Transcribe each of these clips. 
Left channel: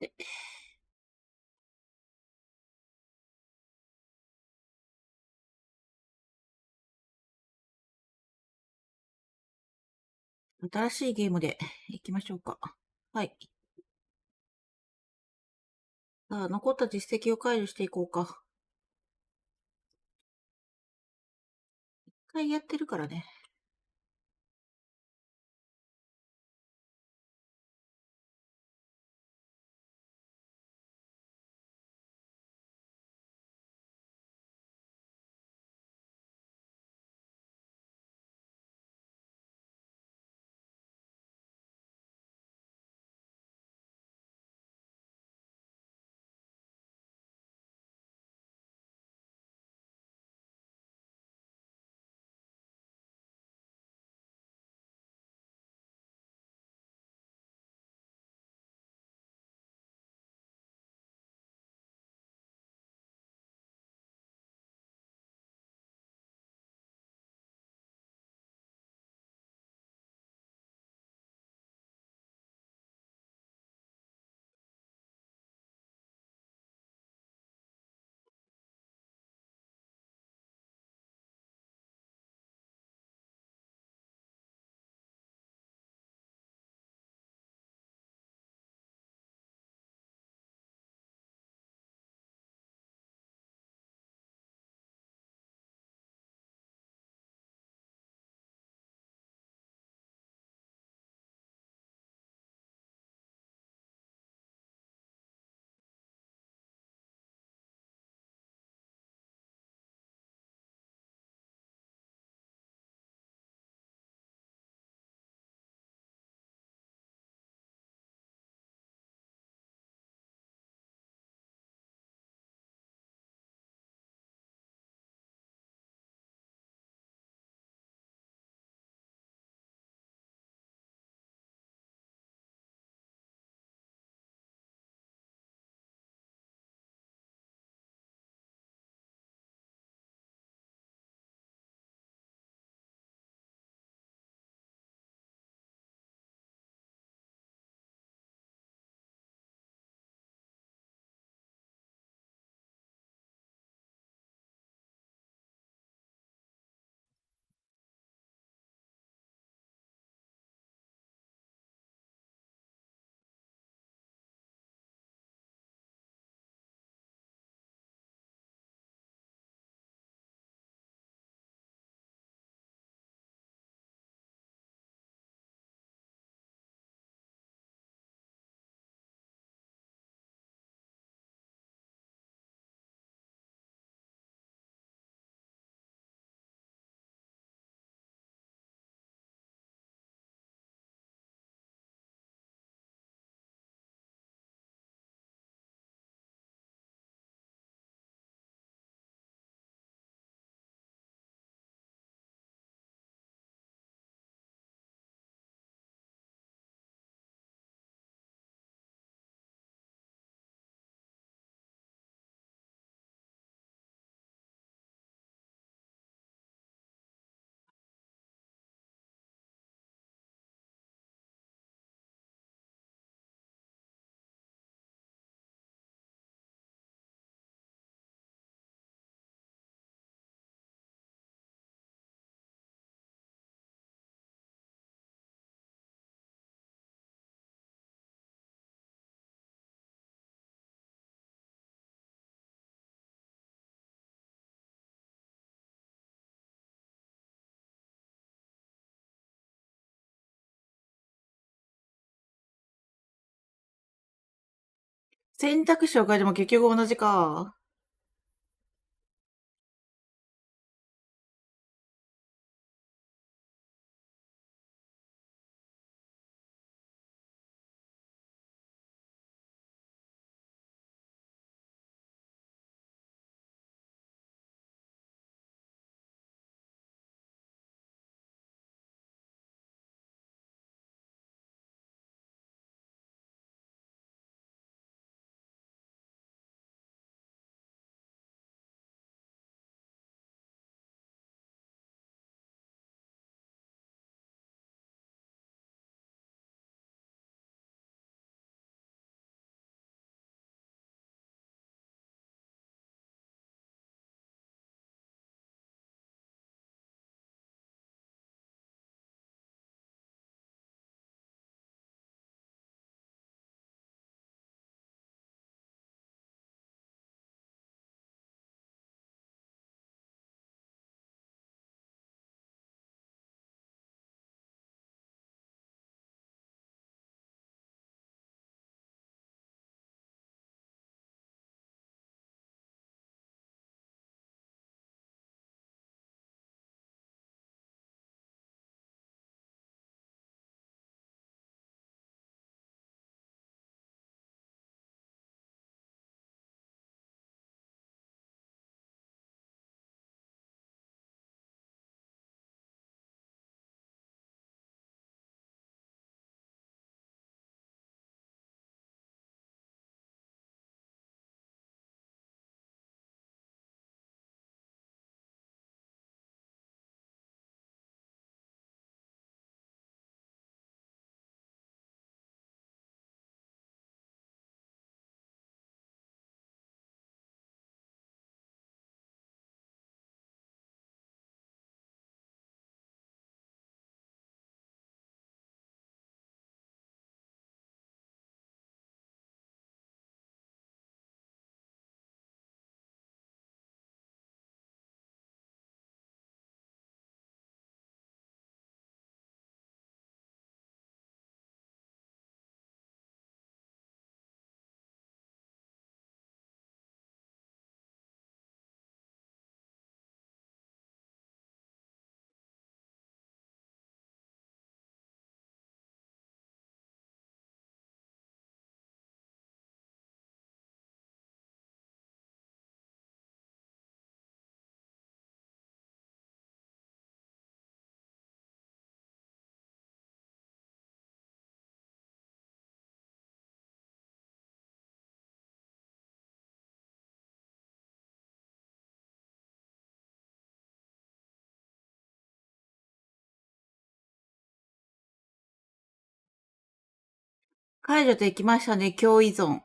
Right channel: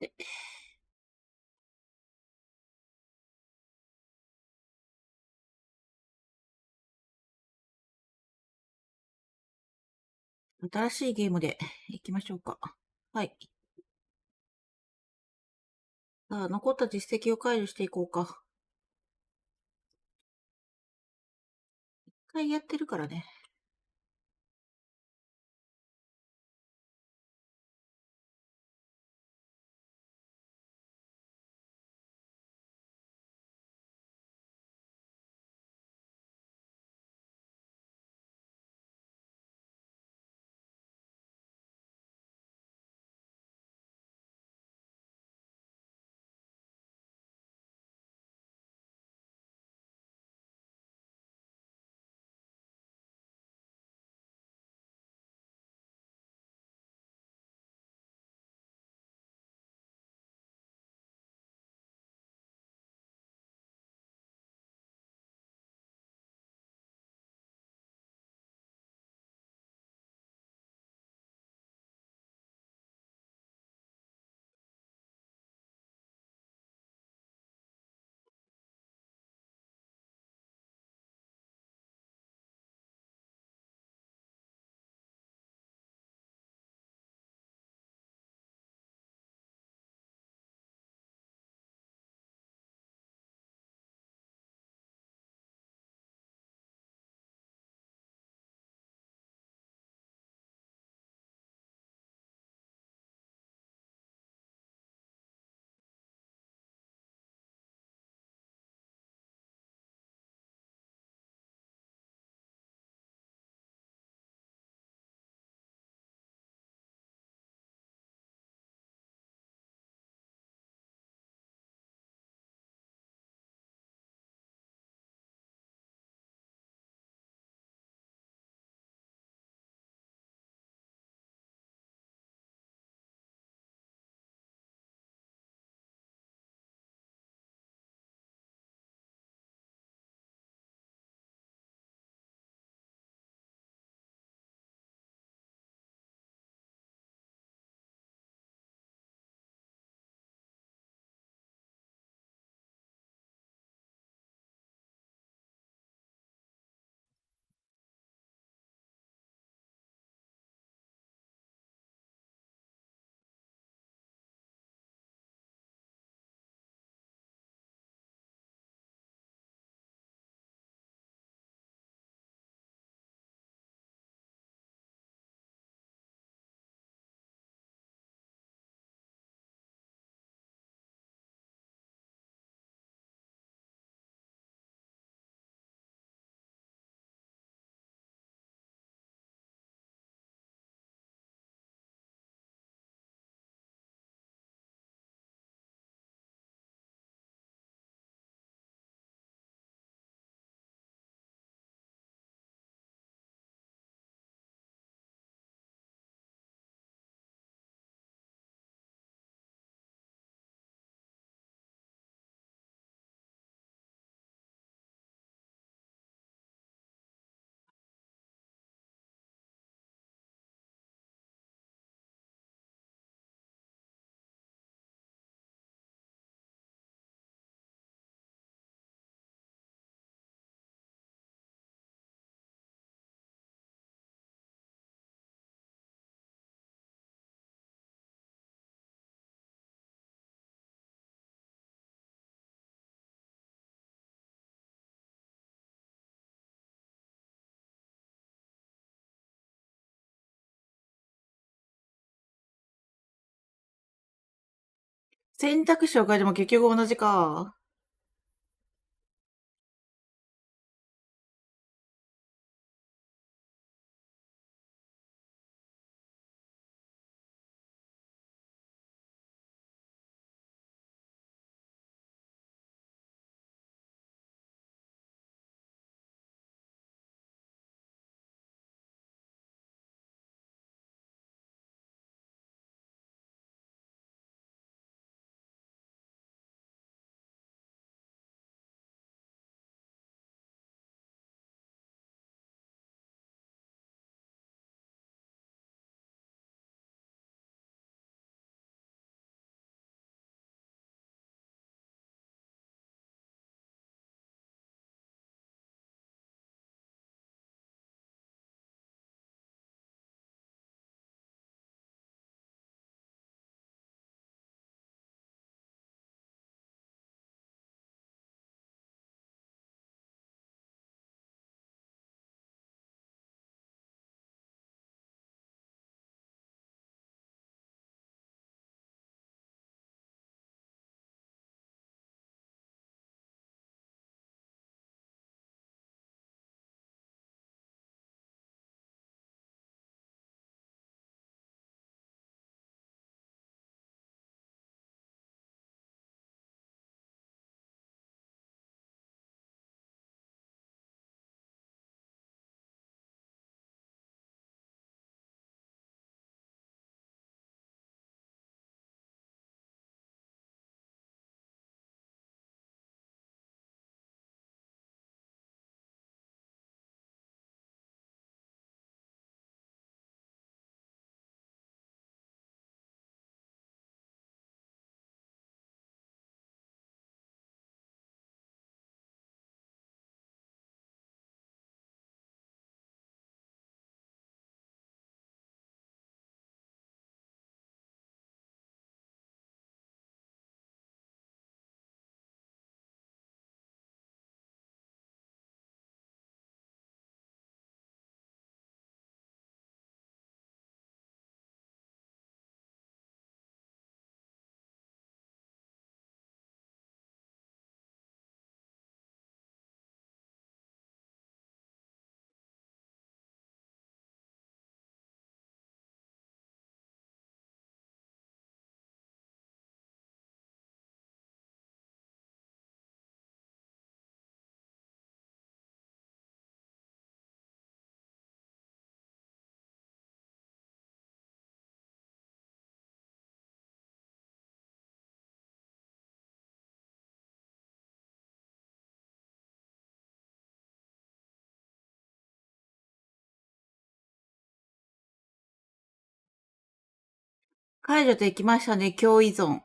で、新しいゲームで行きましょうか。はい。さあ、残った実績を解除していこうか。一回やってるからね。選択肢を変えても結局同じか。解除できましたね、共依存。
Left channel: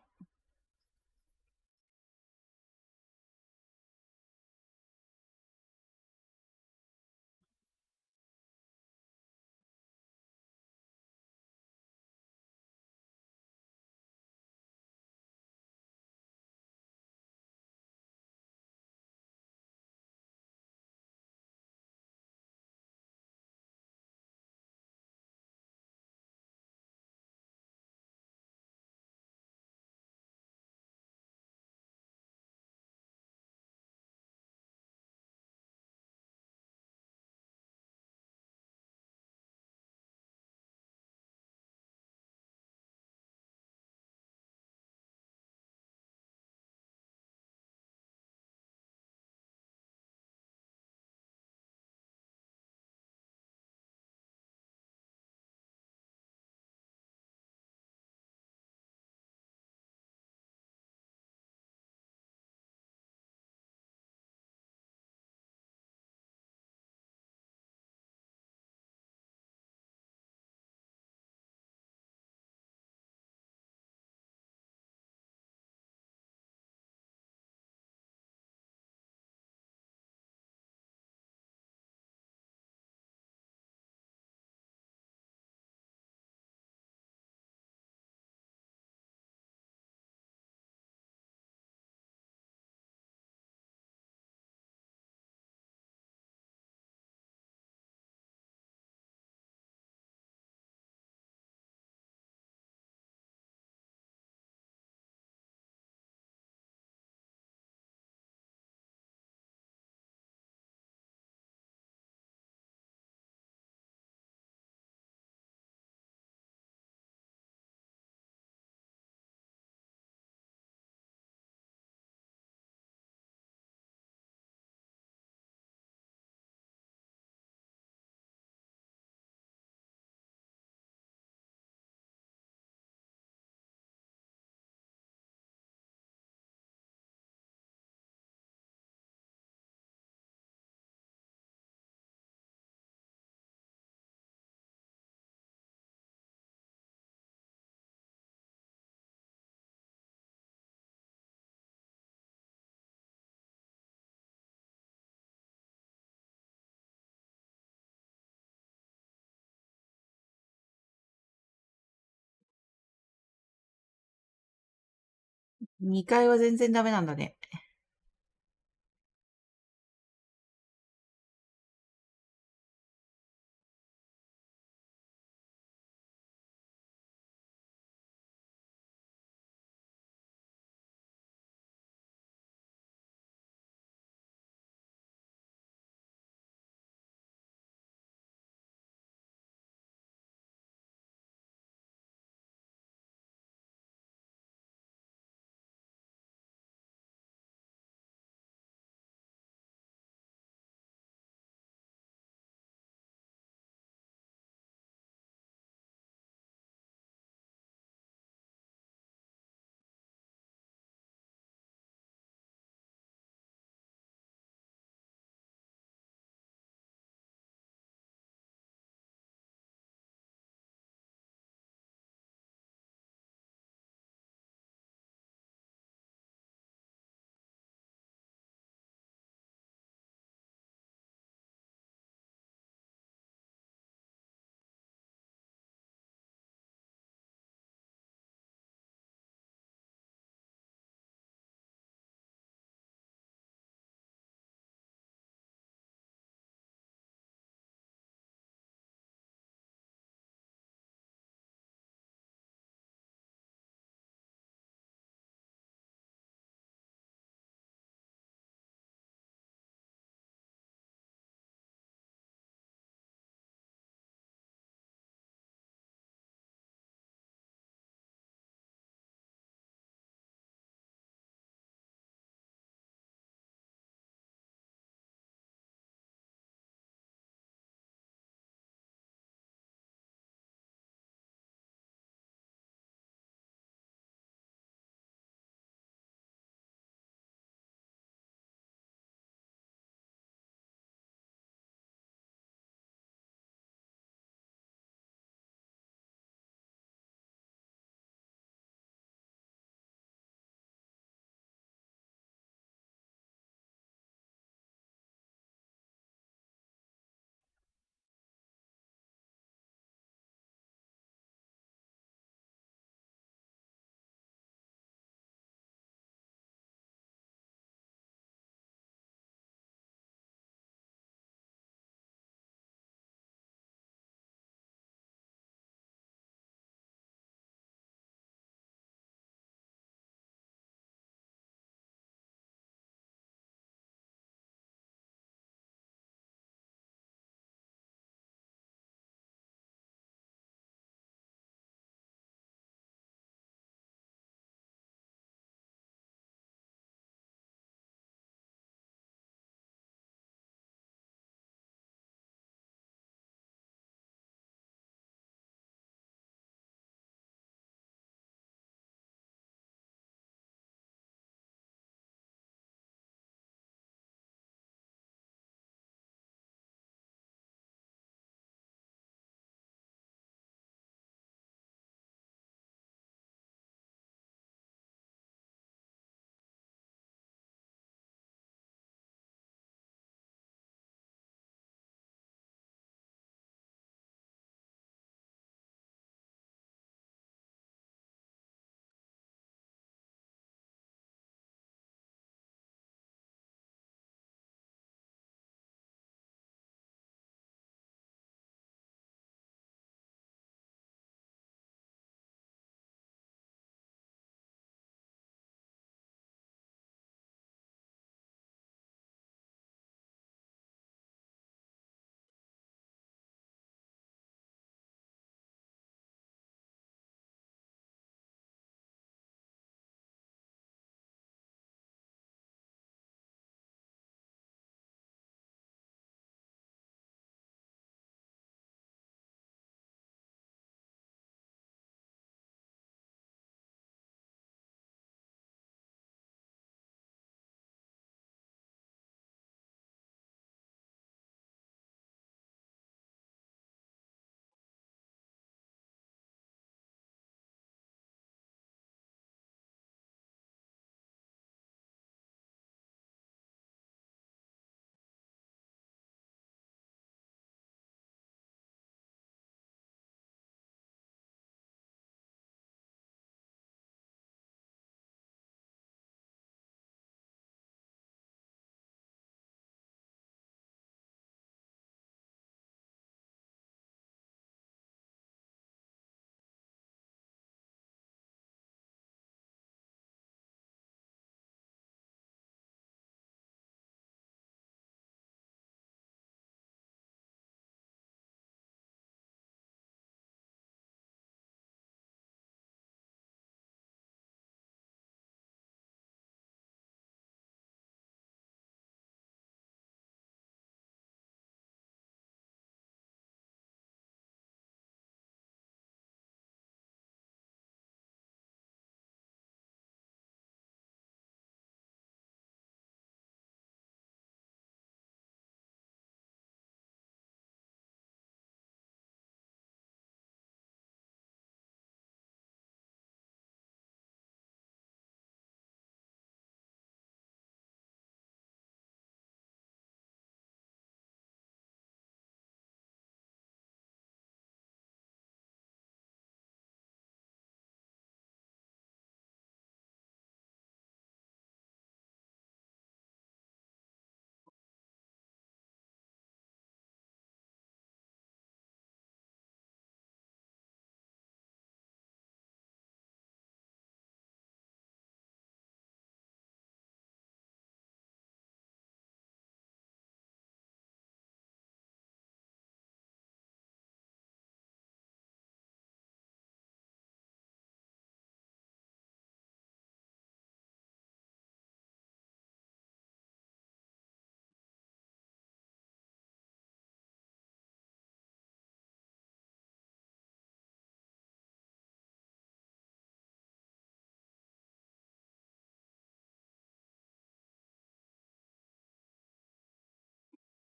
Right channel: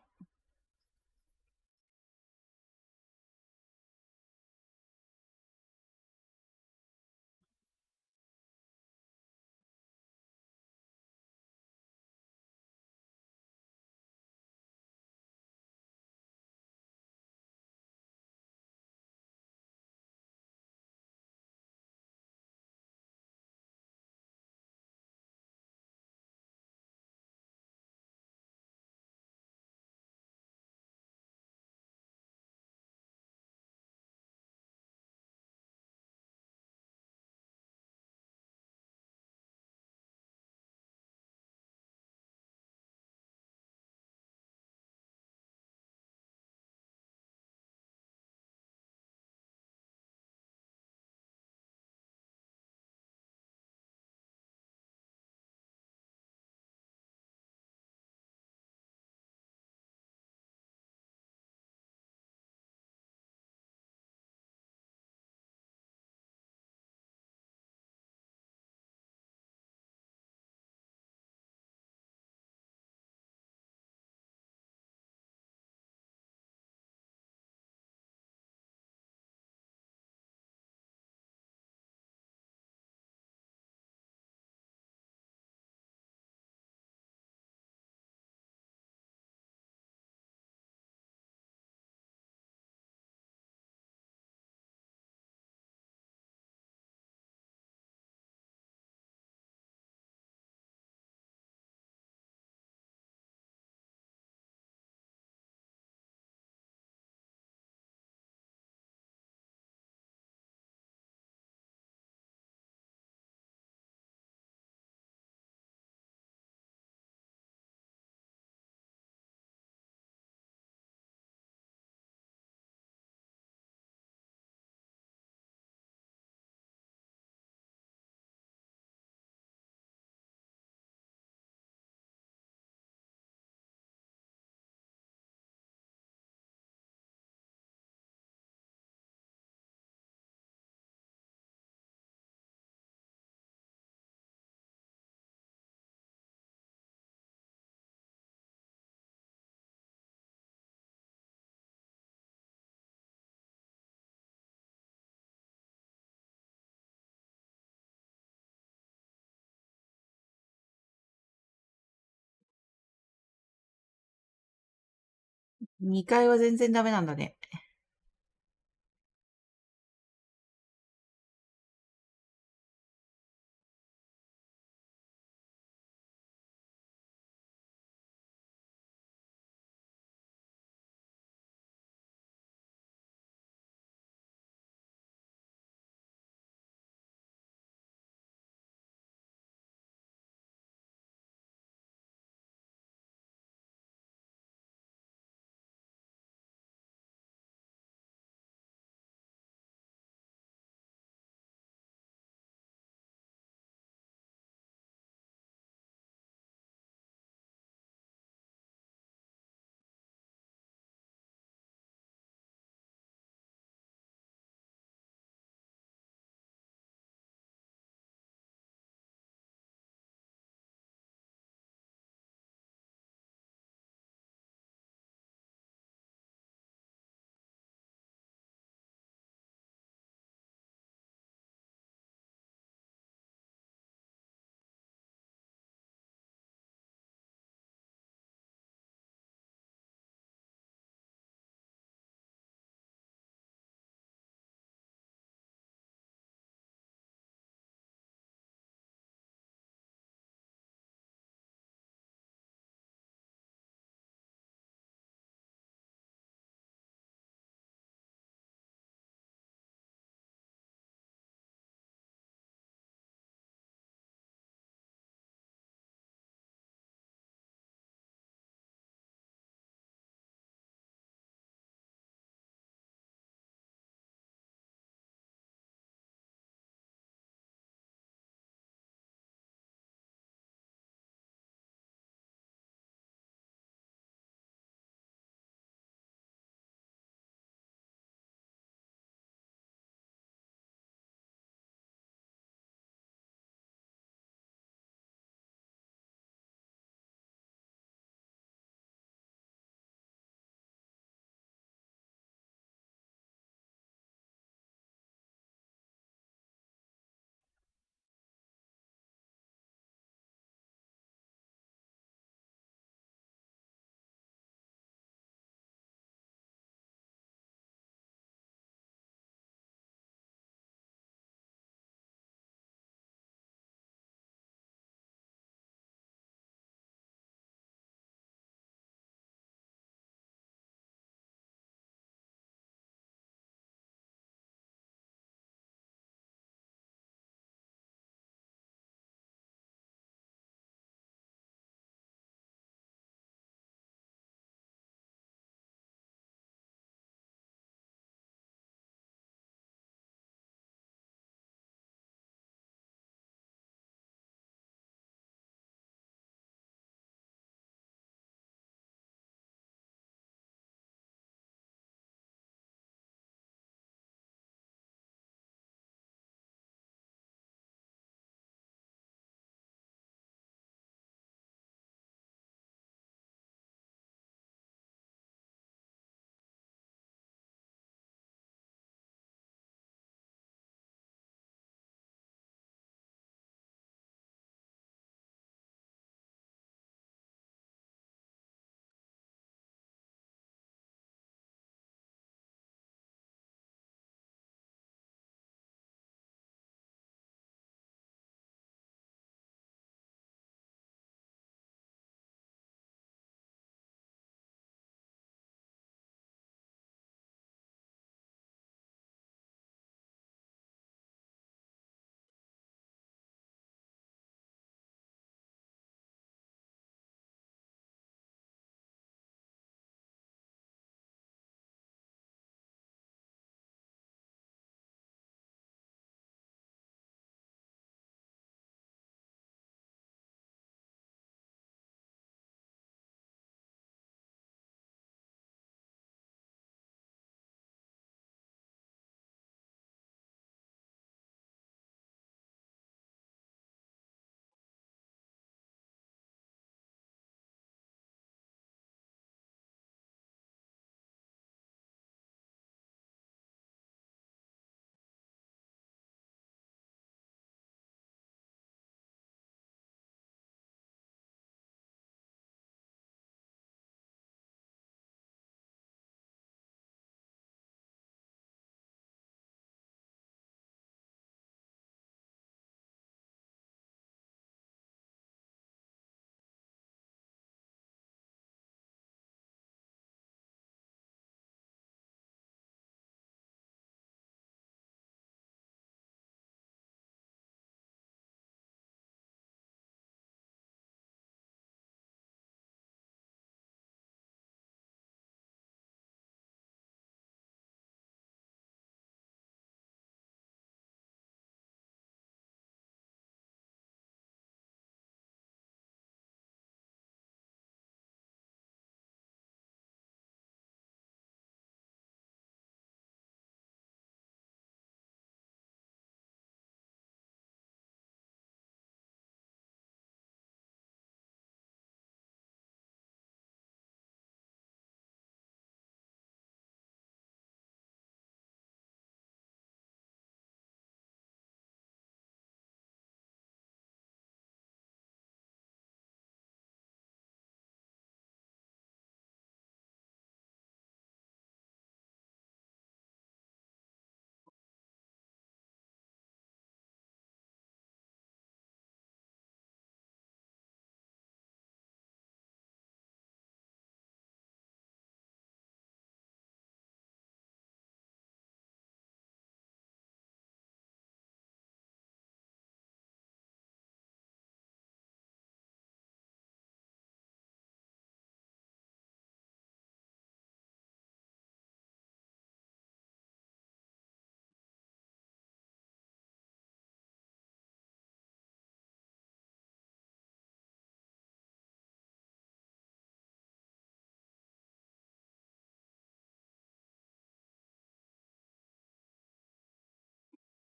2階は全然ダメなんだね。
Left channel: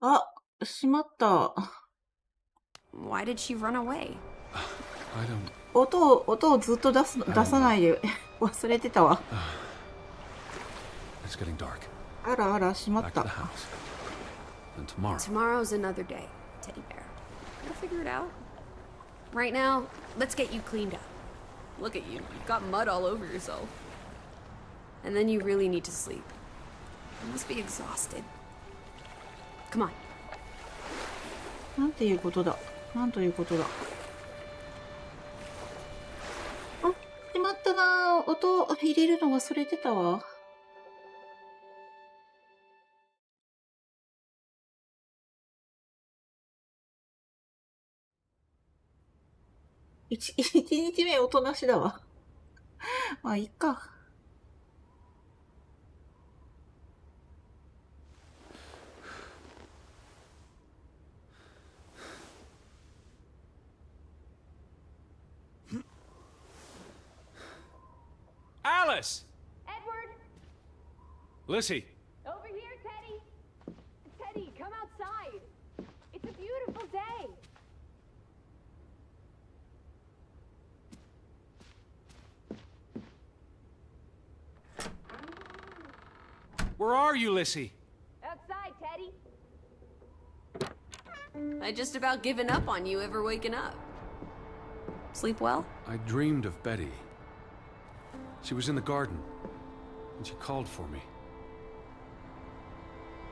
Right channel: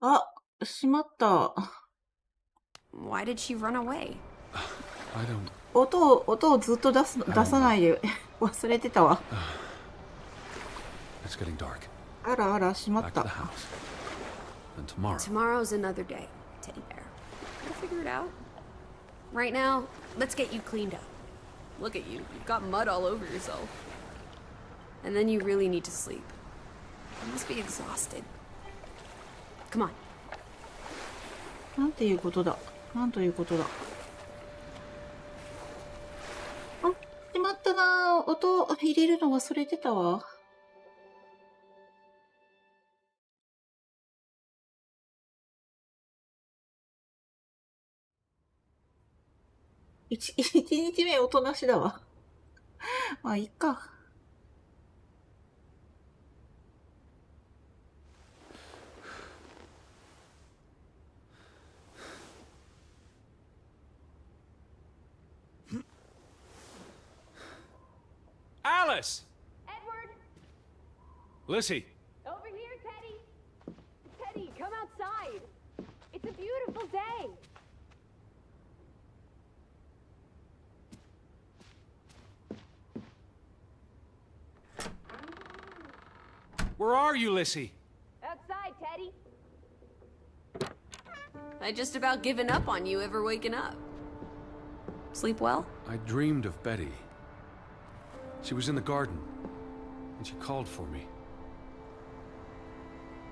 あ、しまった。Why did she run away? I don't. 音をずっと出さないで。忘れてたわ。It's getting dark. あらあら、しまっ Back to た。 the house. And tomorrow. Tomorrow's another day, Teddy Bear. We'll figure it out. Right now, let's get you cleaned up. Look at you. You've got mud all over yourself. And then you really need to sleep. You must be exhausted. Come on. なんていうことだ。なんということだ。あ、しまったな。音入れるの忘れてたわ。一日目音なしだわ。まあ、いっか。Alice! Lissy! Over here, Teddy! Teddy, come outside! It's a beautiful day! Where are you, Lissy? Outside, Teddy! I just about given up on you ever waking up. Sleep well? I dreamed of Betty. She was in the garden, and she called for me.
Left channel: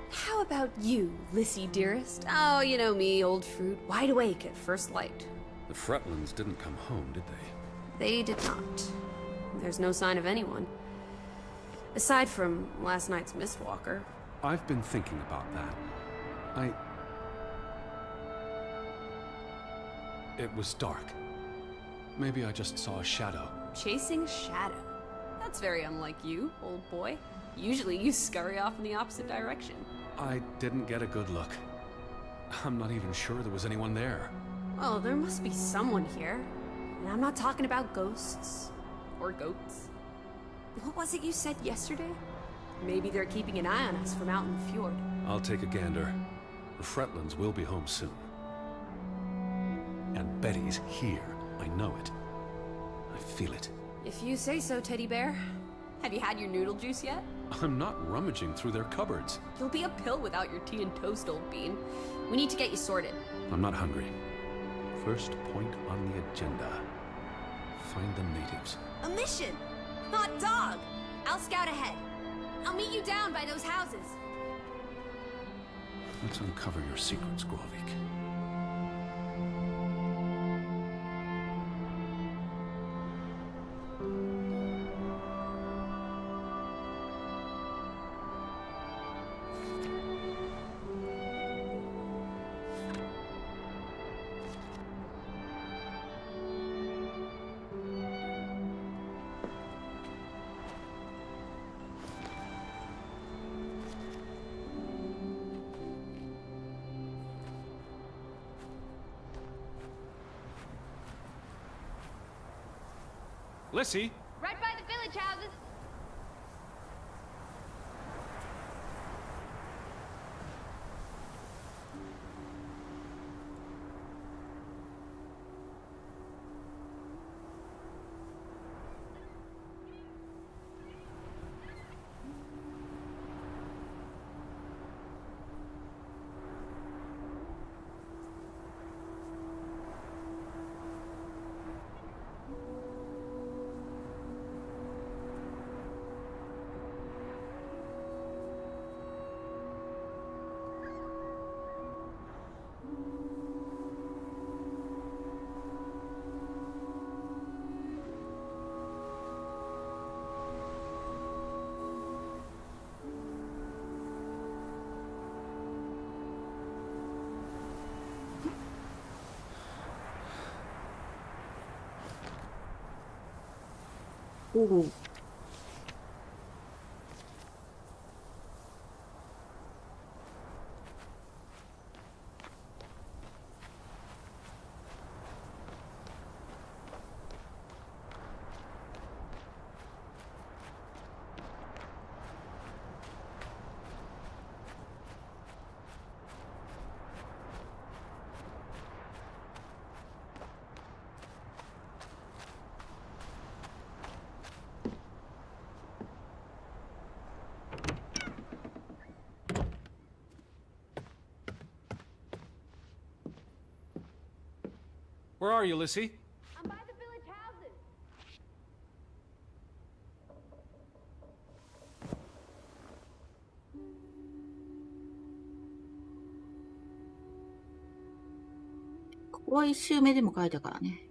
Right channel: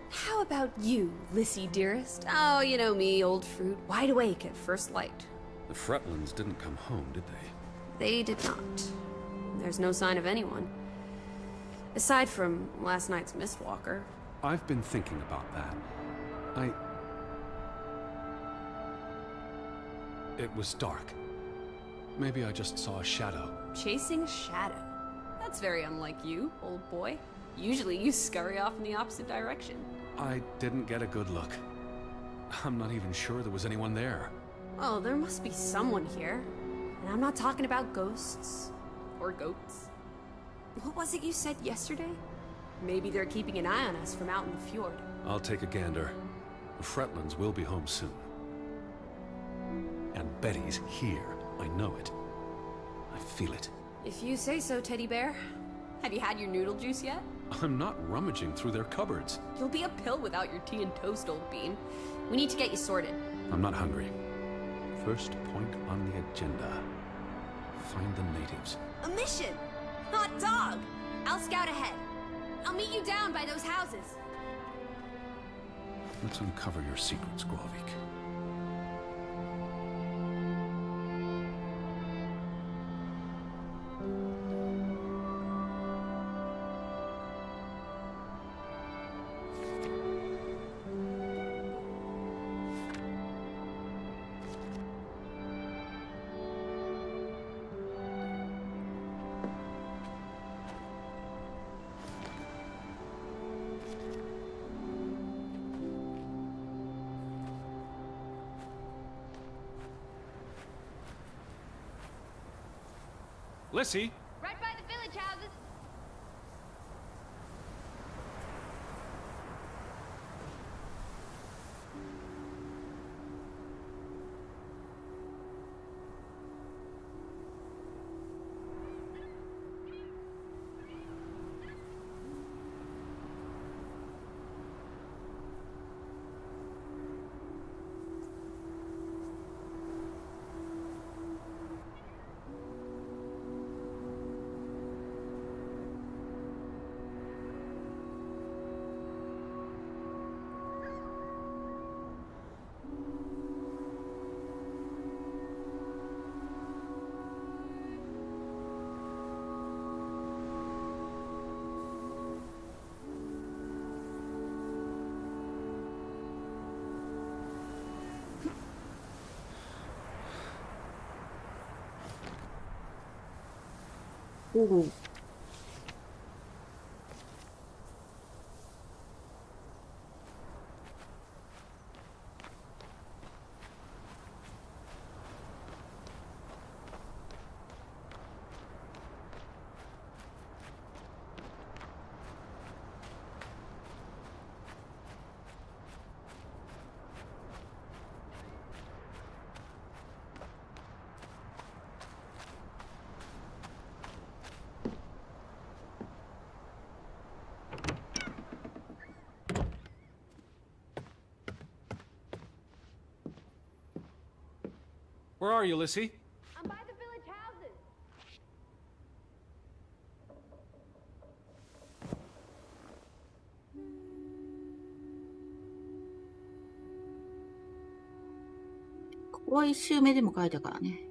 How about you, Lissy dearest? Oh, you know me, old fruit, wide awake at first light. The Fretlands didn't come home, did they? They did not. There's no sign of anyone. Aside from last night's Mistwalker. I've been thinking about that. It was dark. Maybe I just saw a shadow. Chasing a shadow? That's very unlike you, old boy. Usually you scurry off in the opposite direction. I didn't get a good look. I'm not even sure there was anyone there. Well, there must be someone here. And I'm not talking about ghosts. Or goats. What was it you said yesterday? Maybe they're keeping an eye on us from out in the fjord. I'll take a gander. The Fretlands will be home soon. And Betty's here. I know it. I feel it. If you say so, Teddy Bear. Have you had your noodle juice yet? I'm not rummaging through their cupboards. You'll be a pill without your tea and toast, old bean. We need to get you sorted. I'm not hungry. First point on the agenda. Find the natives. A mission! Hot dog! I'll scout ahead. I'll meet you down by those houses. Let's uncover your secrets, Grovik. Lissy? Right by the village houses! Ooh. Where are you, Lissy? .ここは一周目でも書いたからね。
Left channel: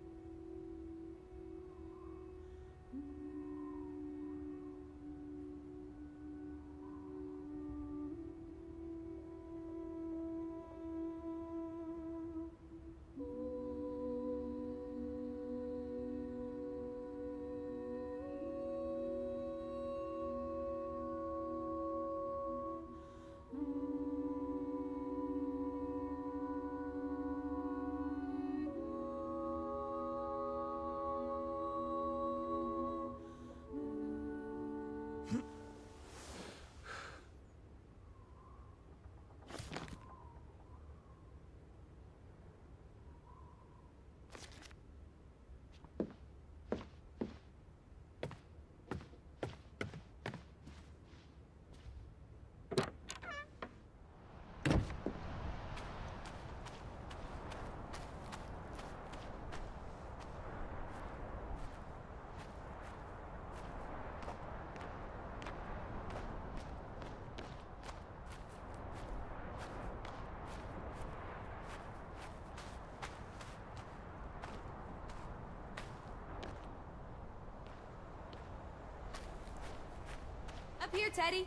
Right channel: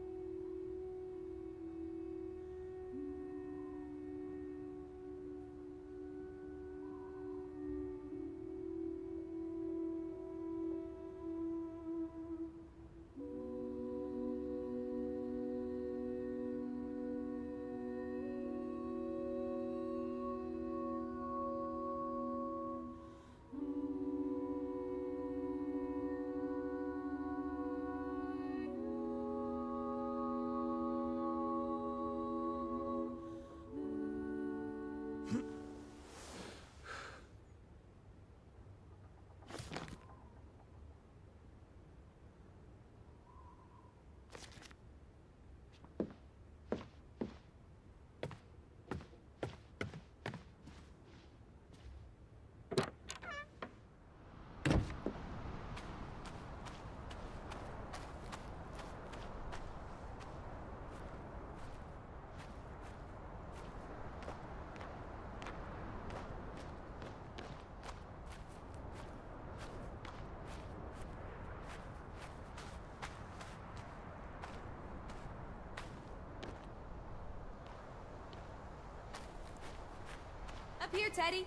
Up here, Teddy.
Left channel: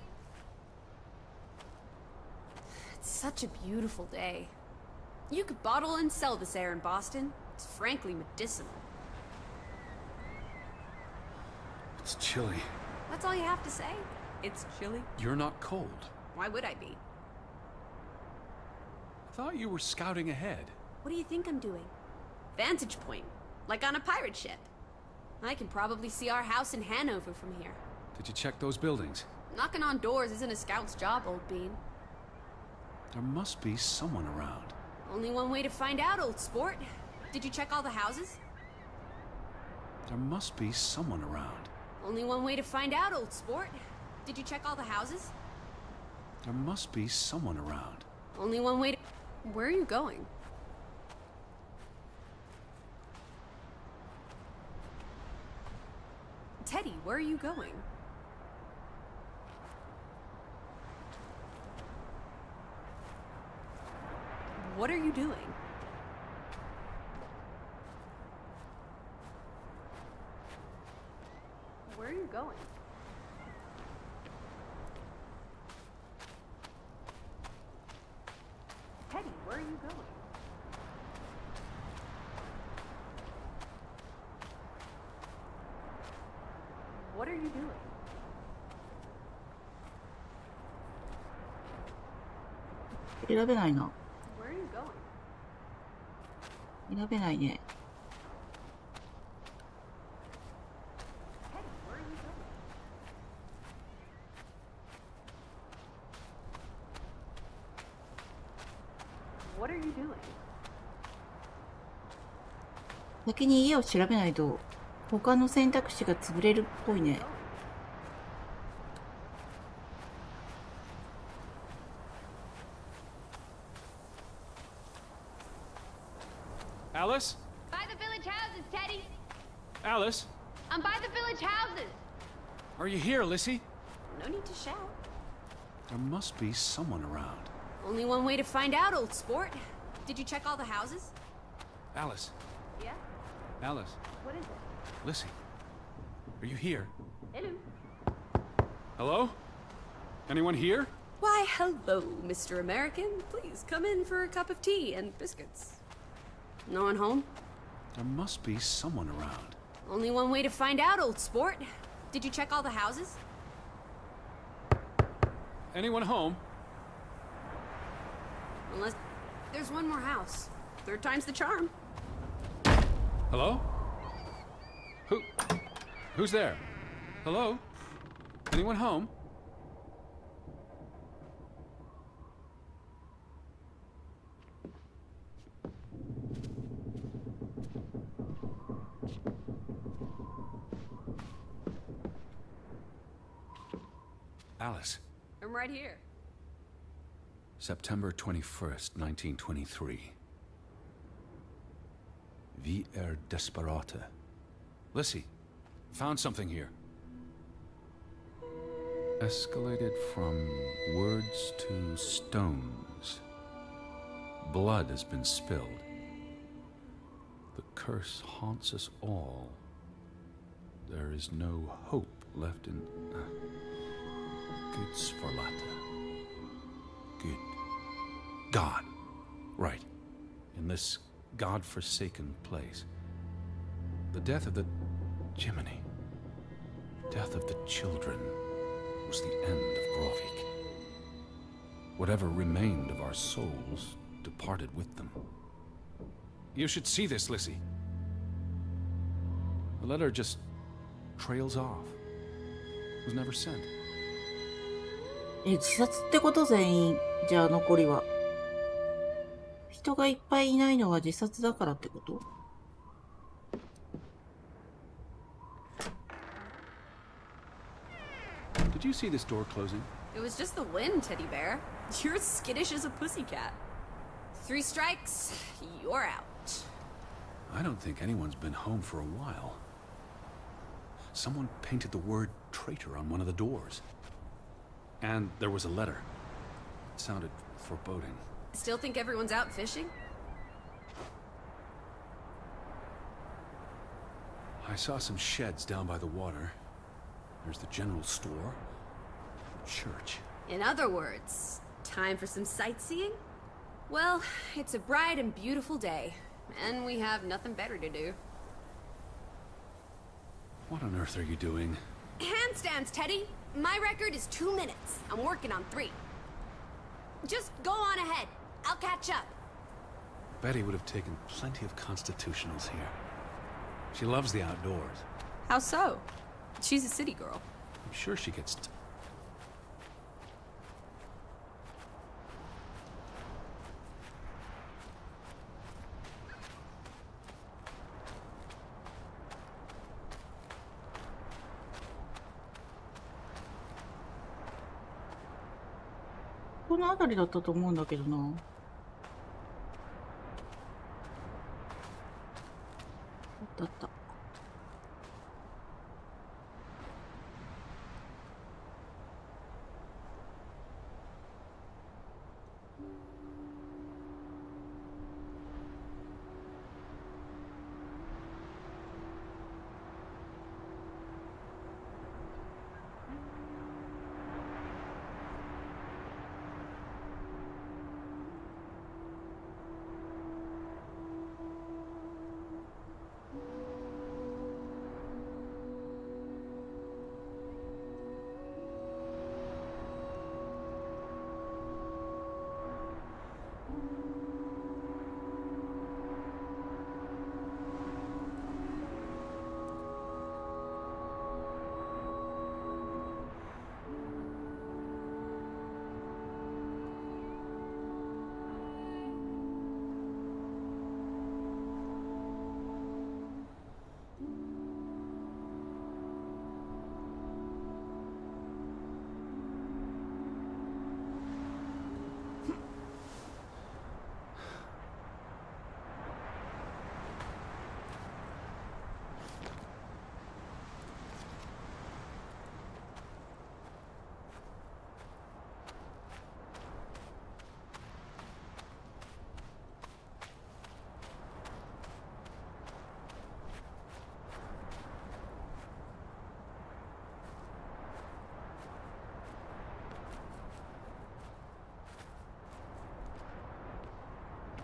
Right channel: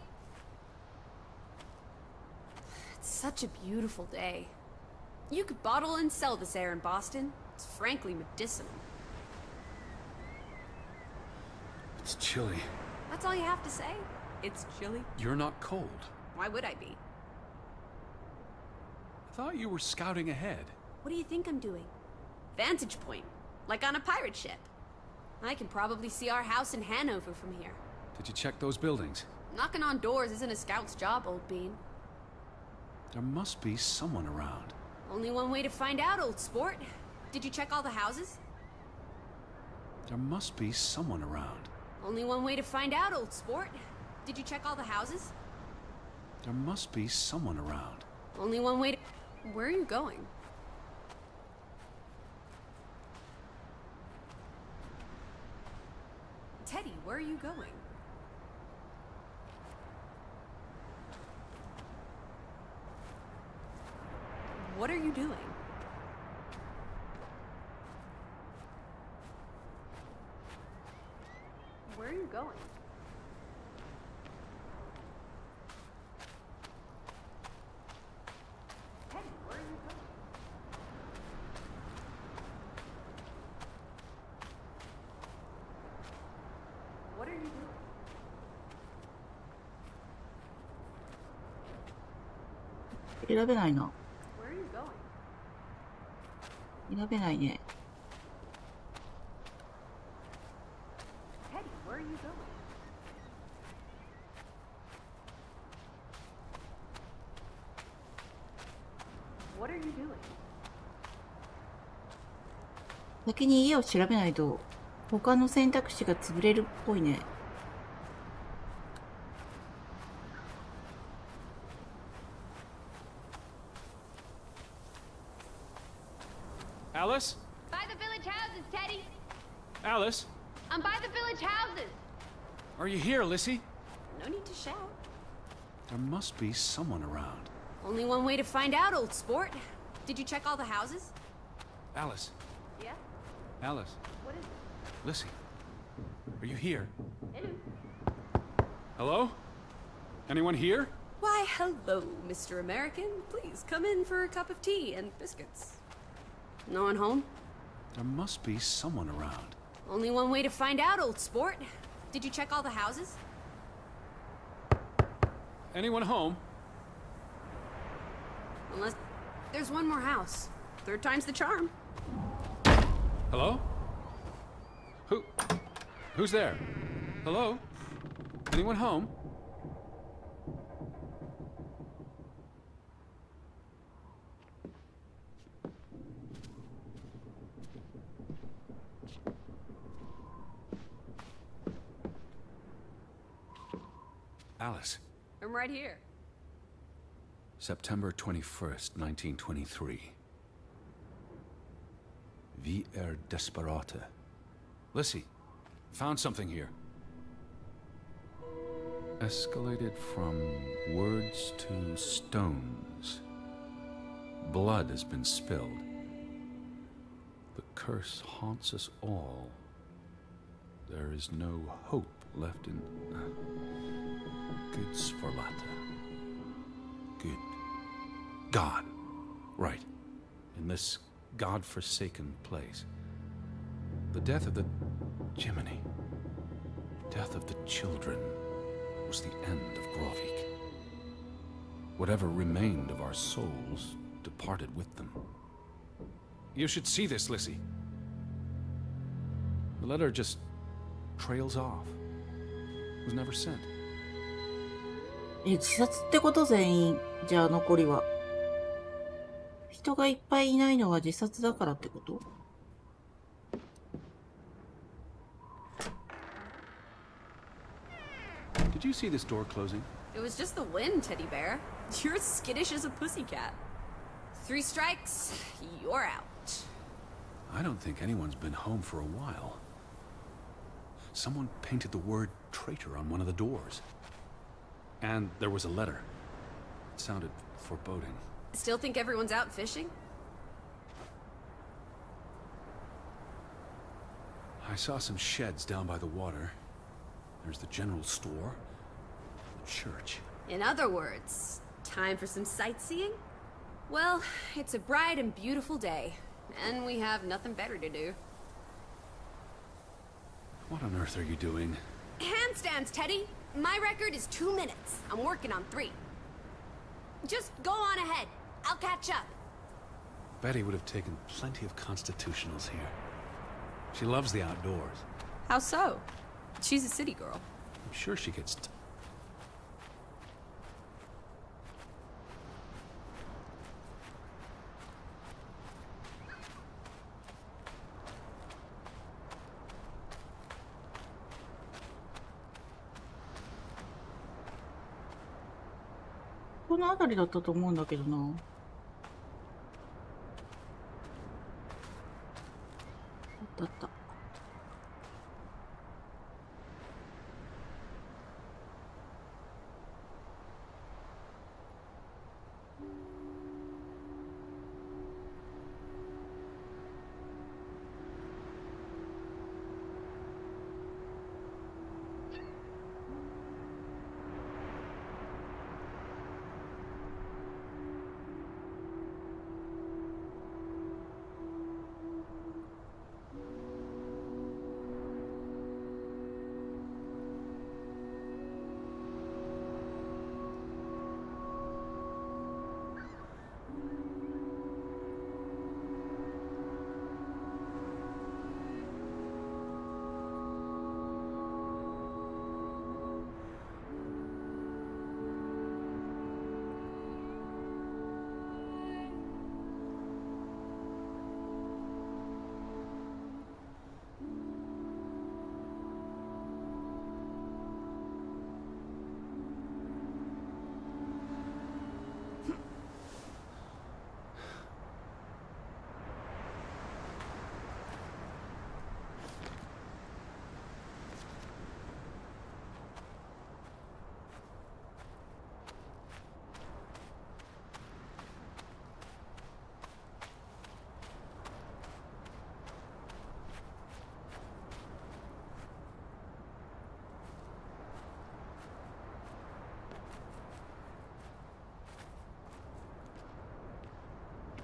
It's such a beautiful day. You could bottle and sell this air in Boston. It's frankly medicinal. It's chilly. That's all you have to say? It's chilly? You're not cold. Why would I be? I thought you were scouting ahead. What do you think I'm doing? Vantage point. Like on a pirate ship. I can probably see our house in Hanover from here. Did you check those buildings? Knocking on doors isn't a scout's job, old bean. There must be someone around. Only one way to find out, old sport. Did you check all the houses? There must be someone around. Only one way to find out, old sport. Did you check all the houses? There must be someone around. Only one way to... Where are you going? Teddy, where are you going? What are you doing? 選べないな。 Where are you going? 選べないね。先に家を調べないと他の選択肢が潰れるっぽいね。Alice? By the village houses, Teddy. Alice? I'm by the village houses. Are you here, Lissy? No need to shout. There must be someone around. Only one way to find out, old sport. Did you check all the houses? Alice? Alice? Lissy? Are you here? Hello? Anyone here? Why, hello, Mr. American. Please come in for a cup of tea and biscuits. No one home? There must be someone around. Only one way to find out, old sport. Did you check all the houses? Anyone home? Unless there's one more house. Third time's the charm. Hello? Who's there? Hello? Anyone home? Alice. I'm right here. September 21st, 1923. Vi desperata. Lissy, found something here. Escalated from words to stones. Blood has been spilled. The curse haunts us all. There is no hope left in... Good Sforlata. Good. God. Right. In this God-forsaken place. The death of the... Jiminy. Death of the children was the end of Grovik. Whatever remained of our souls departed with them. You should see this, Lissy. The letter just trails off. Was never sent. 自殺ってこと全員。じゃあ残りは。人がいっぱいいないのは自殺だからってこと？ Did you see this door closing? It was just the wind, teddy bear. You're as skittish as a pussycat. 3 strikes, you're out. I don't think anyone's been home for a while. Someone painted the word traitor on one of the doors. And there was a letter. It sounded foreboding. Still think everyone's out fishing? I saw some sheds down by the water. There's the general store, the church. In other words, time for some sightseeing? Well, it's a bright and beautiful day, and we have nothing better to do. What on earth are you doing? Handstands, Teddy! My record is 2 minutes. I'm working on 3. Just go on ahead. I'll catch up. Betty would have taken plenty of constitutionals here. She loves the outdoors. How so? I'm sure she gets...この辺りだったと思うんだけどな。あったあった。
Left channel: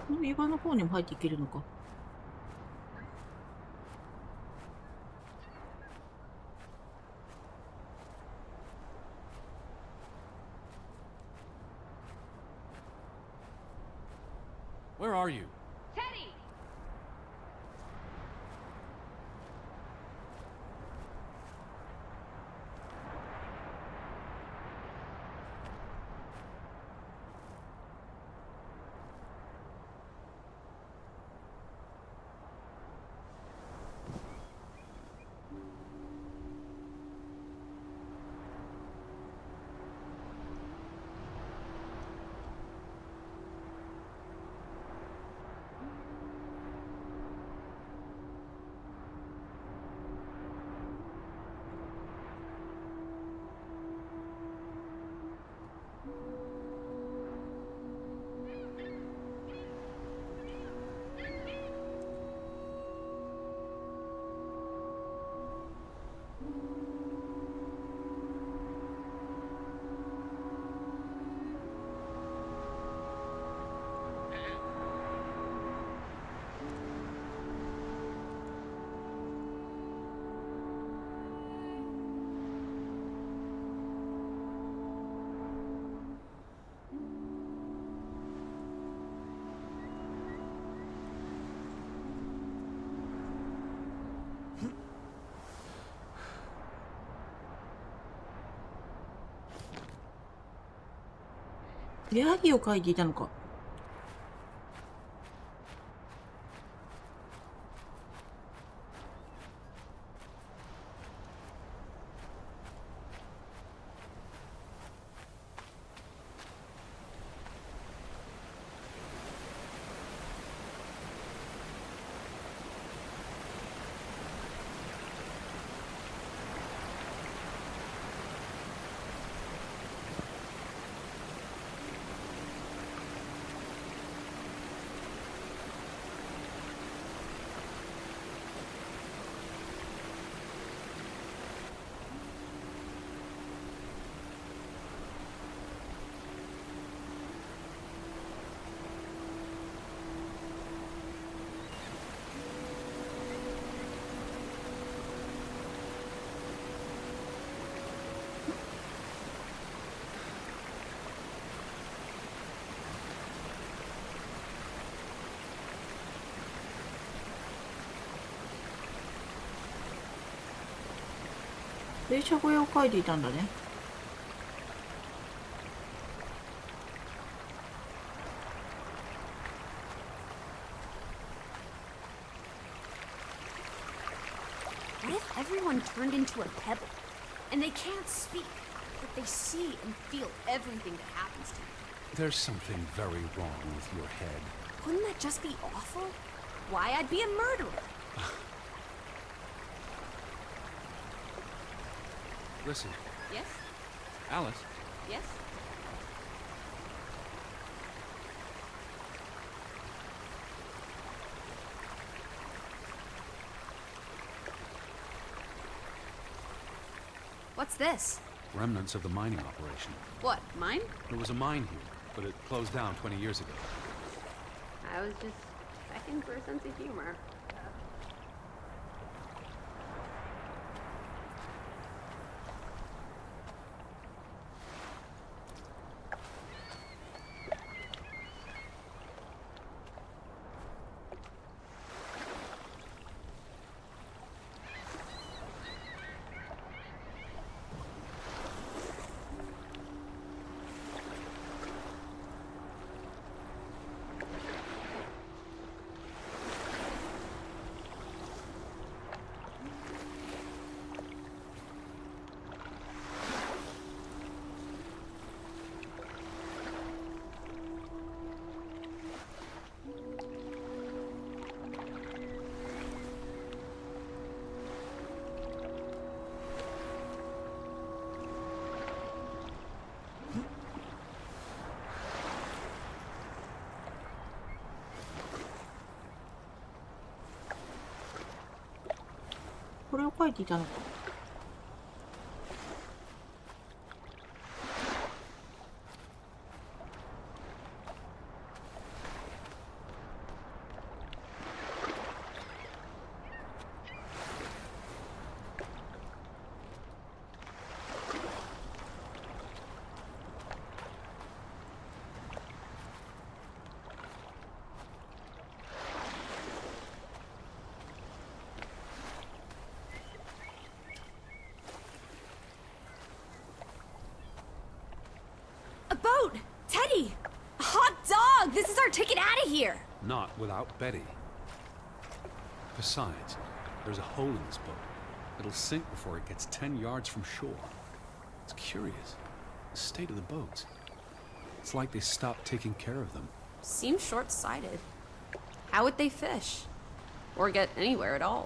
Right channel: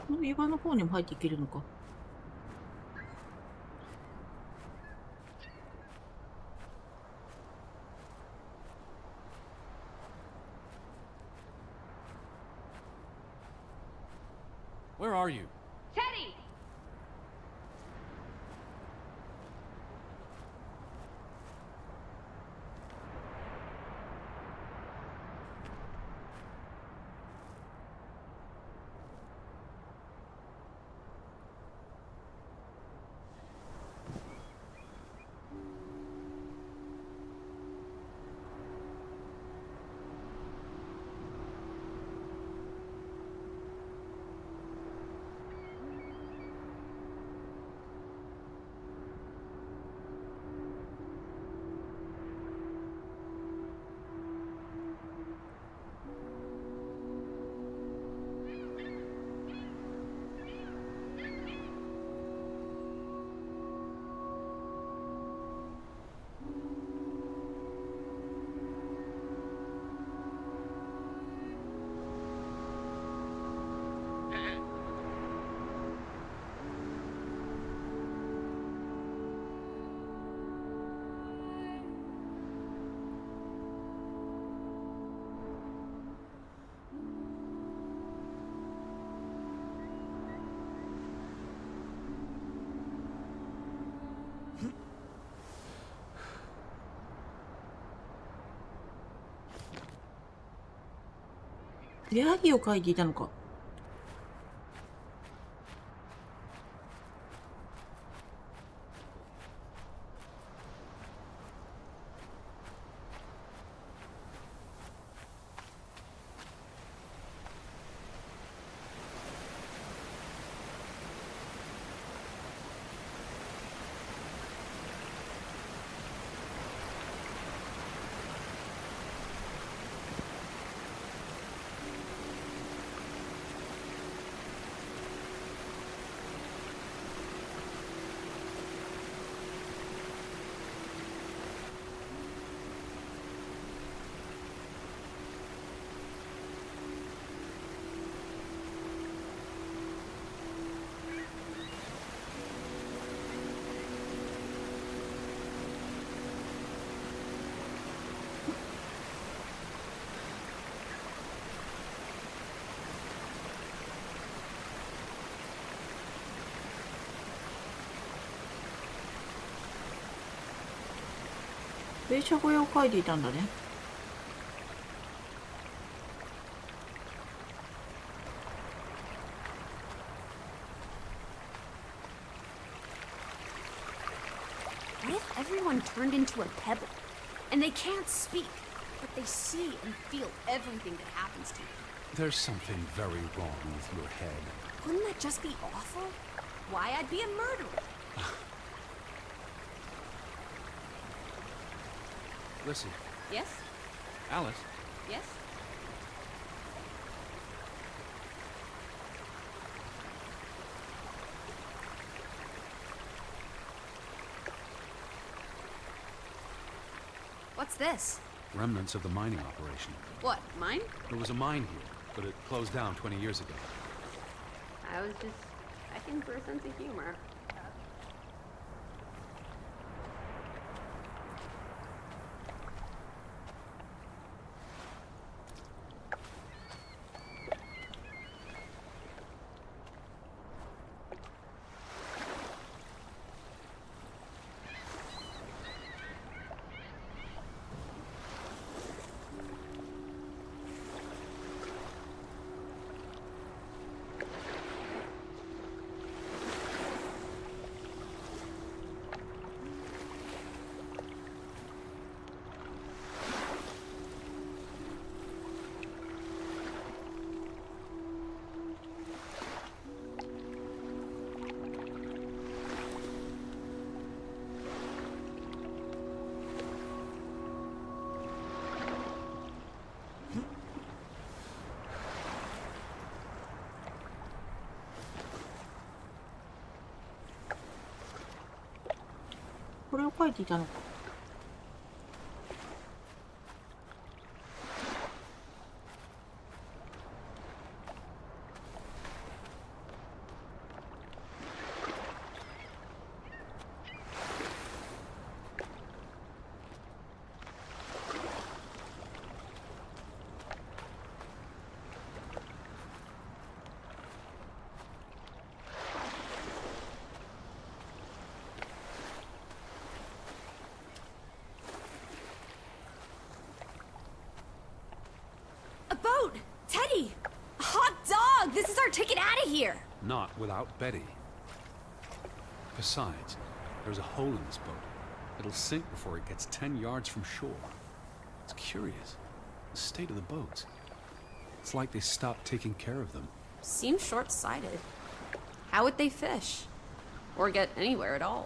この岩の方にも入っていけるのか。Where are you? Teddy! ヤギを描いていたのか。電車小屋を描いていたんだね。And they can't speak, but they see and feel everything that happens to you. There's something very wrong with your head. Why, I'd be a murderer. Listen, Yes? Alice. Yes? What's this? Remnants of the mining operation. There was a mine here, but it closed down 20 years ago.これを描いていたのか。A boat! Teddy! Hot dog! This is our ticket out of here! Not without Betty. Besides, there's a hole in this boat. It'll sink before it gets 10 yards from shore. It's curious. The state of the boats. It's like they stopped taking care of them. Seems short-sighted. How would they fish? Or get anywhere at all?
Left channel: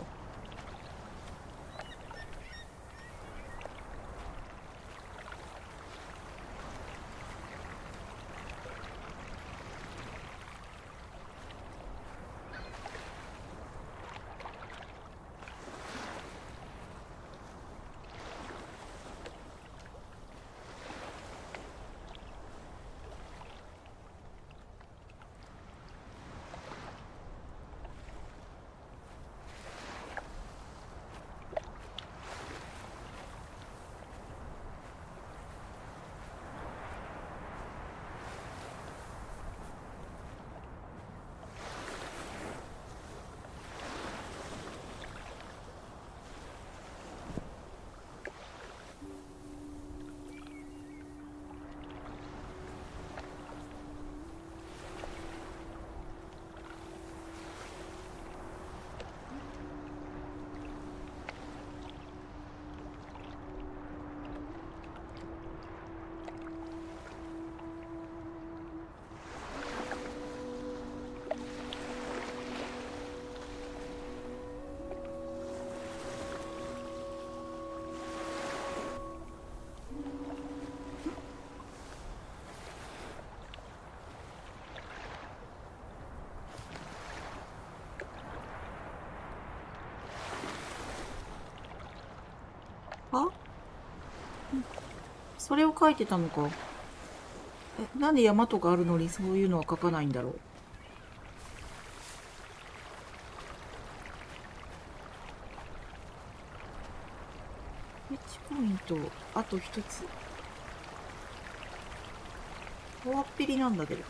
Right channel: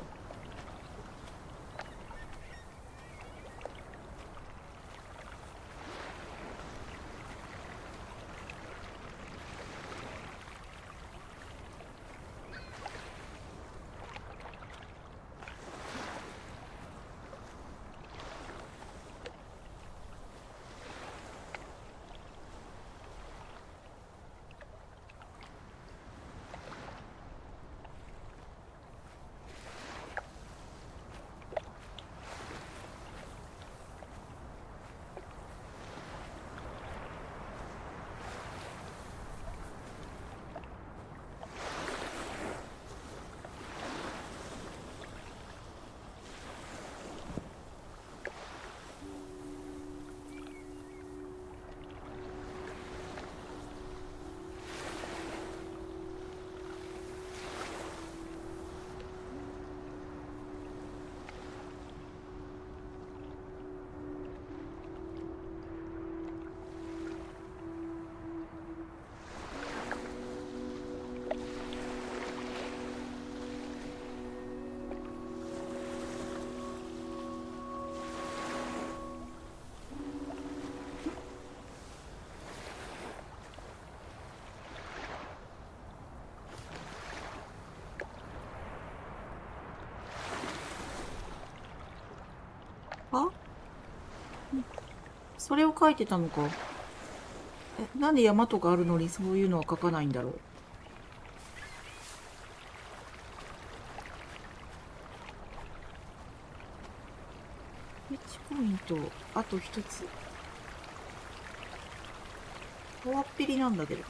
あ、それを書いてたのか。なんで山とかあるのにそういうのは書かないんだろう。1ポイント、あと1つ。大っぴりなんだけどな。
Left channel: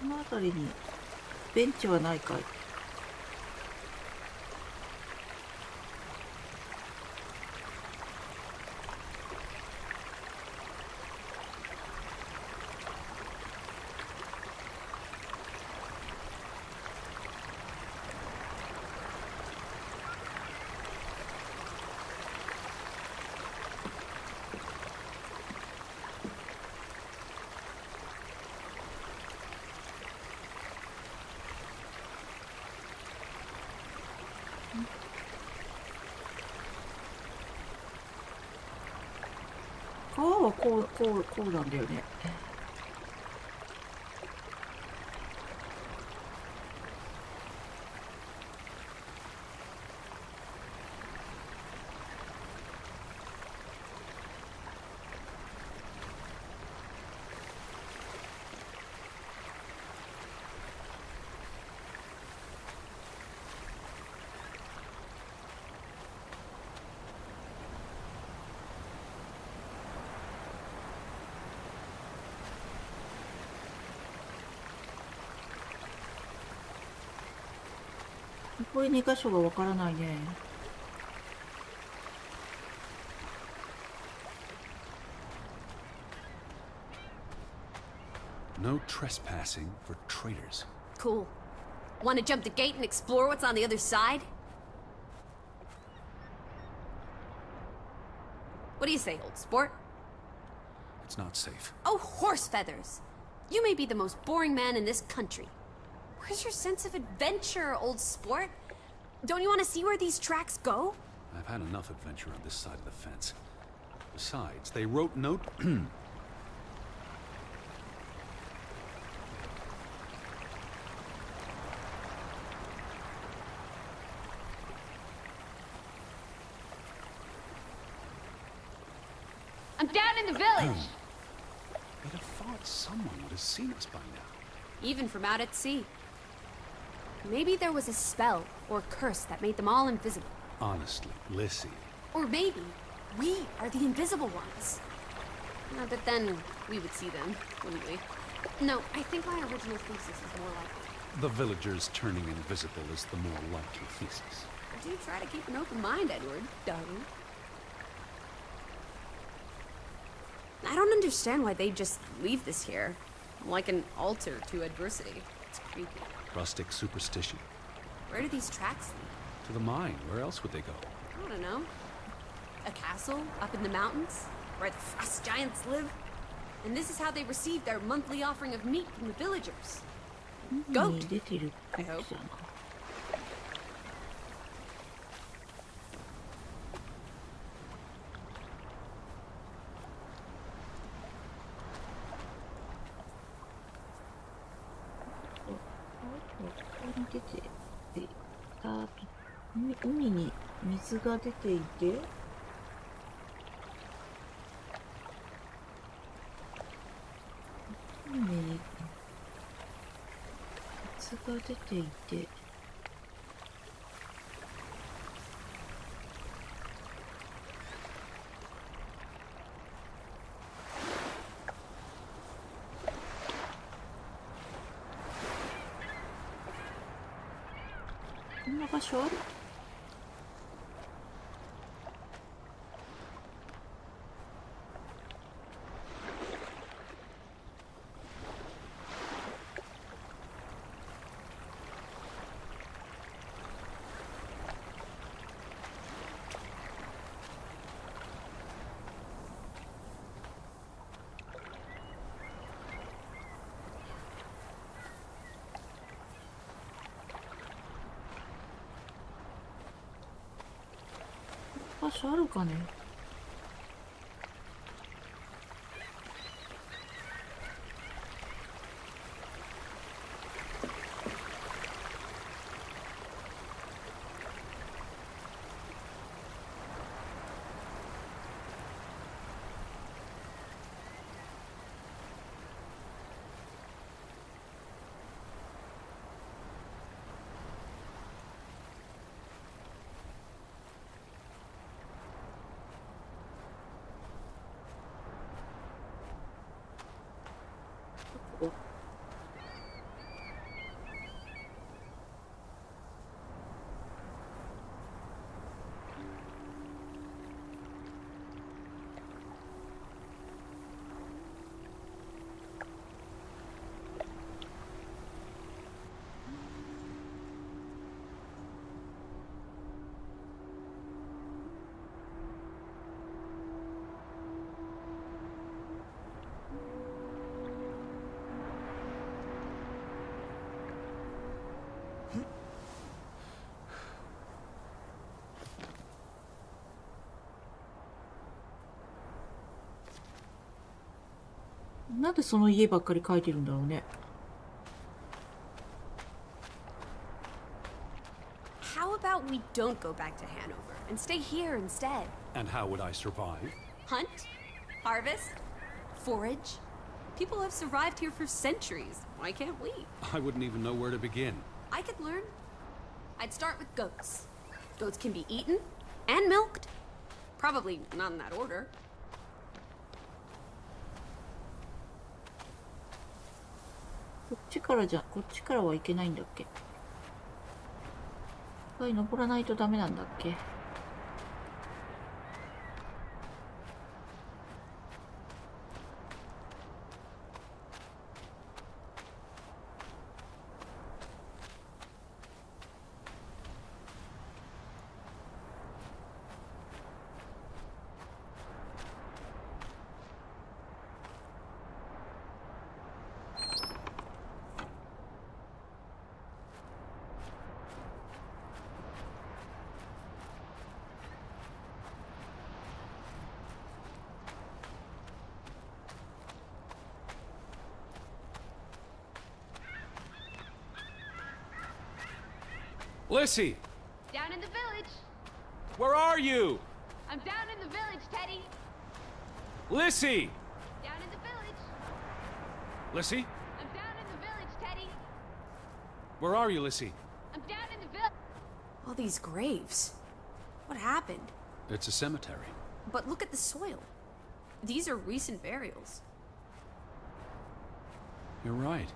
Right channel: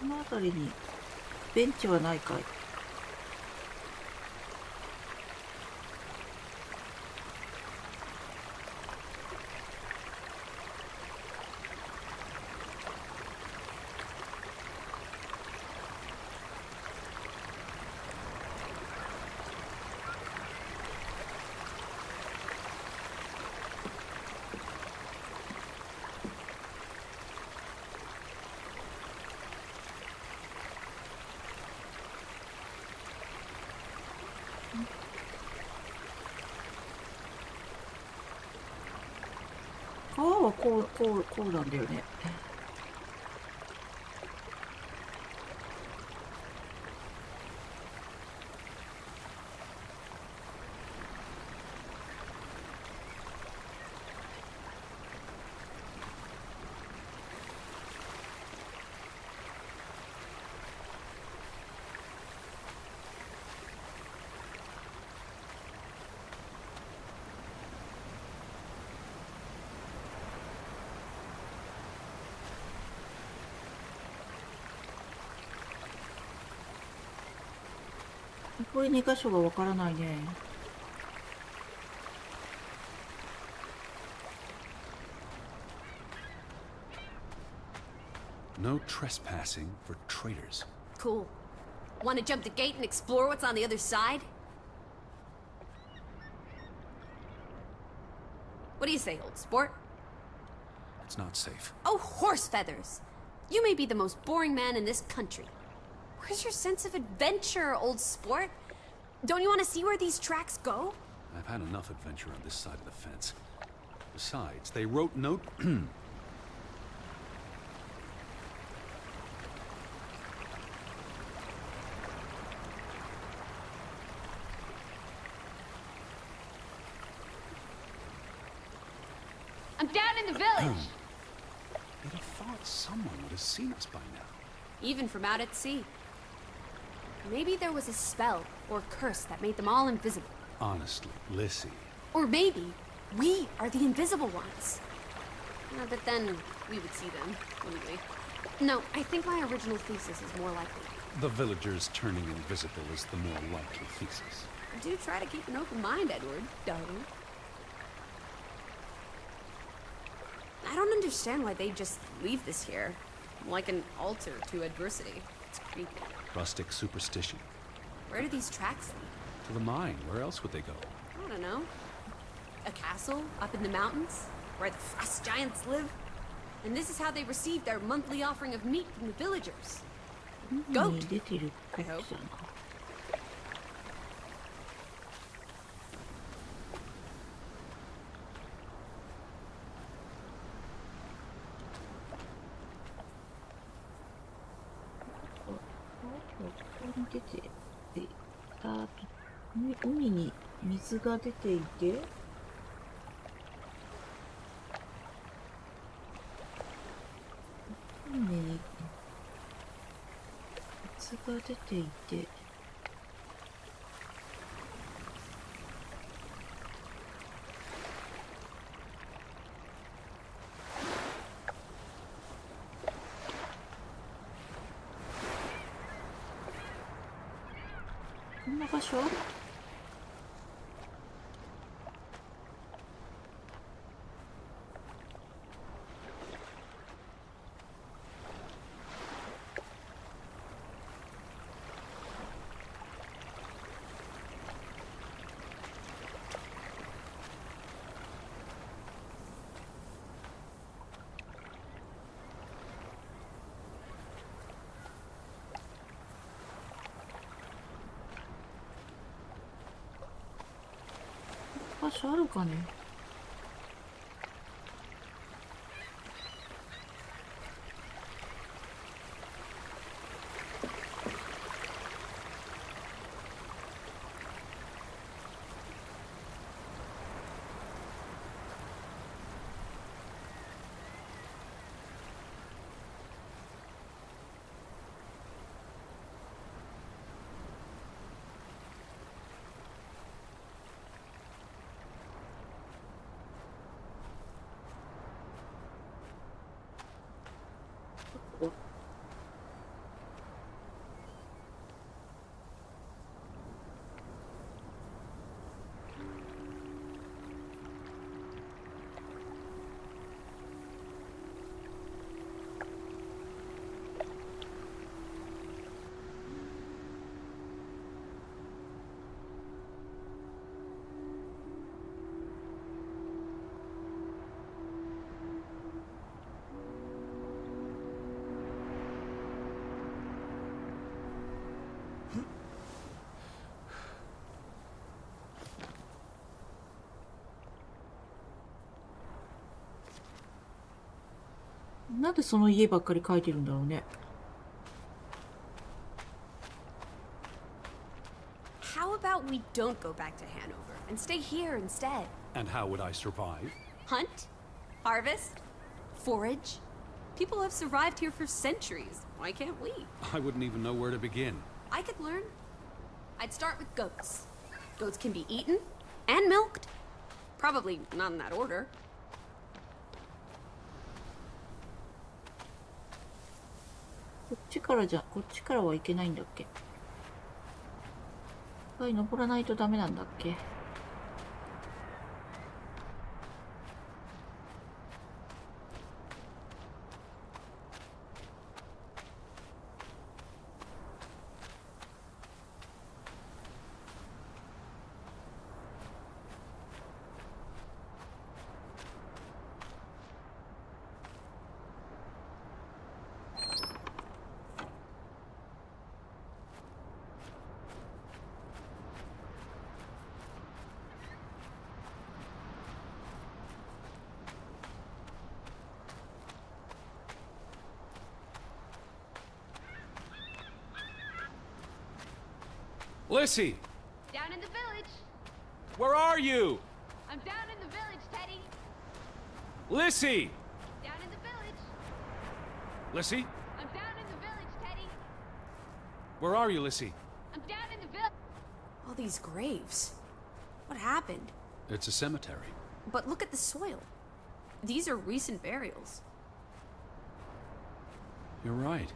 この辺りにベンチはないかい。川はこうなんだよね。これ2箇所がわからないね。No trespassing for traitors. Cool. Want to jump the gate and explore what's on the other side? What do you say, old sport? It's not safe. Oh, horse feathers! You may be the most boring man in this country. Where's your sense of adventure, old sport? Don't you want to see where these tracks go? I've had enough adventure on this side of the fence. Besides, they wrote note... I'm down in the village. You'd have thought someone would have seen us by now. Even from out at sea. Maybe there was a spell or curse that made them all invisible. Honestly, Lissy. Or maybe we are the invisible ones. Then we would see them. No, I think my original thesis is more likely. The villagers turning invisible is the more likely thesis. Do try to keep an open mind, Edward, darling. I don't understand why they just leave us here. Like an altar to adversity. It's creepy. Rustic superstition. Where do these tracks lead? To the mine. Where else would they go? I don't know. A castle up in the mountains where the frost giants live? And this is how they receive their monthly offering of meat from the villagers. 海に出てるこっちだな。ここに出ていたと、海に水が出ていて、海に水が出ていて、こんな場所ある？場所あるかね。なんでその家ばっかり書いてるんだろうね。And how would I survive? Hunt, harvest, forage. People have survived here. I wouldn't even know where to begin. I could learn. I'd start with goats. Goats can be eaten and milked. Probably not in that order. こっちからはいけないんだっけ。登らないとダメなんだっけ。Lissy! Down in the village. Where are you? I'm down in the village, Teddy. Lissy! Down in the village. Lissy? I'm down in the village, Teddy. Where are you, Lissy? I'm down in the village. All these graves. It's a cemetery. You're right.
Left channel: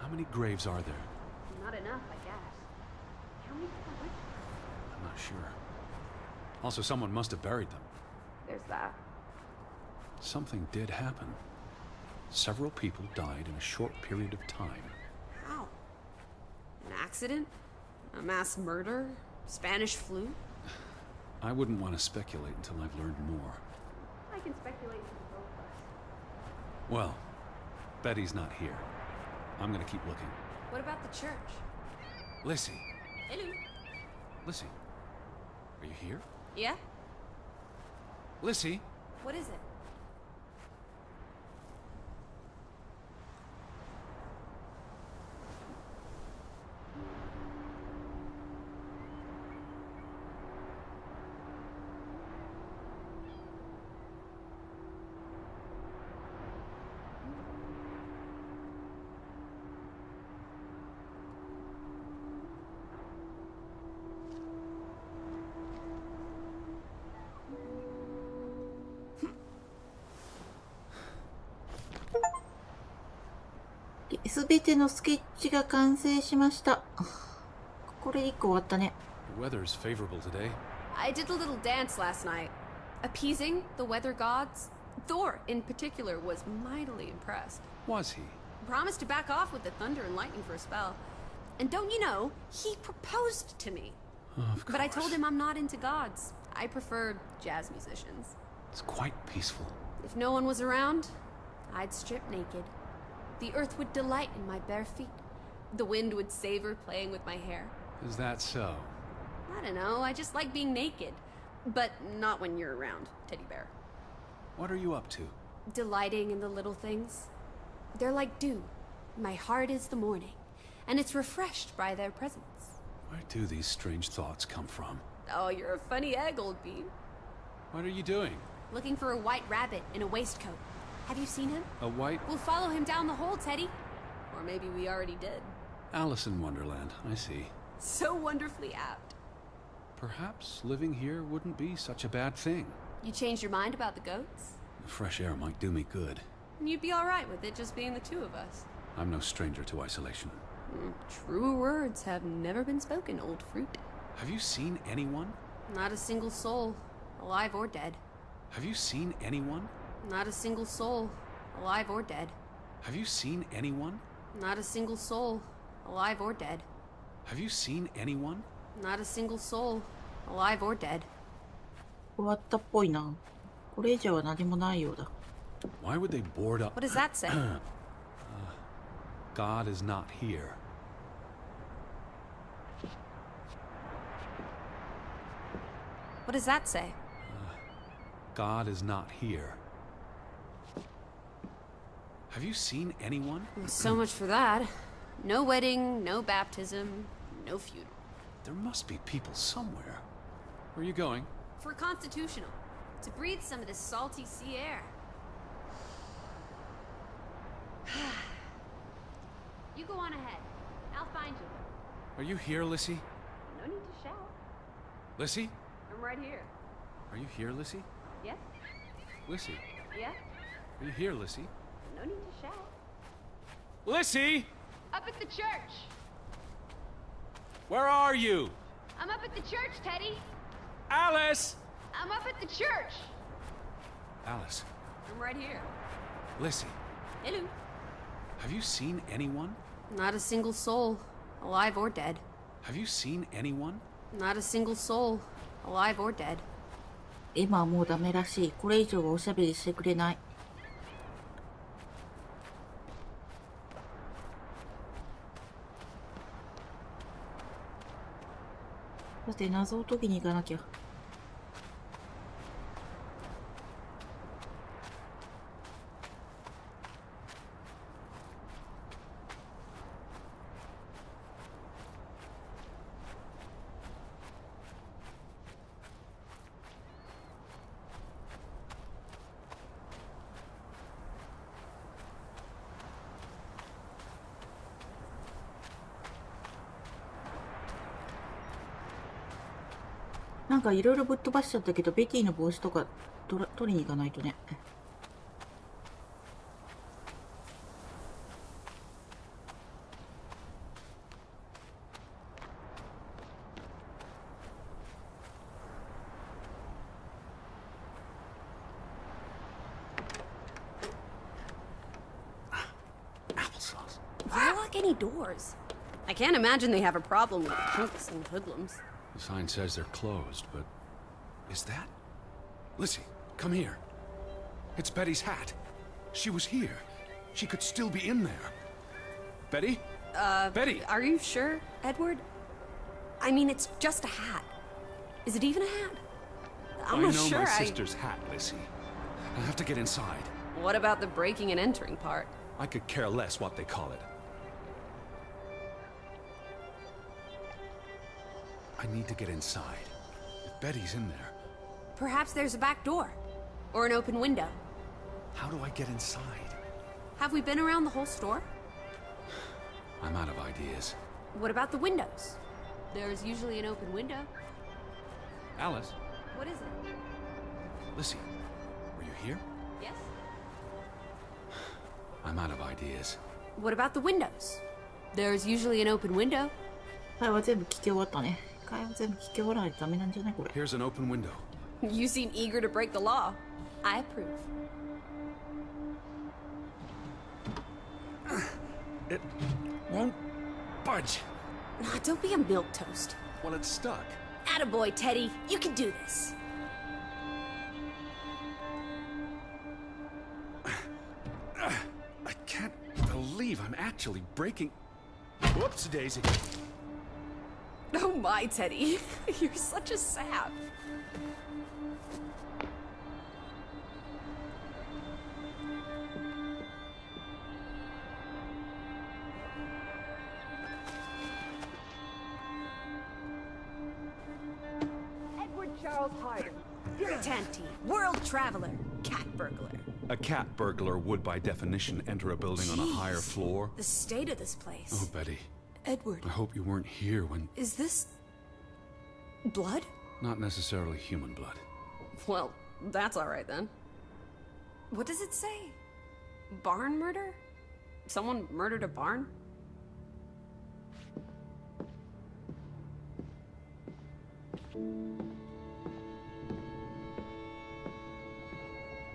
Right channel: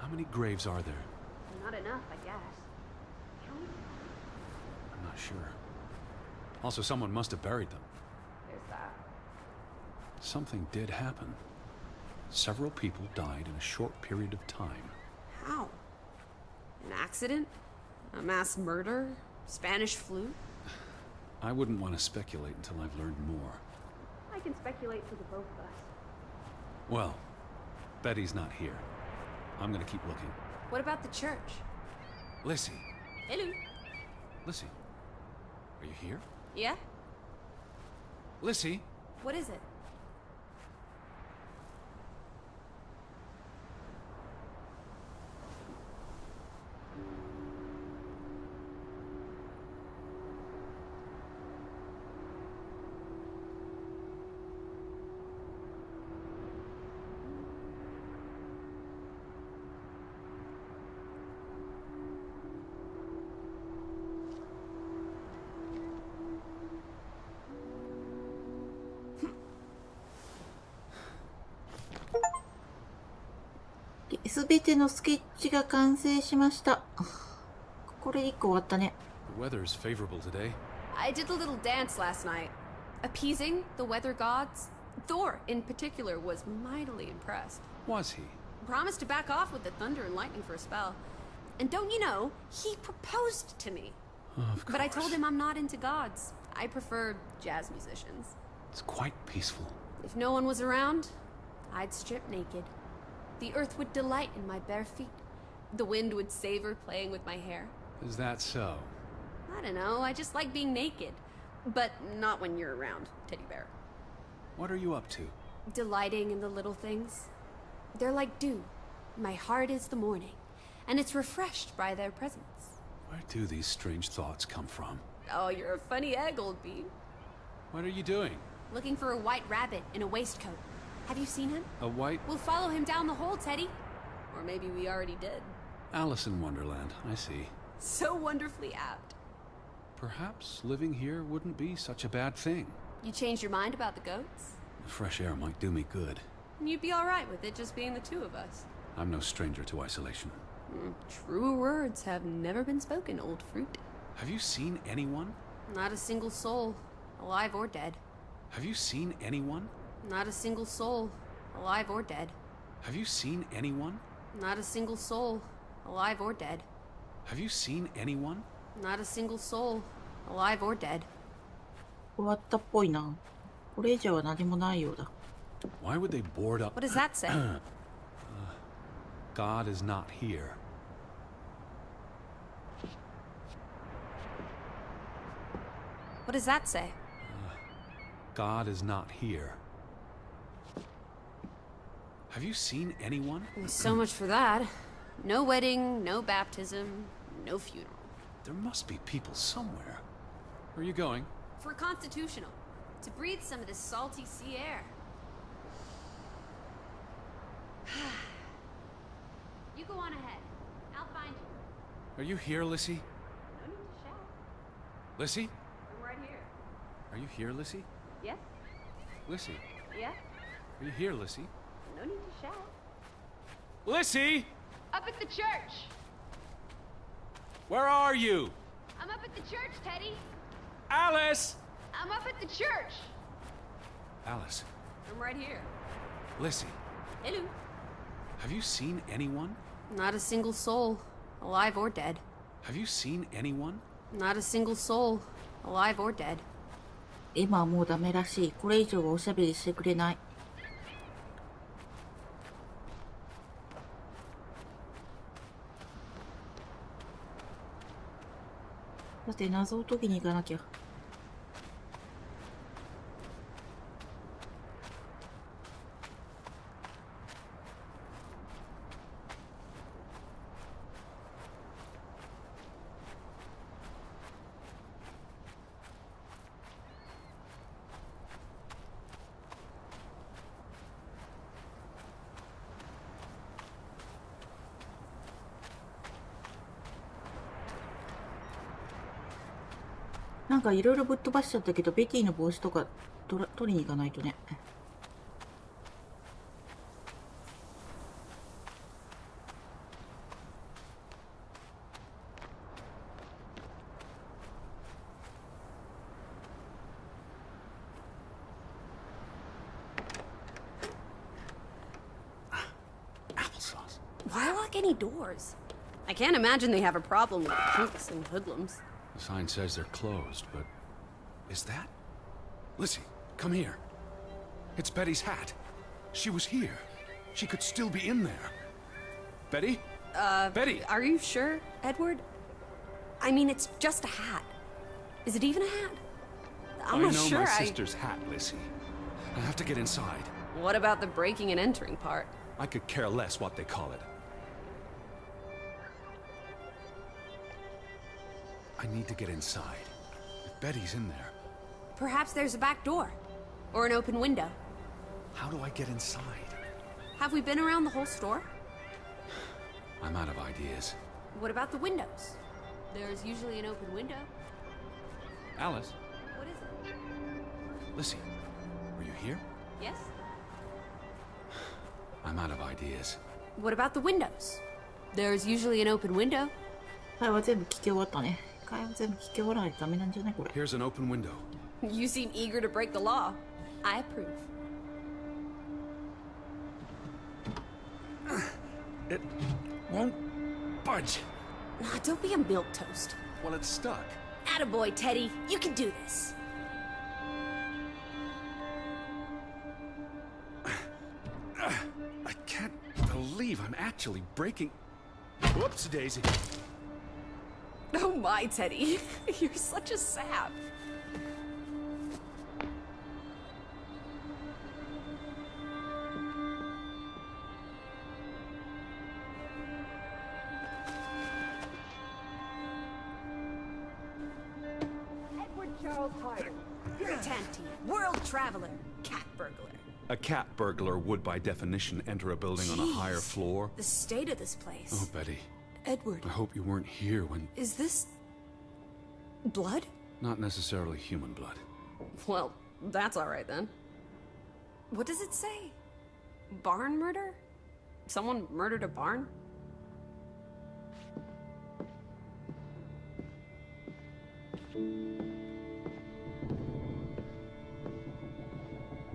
How many graves are there? I'm not sure. Also, someone must have buried them. There's that. Something did happen. Several people died in a short period of time. How? An accident? Mass murder? I wouldn't want to speculate until I've learned more. Speculate for the both of us. Well, Betty's not here. I'm gonna keep looking. What about the church? Lissy. Hello. Lissy. Are you here? Lissy? What is it?すべてのスケッチが完成しました。これ1個終わったね。The weather's favorable today. I did a little dance last night, appeasing the weather gods. Thor, in particular, was mightily impressed. Was he? Promised to back off with the thunder and lightning for a spell. And don't you know, he proposed to me. Of course. But I told him I'm not into gods. I prefer jazz musicians. It's quite peaceful. If no one was around, I'd strip naked. The earth would delight in my bare feet. The wind would savor playing with my hair. Is that so? I don't know, I just like being naked. But not when you're around, teddy bear. What are you up to? Delighting in the little things. They're like dew. My heart is the morning, and it's refreshed by their presence. Where do these strange thoughts come from? Oh, you're a funny egg, old bean. What are you doing? Looking for a white rabbit in a waistcoat. Have you seen him? A white We'll follow him down the hole, Teddy. Or maybe we already did. Alice in Wonderland, I see. So wonderfully apt. Perhaps living here wouldn't be such a bad thing. You changed your mind about the goats? The fresh air might do me good. And you'd be all right with it just being the two of us. I'm no stranger to isolation. Truer words have never been spoken, old fruit. Have you seen anyone? Not a single soul, alive or dead. Have you seen anyone? Not a single soul, alive or dead. Have you seen anyone? Not a single soul, alive or dead. Have you seen anyone? Not a single soul, alive or dead. 終わったっぽいな。これ以上は何もないようだ。Why would they board up? God is not here. God is not here. Have you seen anyone? So much for that. There must be people somewhere. Where are you going? For Constitutional. To breathe some of this salty sea air. You go on ahead. I'll find you. Are you here, Lissy? No need to shout. Lissy? I'm right here. Are you here, Lissy? Lissy? Are you here, Lissy? Lissy! Up at the church. Where are you? I'm up at the church, Teddy. Alice! I'm up at the church. Alice. I'm right here. Lissy. Hello. Have you seen anyone? Not a single soul. Alive or dead. Have you seen anyone? Not a single soul. 今はもうダメらしい。これ以上はおしゃべりしてくれない。だって謎を解きに行かなきゃ。なんかいろいろぶっ飛ばしちゃったけど、ベティの帽子とか取りに行かないとね。Applesauce. Locking doors. The sign says they're closed, but... Is that? Lissy, come here. It's Betty's hat. She was here. She could still be in there. Betty? Betty! Are you sure, Edward? I mean, it's just a hat. Is it even a hat? I I'm not know my sure. sister's hat, Lissy. I have to get inside. What about the breaking and entering part? I could care less what they call it. I need to get inside. If Betty's in there, Perhaps there's a back door. Or an open window. how do I get inside? Have we been around the whole store? I'm out of ideas. What about the windows? There's usually an open window. Alice? What is it? Lissy, were you here? Yes? I'm out of ideas. What about the windows? There's usually an open... 会話全部聞き終わったね。会話全部聞き終わらないとダメなんじゃないこれ。 Here's an open window. You seem eager to break the law. I approve. It won't budge. Nah, don't be a milquetoast. Well, it's stuck. Attaboy, Teddy. You can do this. I can't believe I'm actually breaking... Whoops, Daisy. Oh my, Teddy. You're such a sap. Edward Charles Harding. Tanty, world traveler, cat burglar. A cat burglar would, by definition, enter a building on a higher Jeez. floor. The state of this place. Oh, Betty, Edward, I hope you weren't here when... is this... blood? Not necessarily human blood. Well, that's alright then. What does it say? Barn murder? Someone murdered a barn?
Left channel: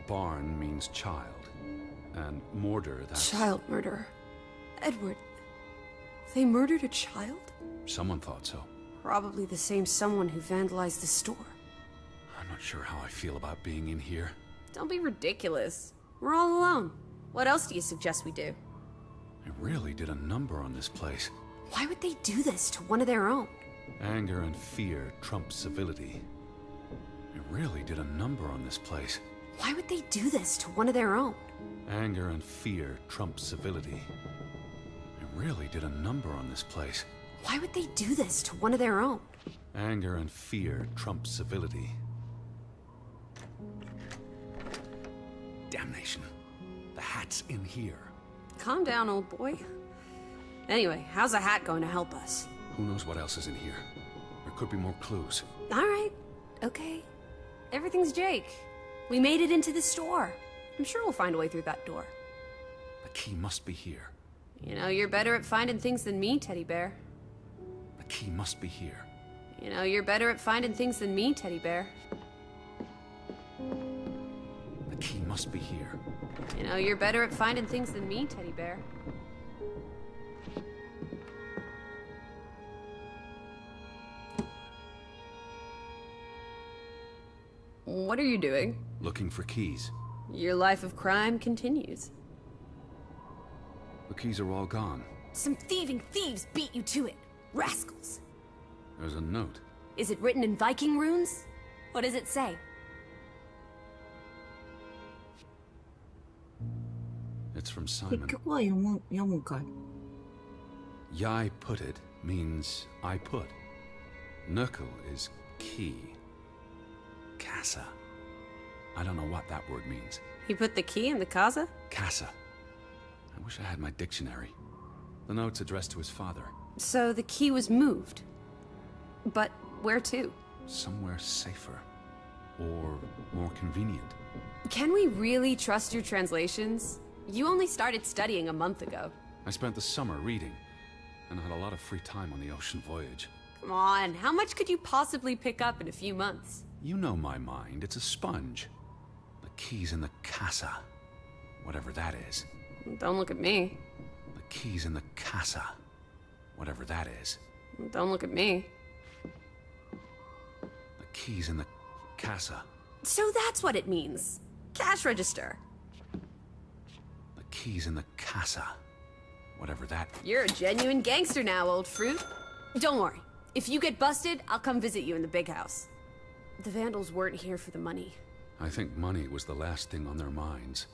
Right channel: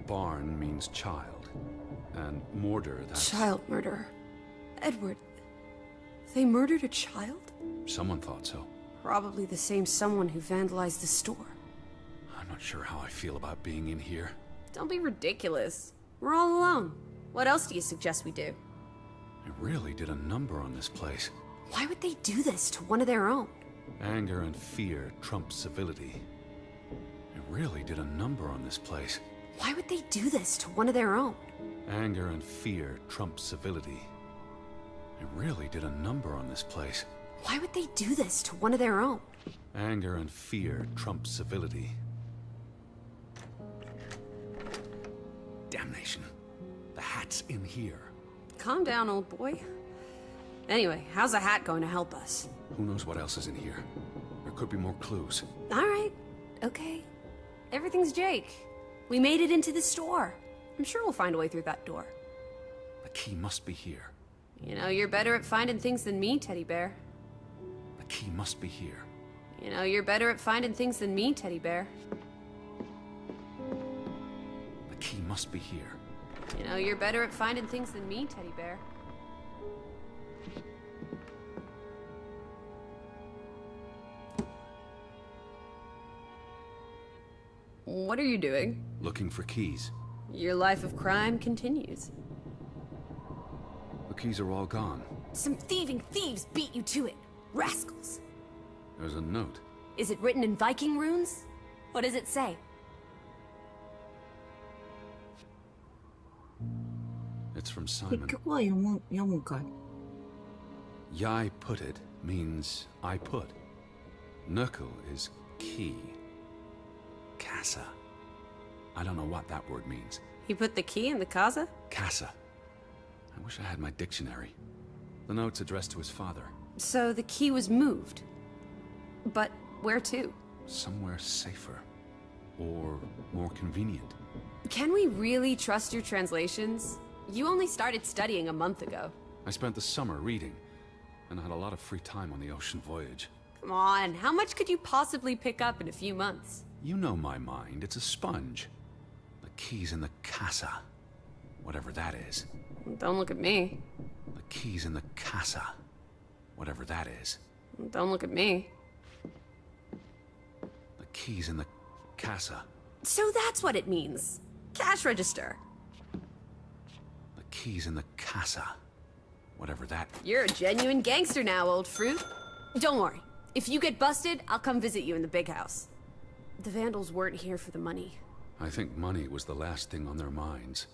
Barn means child. And mortar, that's... Child murder. Edward, they murdered a child? Someone thought so. Probably the same someone who vandalized the store. I'm not sure how I feel about being in here. Don't be ridiculous. We're all alone. What else do you suggest we do? I really did a number on this place. Why would they do this to one of their own? Anger and fear trump civility. It really did a number on this place. Why would they do this to one of their own? Anger and fear trump civility. It really did a number on this place. Why would they do this to one of their own? Anger and fear trump civility. Damnation. The hat's in here. Calm down, old boy. Anyway, how's a hat going to help us? Who knows what else is in here? There could be more clues. All right. Okay. Everything's Jake. We made it into the store. I'm sure we'll find a way through that door. The key must be here. You know, you're better at finding things than me, Teddy Bear. The key must be here. You know, you're better at finding things than me, Teddy Bear. The key must be here. You know, you're better at finding things than me, Teddy Bear. What are you doing? Looking for keys. Your life of crime continues. The keys are all gone. Some thieving thieves beat you to it. Rascals. There's a note. Is it written in Viking runes? What does it say? It's from 結 Simon. 局は読むんかい。 Yai put it means I put. Nurkel is key. Casa. I don't know what that word means. You put the key in the casa? Casa. I wish I had my dictionary. The note's addressed to his father. So the key was moved. But where to? Somewhere safer. Or more convenient. Can we really trust your translations? You only started studying a month ago. I spent the summer reading, and I had a lot of free time on the ocean voyage. Come on, how much could you possibly pick up in a few months? You know my mind, it's a sponge. The key's in the casa. Whatever that is. Don't look at me. The key's in the casa. Whatever that is. Don't look at me. The key's in the casa. So that's what it means. Cash register. The key's in the casa. Whatever that... You're a genuine gangster now, old fruit. Don't worry. If you get busted, I'll come visit you in the big house. The Vandals weren't here for the money. I think money was the last thing on their minds.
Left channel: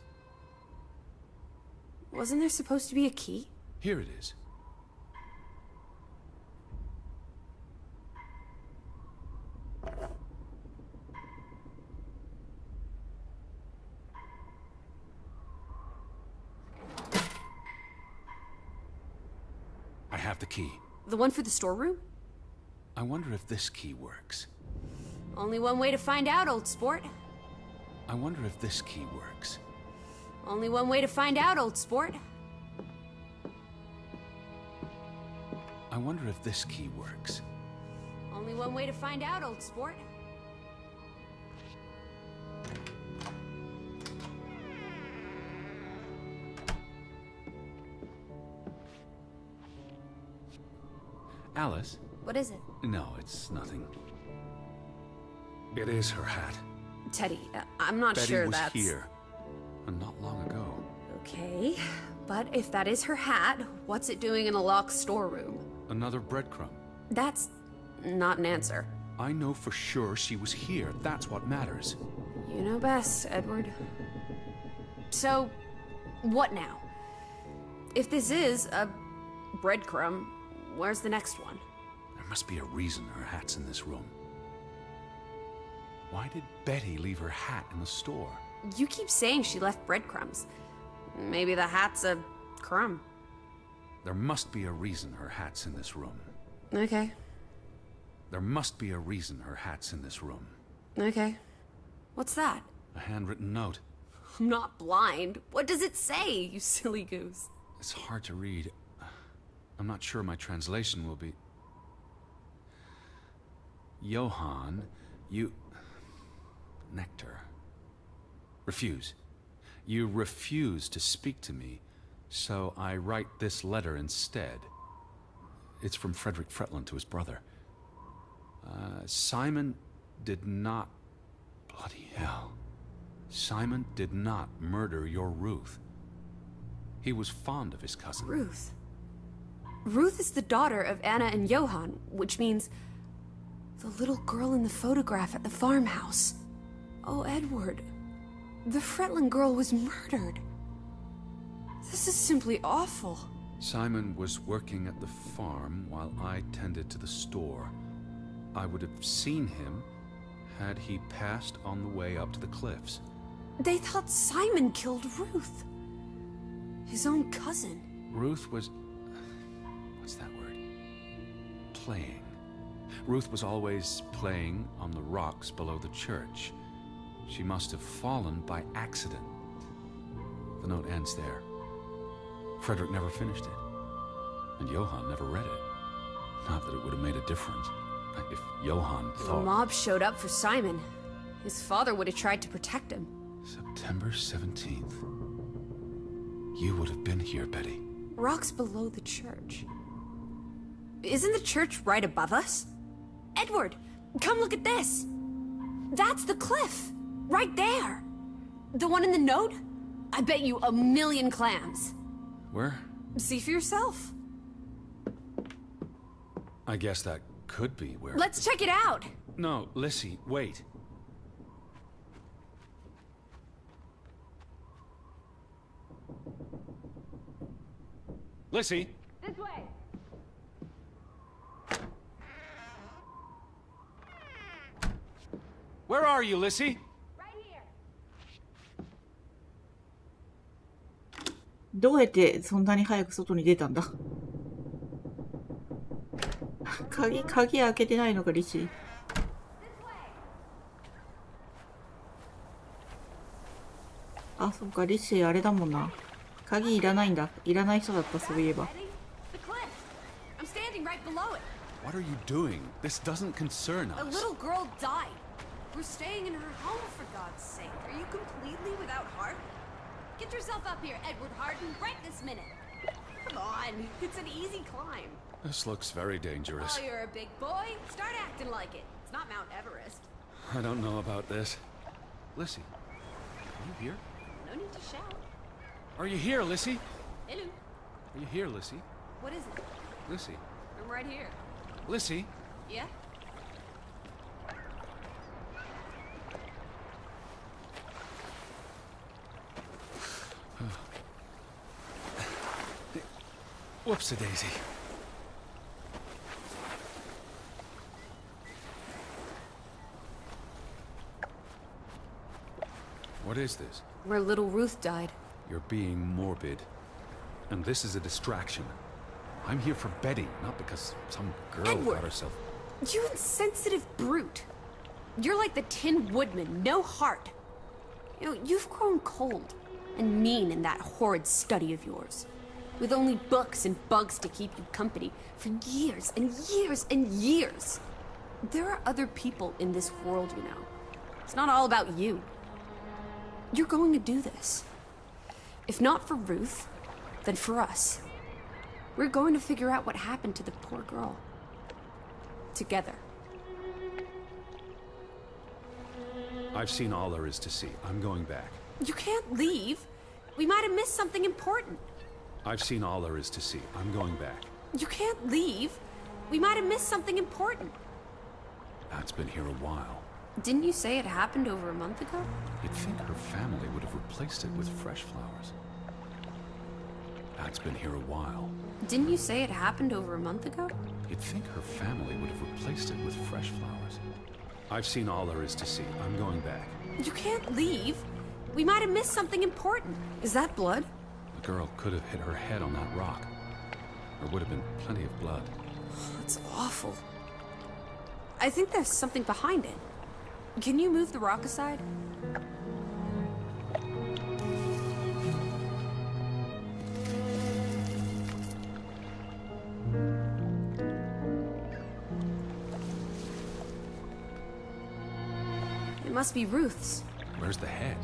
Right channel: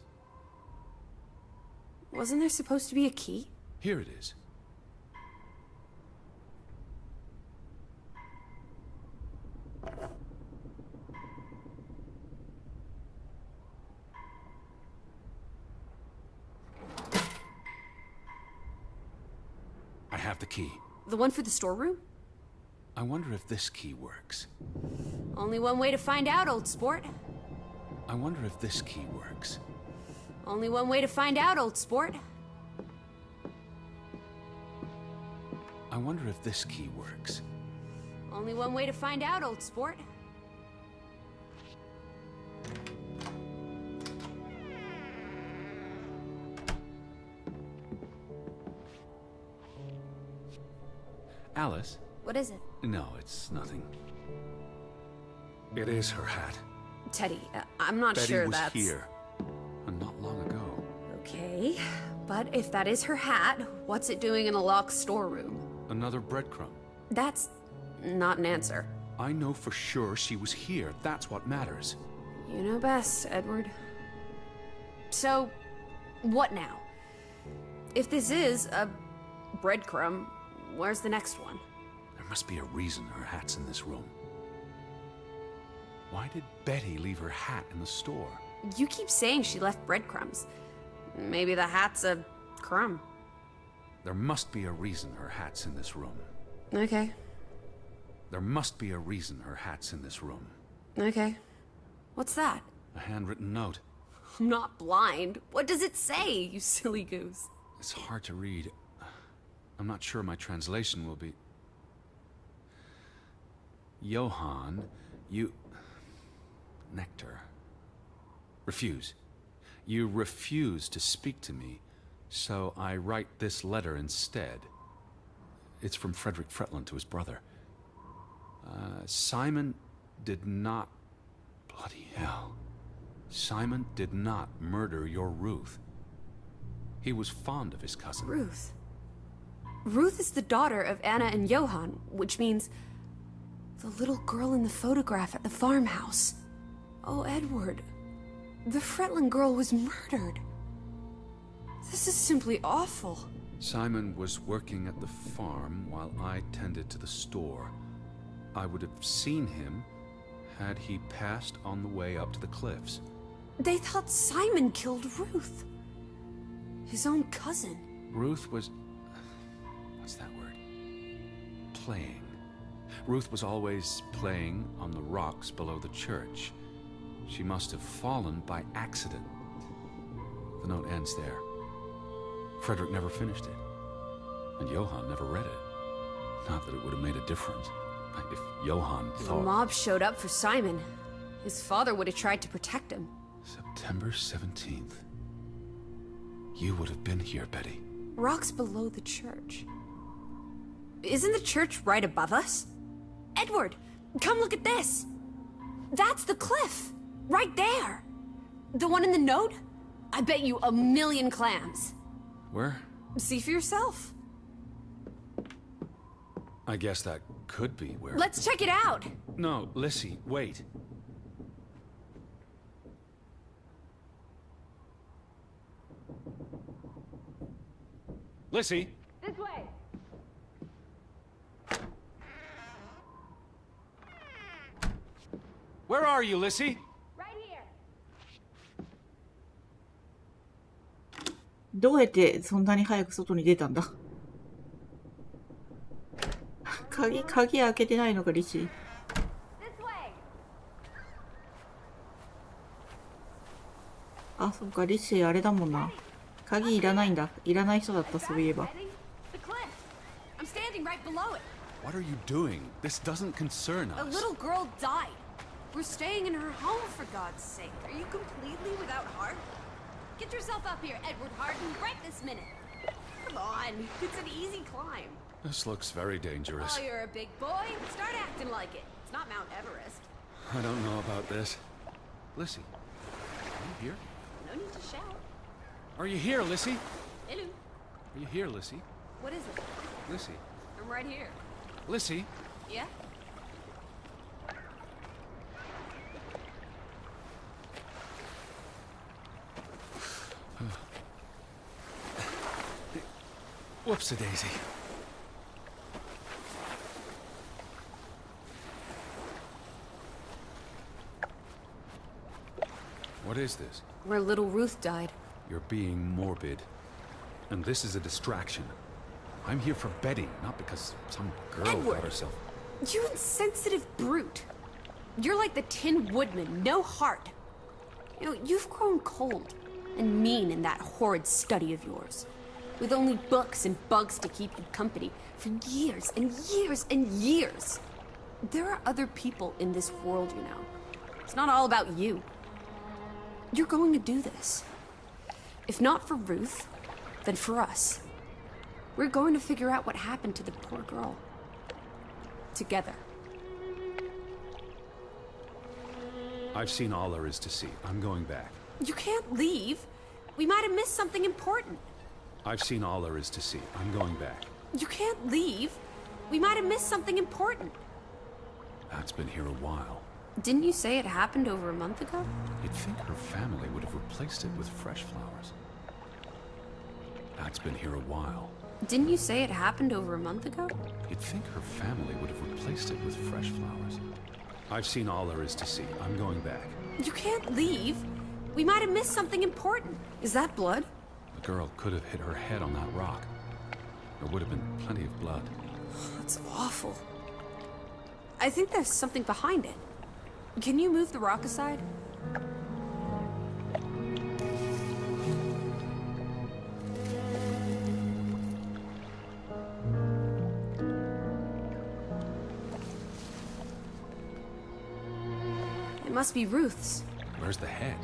Wasn't there supposed to be a key? Here it is. I have the key. The one for the storeroom? I wonder if this key works. Only one way to find out, old sport. I wonder if this key works. Only one way to find out, old sport. I wonder if this key works. Only one way to find out, old sport. Alice? What is it? No, it's nothing. It is her hat. Teddy, I'm not Betty sure was that's... here. And not long ago. Okay, but if that is her hat, what's it doing in a locked storeroom? Another breadcrumb. That's not an answer. I know for sure she was here. That's what matters. You know best, Edward. So, what now? If this is a breadcrumb, where's the next one? There must be a reason her hat's in this room. Why did Betty leave her hat in the store? You keep saying she left breadcrumbs. Maybe the hat's a crumb. There must be a reason her hat's in this room. Okay, There must be a reason her hat's in this room. okay. What's that? A handwritten note. I'm not blind. What does it say, you silly goose? It's hard to read. I'm not sure my translation will be... Johann, you... Nectar. Refuse. You refuse to speak to me, so I write this letter instead. It's from Frederick Fretland to his brother. Simon did not... Bloody hell. Simon did not murder your Ruth. He was fond of his cousin. Ruth. Ruth is the daughter of Anna and Johann, which means the The little girl in the photograph at the farmhouse. Oh, Edward. The Fretland girl was murdered. This is simply awful. Simon was working at the farm while I tended to the store. I would have seen him had he passed on the way up to the cliffs. They thought Simon killed Ruth. His own cousin. Ruth was... what's that word? Playing. Ruth was always playing on the rocks below the church. She must have fallen by accident. The note ends there. Frederick never finished it. And Johann never read it. Not that it would have made a difference. If Johann thought... The mob showed up for Simon. His father would have tried to protect him. September 17th. You would have been here, Betty. Rocks below the church. Isn't the church right above us? Edward, come look at this. That's the cliff. Right there. The one in the note? I bet you 1,000,000 clams. Where? See for yourself. I guess that could be where... Let's check it out. No, Lissy, wait. Lissy! Where are you, Lissy? Right here. どうやってそんなに早く外に出たんだ？鍵開けてないのか、リシー。This way. あ、そっか、リシーあれだもんな。鍵いらないんだ。いらない人だった、そういえば。 Ready? The cliff. I'm standing right below it. What are you doing? This doesn't concern us. Little girl died. We're staying in her home, for God's sake. Are you completely without heart? Get yourself up here, Edward Harden, right this minute. Come on, it's an easy climb. This looks very dangerous. Oh, you're a big boy. Start acting like it. It's not Mount Everest. I don't know about this. Lissy, are you here? No need to shout. Are you here, Lissy? Hello. Are you here, Lissy? What is it? Lissy? I'm right here. Lissy? Yeah? Whoops-a-daisy. What is this? Where little Ruth died. You're being morbid. And this is a distraction. I'm here for Betty, not because some girl Edward. got herself... You insensitive brute. You're like the Tin Woodman, no heart. You know, you've grown cold and mean in that horrid study of yours. With only books and bugs to keep you company for years and years and years. There are other people in this world, you know. It's not all about you. You're going to do this. If not for Ruth, then for us. We're going to figure out what happened to the poor girl. Together. I've seen all there is to see. I'm going back. You can't leave. We might have missed something important. I've seen all there is to see. I'm going back. You can't leave. We might have missed something important. Pat's been here a while. Didn't you say it happened over a month ago? You'd think her family would have replaced it with fresh flowers. Pat's been here a while. Didn't you say it happened over a month ago? You'd think her family would have replaced it with fresh flowers. I've seen all there is to see. I'm going back. You can't leave. We might have missed something important. Is that blood? The girl could have hit her head on that rock. There would have been plenty of blood. It's awful. I think there's something behind it. Can you move the rock aside? It must be Ruth's. Where's the head?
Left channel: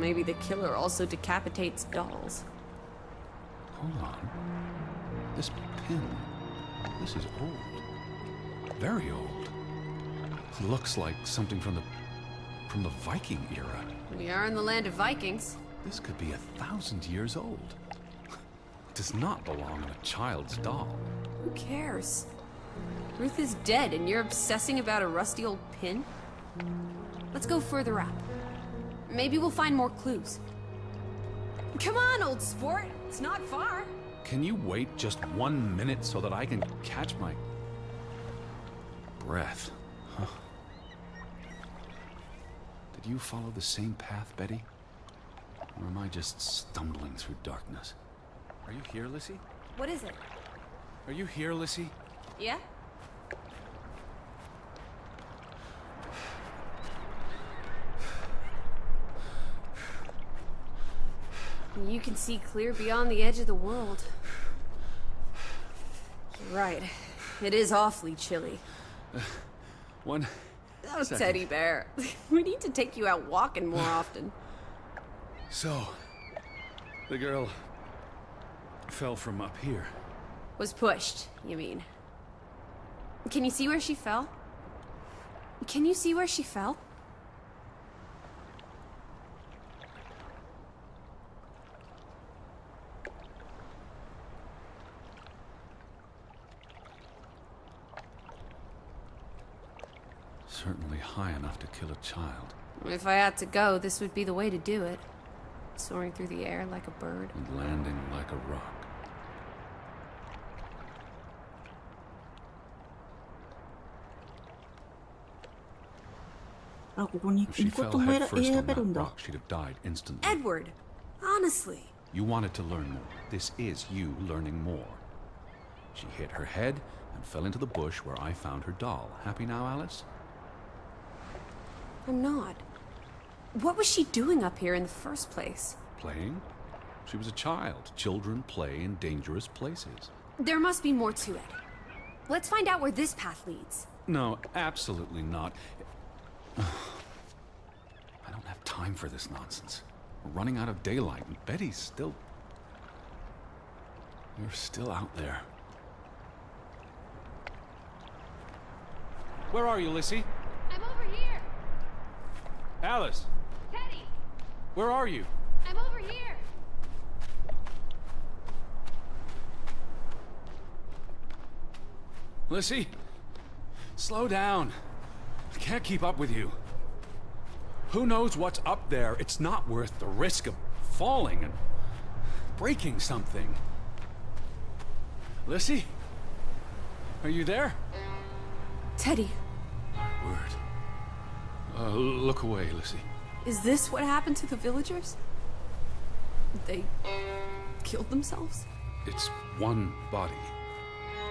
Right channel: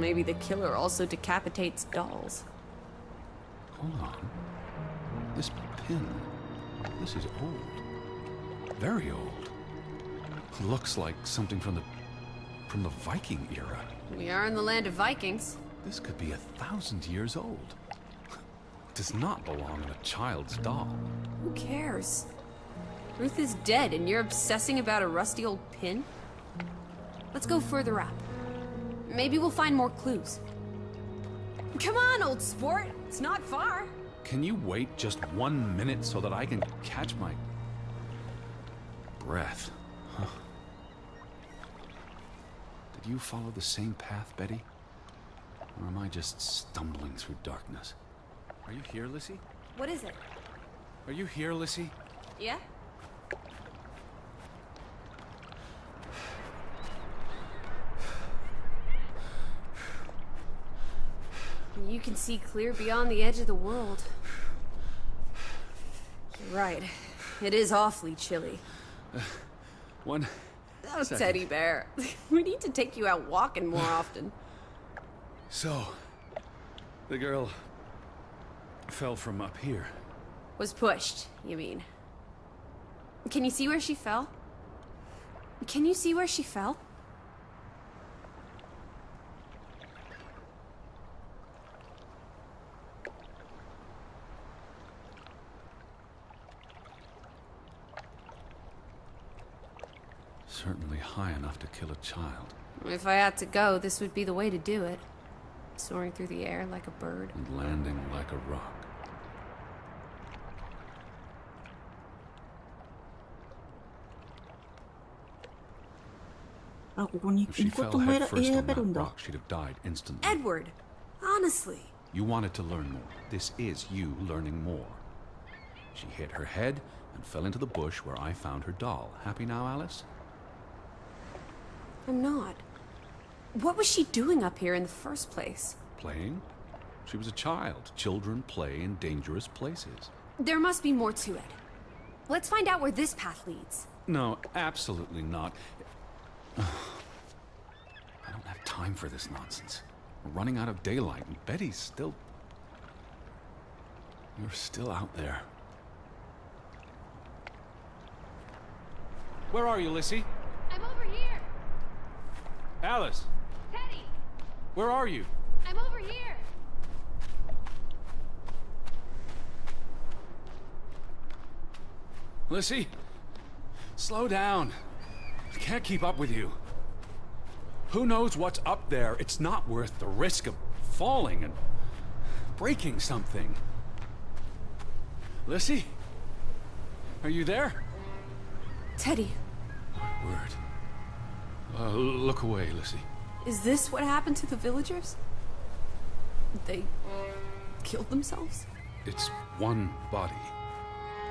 Maybe the killer also decapitates dolls. Hold on. This pin. This is old. Very old. Looks like something from the Viking era. We are in the land of Vikings. This could be 1,000 years old. It does not belong on a child's doll. Who cares? Ruth is dead and you're obsessing about a rusty old pin? Let's go further up. Maybe we'll find more clues. Come on, old sport. It's not far. Can you wait just 1 minute so that I can catch my breath? Huh. Did you follow the same path, Betty? Or am I just stumbling through darkness? Are you here, Lissy? What is it? Are you here, Lissy? Yeah? You can see clear beyond the edge of the world. Right. It is awfully chilly. One Oh, second. teddy bear. We need to take you out walking more often. So, the girl fell from up here. Was pushed, you mean? Can you see where she fell? Can you see where she fell? Certainly high enough to kill a child. If I had to go, this would be the way to do it. Soaring through the air like a bird. And landing like a rock. Ah, ここに If she 行くこ fell とも head first 選 on べるん that だ。 rock, she'd have died instantly. Edward, honestly. You wanted to learn more. This is you learning more. She hit her head and fell into the bush where I found her doll. Happy now, Alice? I'm not. What was she doing up here in the first place? Playing? She was a child. Children play in dangerous places. There must be more to it. Let's find out where this path leads. No, absolutely not. I don't have time for this nonsense. We're running out of daylight, and Betty's still... You're still out there. Where are you, Lissy? I'm over here. Alice, Teddy, where are you? I'm over here. Lissy, slow down. I can't keep up with you. Who knows what's up there? It's not worth the risk of falling and breaking something. Lissy? Are you there? Teddy, My word. Look away, Lissy. is this what happened to the villagers? They killed themselves? It's one body.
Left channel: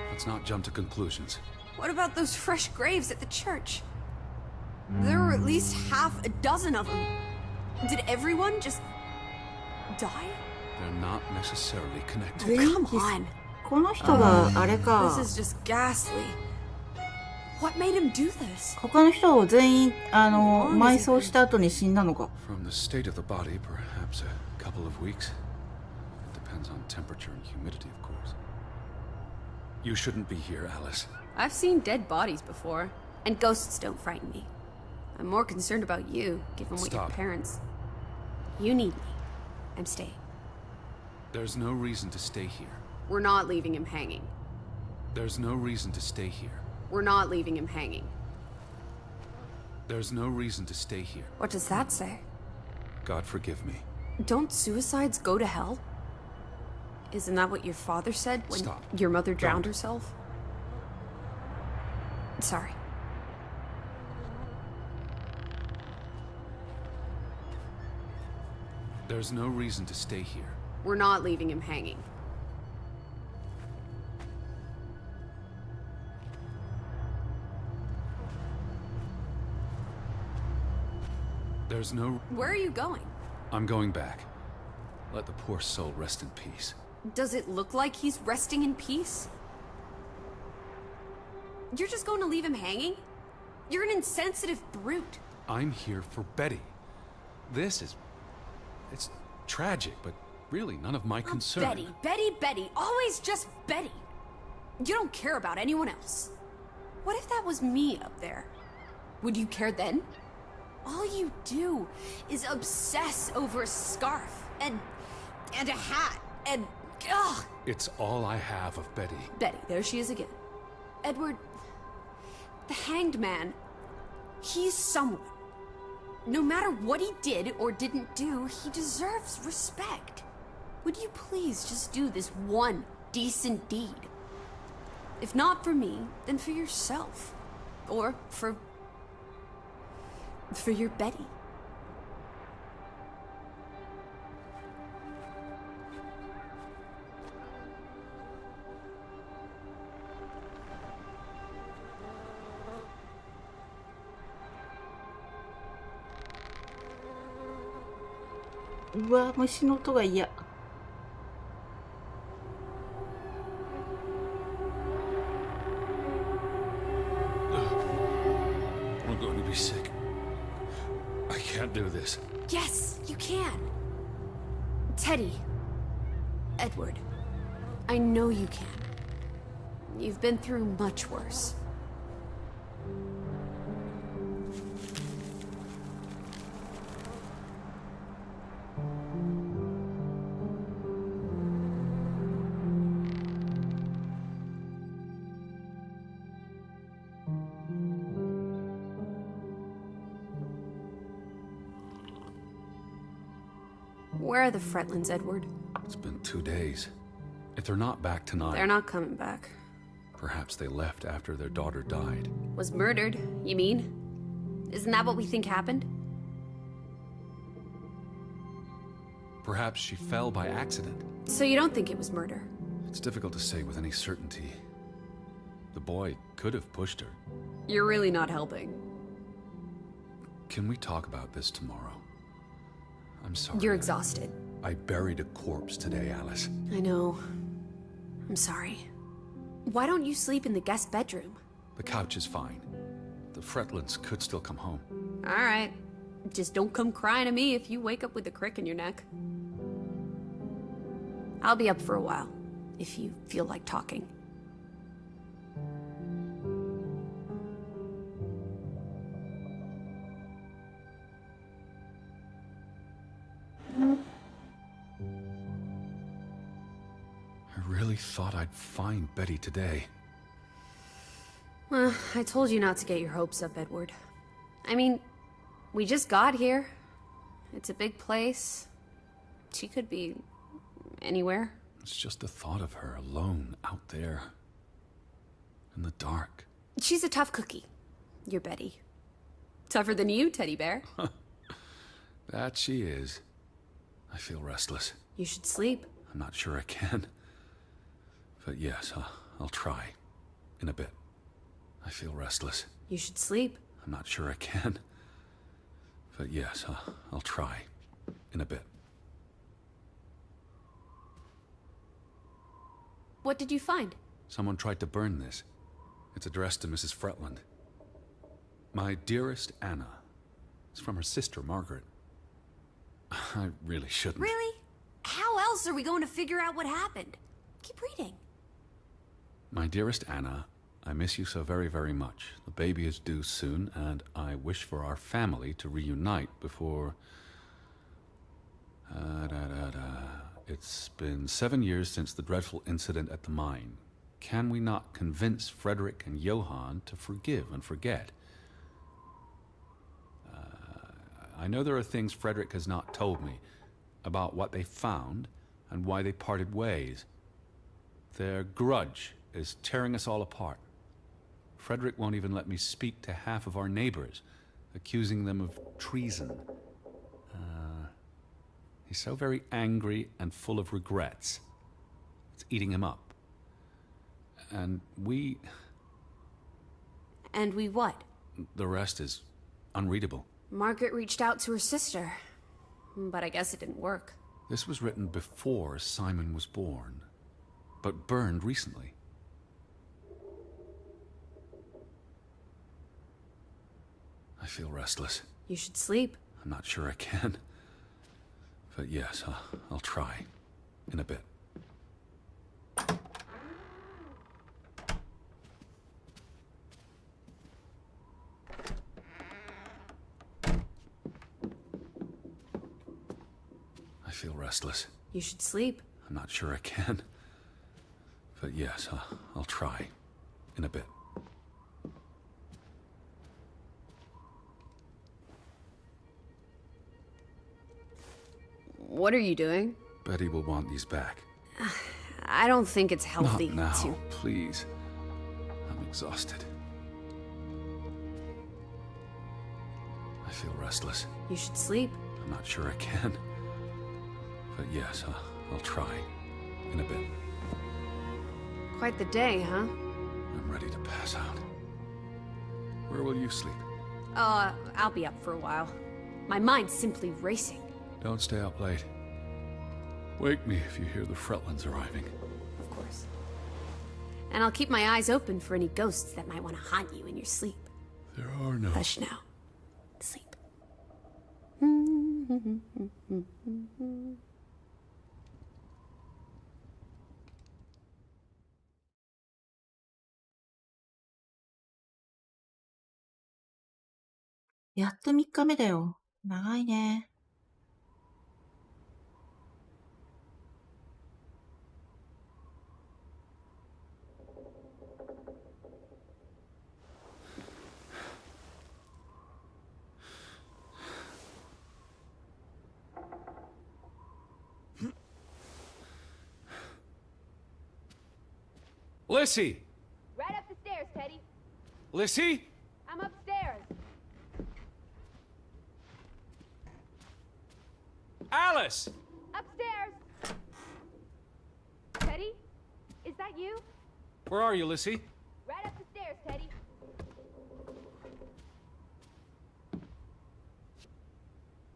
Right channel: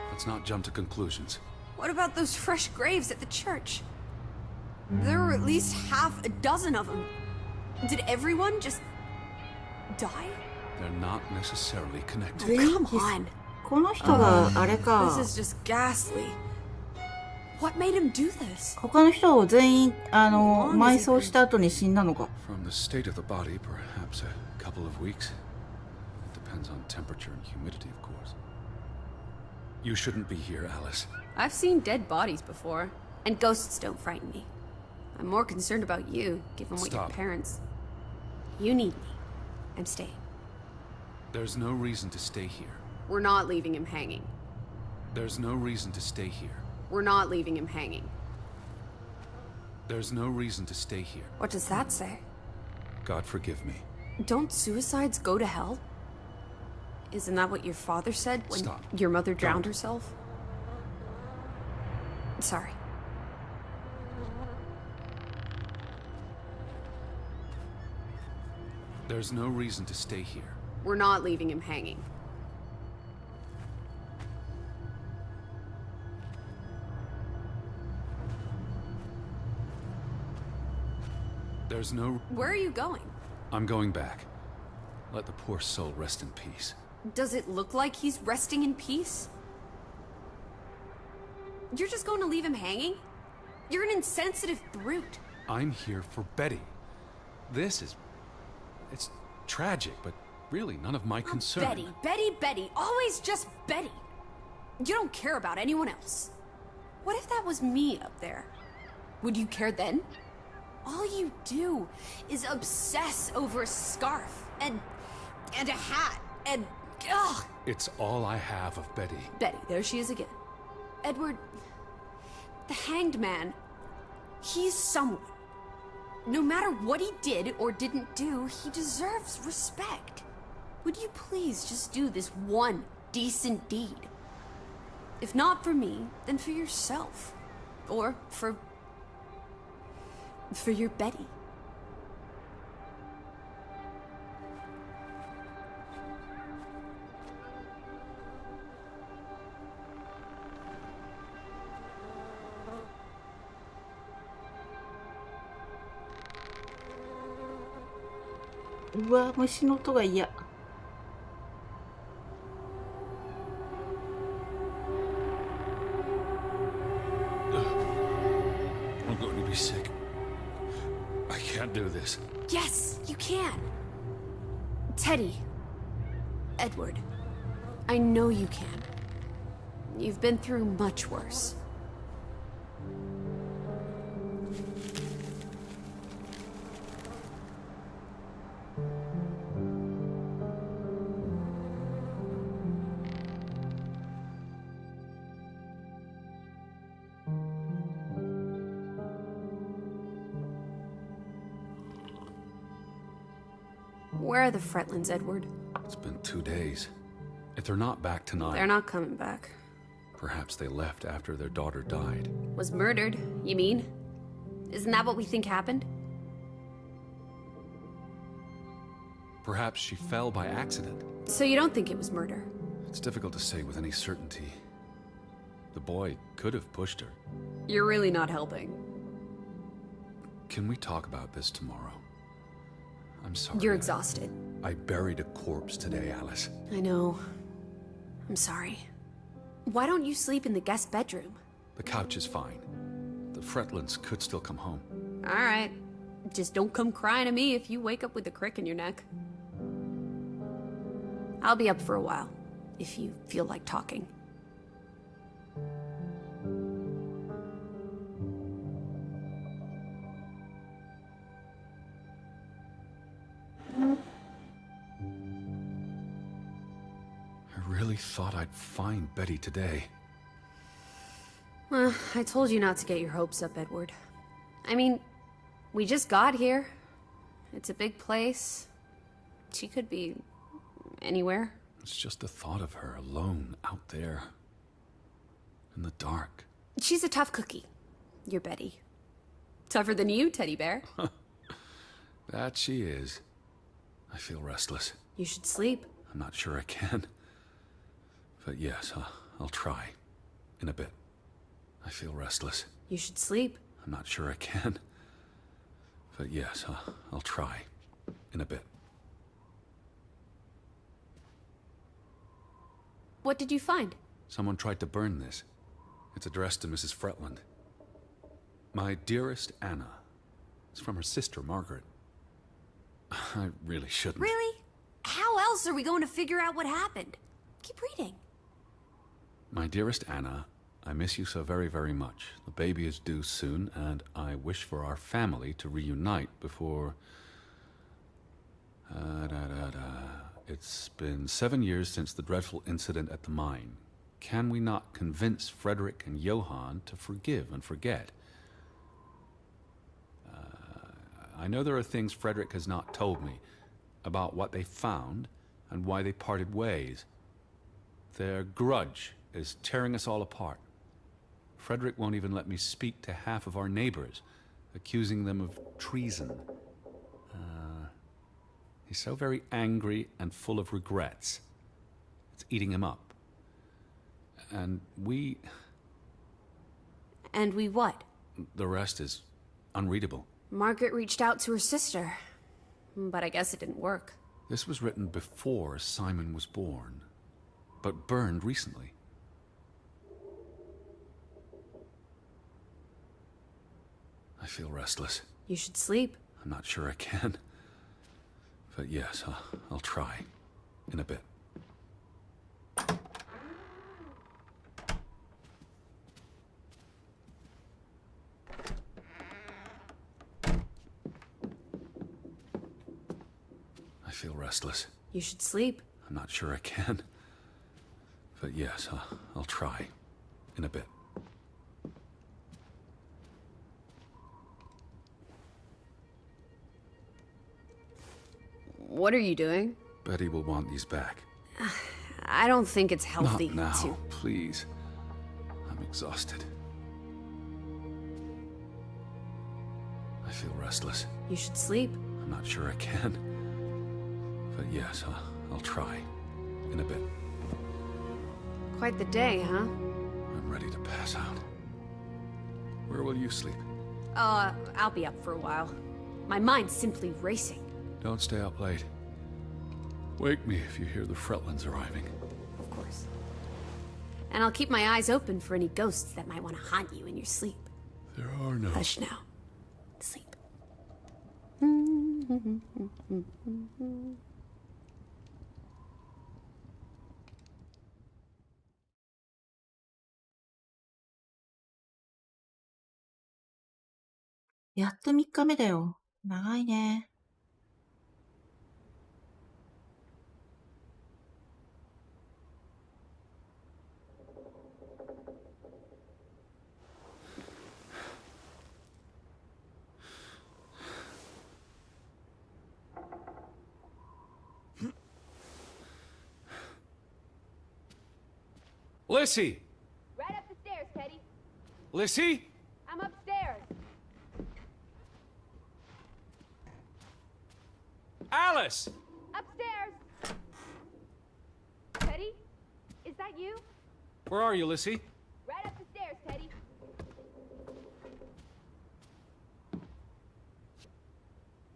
Let's not jump to conclusions. What about those fresh graves at the church? There were at least half a dozen of them. Did everyone just die? They're not necessarily connected. 全員 Come です on. この人があれ This か is just ghastly. What made him do this? 他の人を全員埋葬した後に死んだのか。 From the state of the body, perhaps a couple of weeks. It depends on temperature and humidity, of course. You shouldn't be here, Alice. I've seen dead bodies before, and ghosts don't frighten me. I'm more concerned about you, given what Stop. your parents... You need me. I'm staying. There's no reason to stay here. We're not leaving him hanging. There's no reason to stay here. We're not leaving him hanging. There's no reason to stay here. What does that say? God forgive me. Don't suicides go to hell? Isn't that what your father said when Stop. your mother drowned Don't. herself? Sorry. There's no reason to stay here. We're not leaving him hanging. There's no... Where are you going? I'm going back. Let the poor soul rest in peace. Does it look like he's resting in peace? You're just going to leave him hanging? You're an insensitive brute. I'm here for Betty. This is... It's tragic, but really none of my concern. Betty, Betty, Betty. Always just Betty. You don't care about anyone else. What if that was me up there? Would you care then? All you do is obsess over a scarf and a hat and ugh. It's all I have of Betty. Betty, there she is again. Edward, the hanged man, he's someone. No matter what he did or didn't do, he deserves respect. Would you please just do this one decent deed? If not for me, then for yourself. Or for your Betty.うわ、虫の音が嫌。I'm going to be sick. I can't do this. Yes, you can. Teddy. Edward. I know you can. You've been through much worse. Where are the Fretlands, Edward? It's been 2 days. If they're not back tonight... They're not coming back. Perhaps they left after their daughter died. Was murdered, you mean? Isn't that what we think happened? Perhaps she fell by accident. So you don't think it was murder? It's difficult to say with any certainty. The boy could have pushed her. You're really not helping. Can we talk about this tomorrow? I'm sorry. You're exhausted. I buried a corpse today, Alice. I know. I'm sorry. Why don't you sleep in the guest bedroom? The couch is fine. The Fretlands could still come home. All right. Just don't come crying to me if you wake up with a crick in your neck. I'll be up for a while, if you feel like talking. I really thought I'd find Betty today. Well, I told you not to get your hopes up, Edward. I mean, we just got here. It's a big place. She could be anywhere. It's just the thought of her alone out there. In the dark. She's a tough cookie. You're Betty. Tougher than you, teddy bear. That she is. I feel restless. You should sleep. I'm not sure I can. But yes, I'll try. In a bit. I feel restless. You should sleep. I'm not sure I can. But yes, I'll try. In a bit. What did you find? Someone tried to burn this. It's addressed to Mrs. Fretland. My dearest Anna. It's from her sister, Margaret. I really shouldn't. Really? How else are we going to figure out what happened? Keep reading. My dearest Anna, I miss you so very, very much. The baby is due soon, and I wish for our family to reunite before... It's been 7 years since the dreadful incident at the mine. Can we not convince Frederick and Johann to forgive and forget? I know there are things Frederick has not told me about what they found and why they parted ways. Their grudge is tearing us all apart. Frederick won't even let me speak to half of our neighbors, accusing them of treason. He's so very angry and full of regrets. It's eating him up. And we... And we what? The rest is unreadable. Margaret reached out to her sister, but I guess it didn't work. This was written before Simon was born, but burned recently. I feel restless. You should sleep. I'm not sure I can. But yes, I'll try. In a bit. I feel restless. You should sleep. I'm not sure I can. But yes, I'll try. In a bit. Betty will want these back. Not now, please. I'm exhausted. I feel restless. You should sleep. I'm not sure I can. But yes, I'll try. In a bit. Quite the day, huh? I'm ready to pass out. Where will you sleep? I'll be up for a while. My mind's simply racing. Don't stay up late. Wake me if you hear the Fretlands arriving. And I'll keep my eyes open for any ghosts that might want to haunt you in your sleep. There are no... Hush now. Sleep.やっと3日目だよ。長いね。Lissy! Right up the stairs, Teddy. Lissy? I'm upstairs. Alice! Teddy? Is that you? Where are you, Lissy? Right up the stairs, Teddy.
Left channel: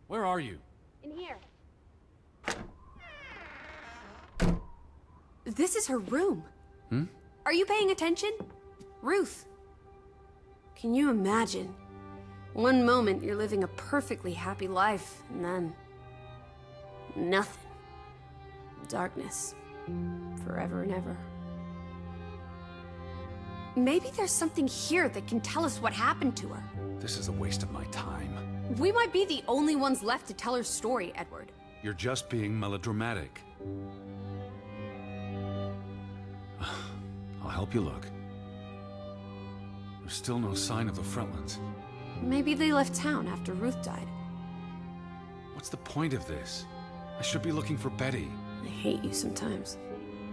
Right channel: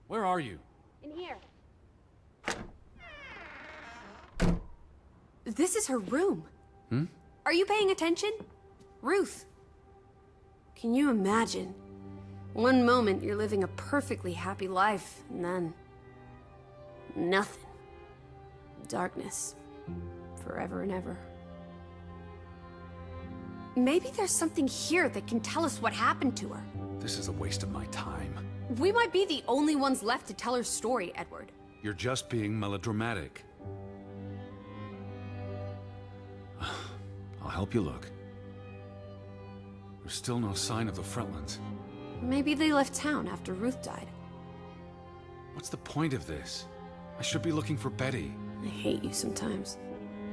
Where are you? In here. This is her room. Hmm? Are you paying attention? Ruth. Can you imagine? One moment you're living a perfectly happy life, and then... nothing. Darkness. Forever and ever. Maybe there's something here that can tell us what happened to her. This is a waste of my time. We might be the only ones left to tell her story, Edward. You're just being melodramatic. I'll help you look. There's still no sign of the Fretlands. Maybe they left town after Ruth died. What's the point of this? I should be looking for Betty. I hate you sometimes.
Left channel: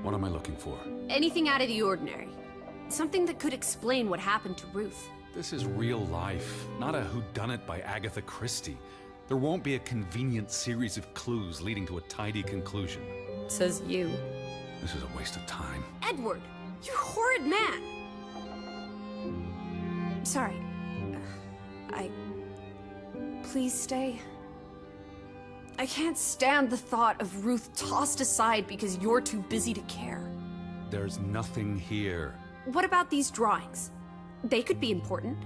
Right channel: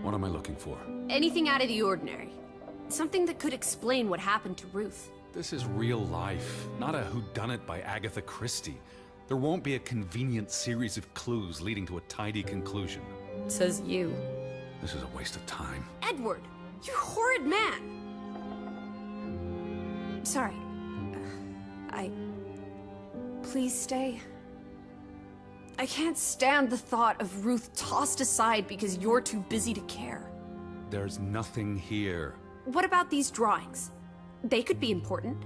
What am I looking for? Anything out of the ordinary. Something that could explain what happened to Ruth. This is real life, not a whodunit by Agatha Christie. There won't be a convenient series of clues leading to a tidy conclusion. Says you. This is a waste of time. Edward! You horrid man! Sorry. Please stay. I can't stand the thought of Ruth tossed aside because you're too busy to care. There's nothing here. What about these drawings? They could be important.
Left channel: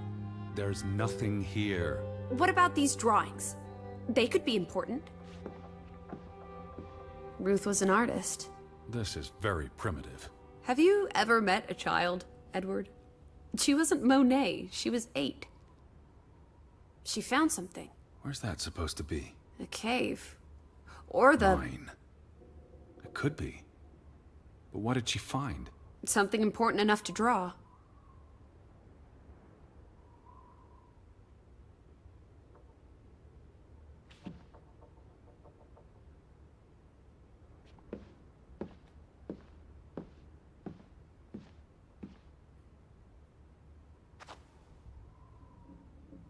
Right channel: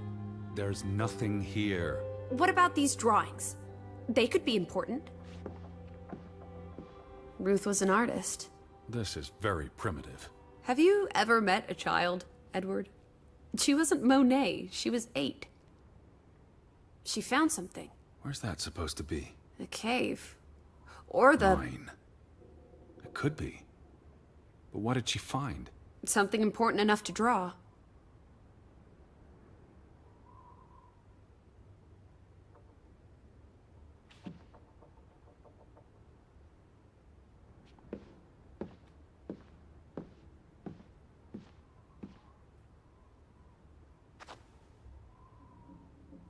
There's nothing here. What about these drawings? They could be important. Ruth was an artist. This is very primitive. Have you ever met a child, Edward? She wasn't Monet, she was 8. She found something. Where's that supposed to be? A cave. Or the... Mine. It could be. But what did she find? something important enough to draw.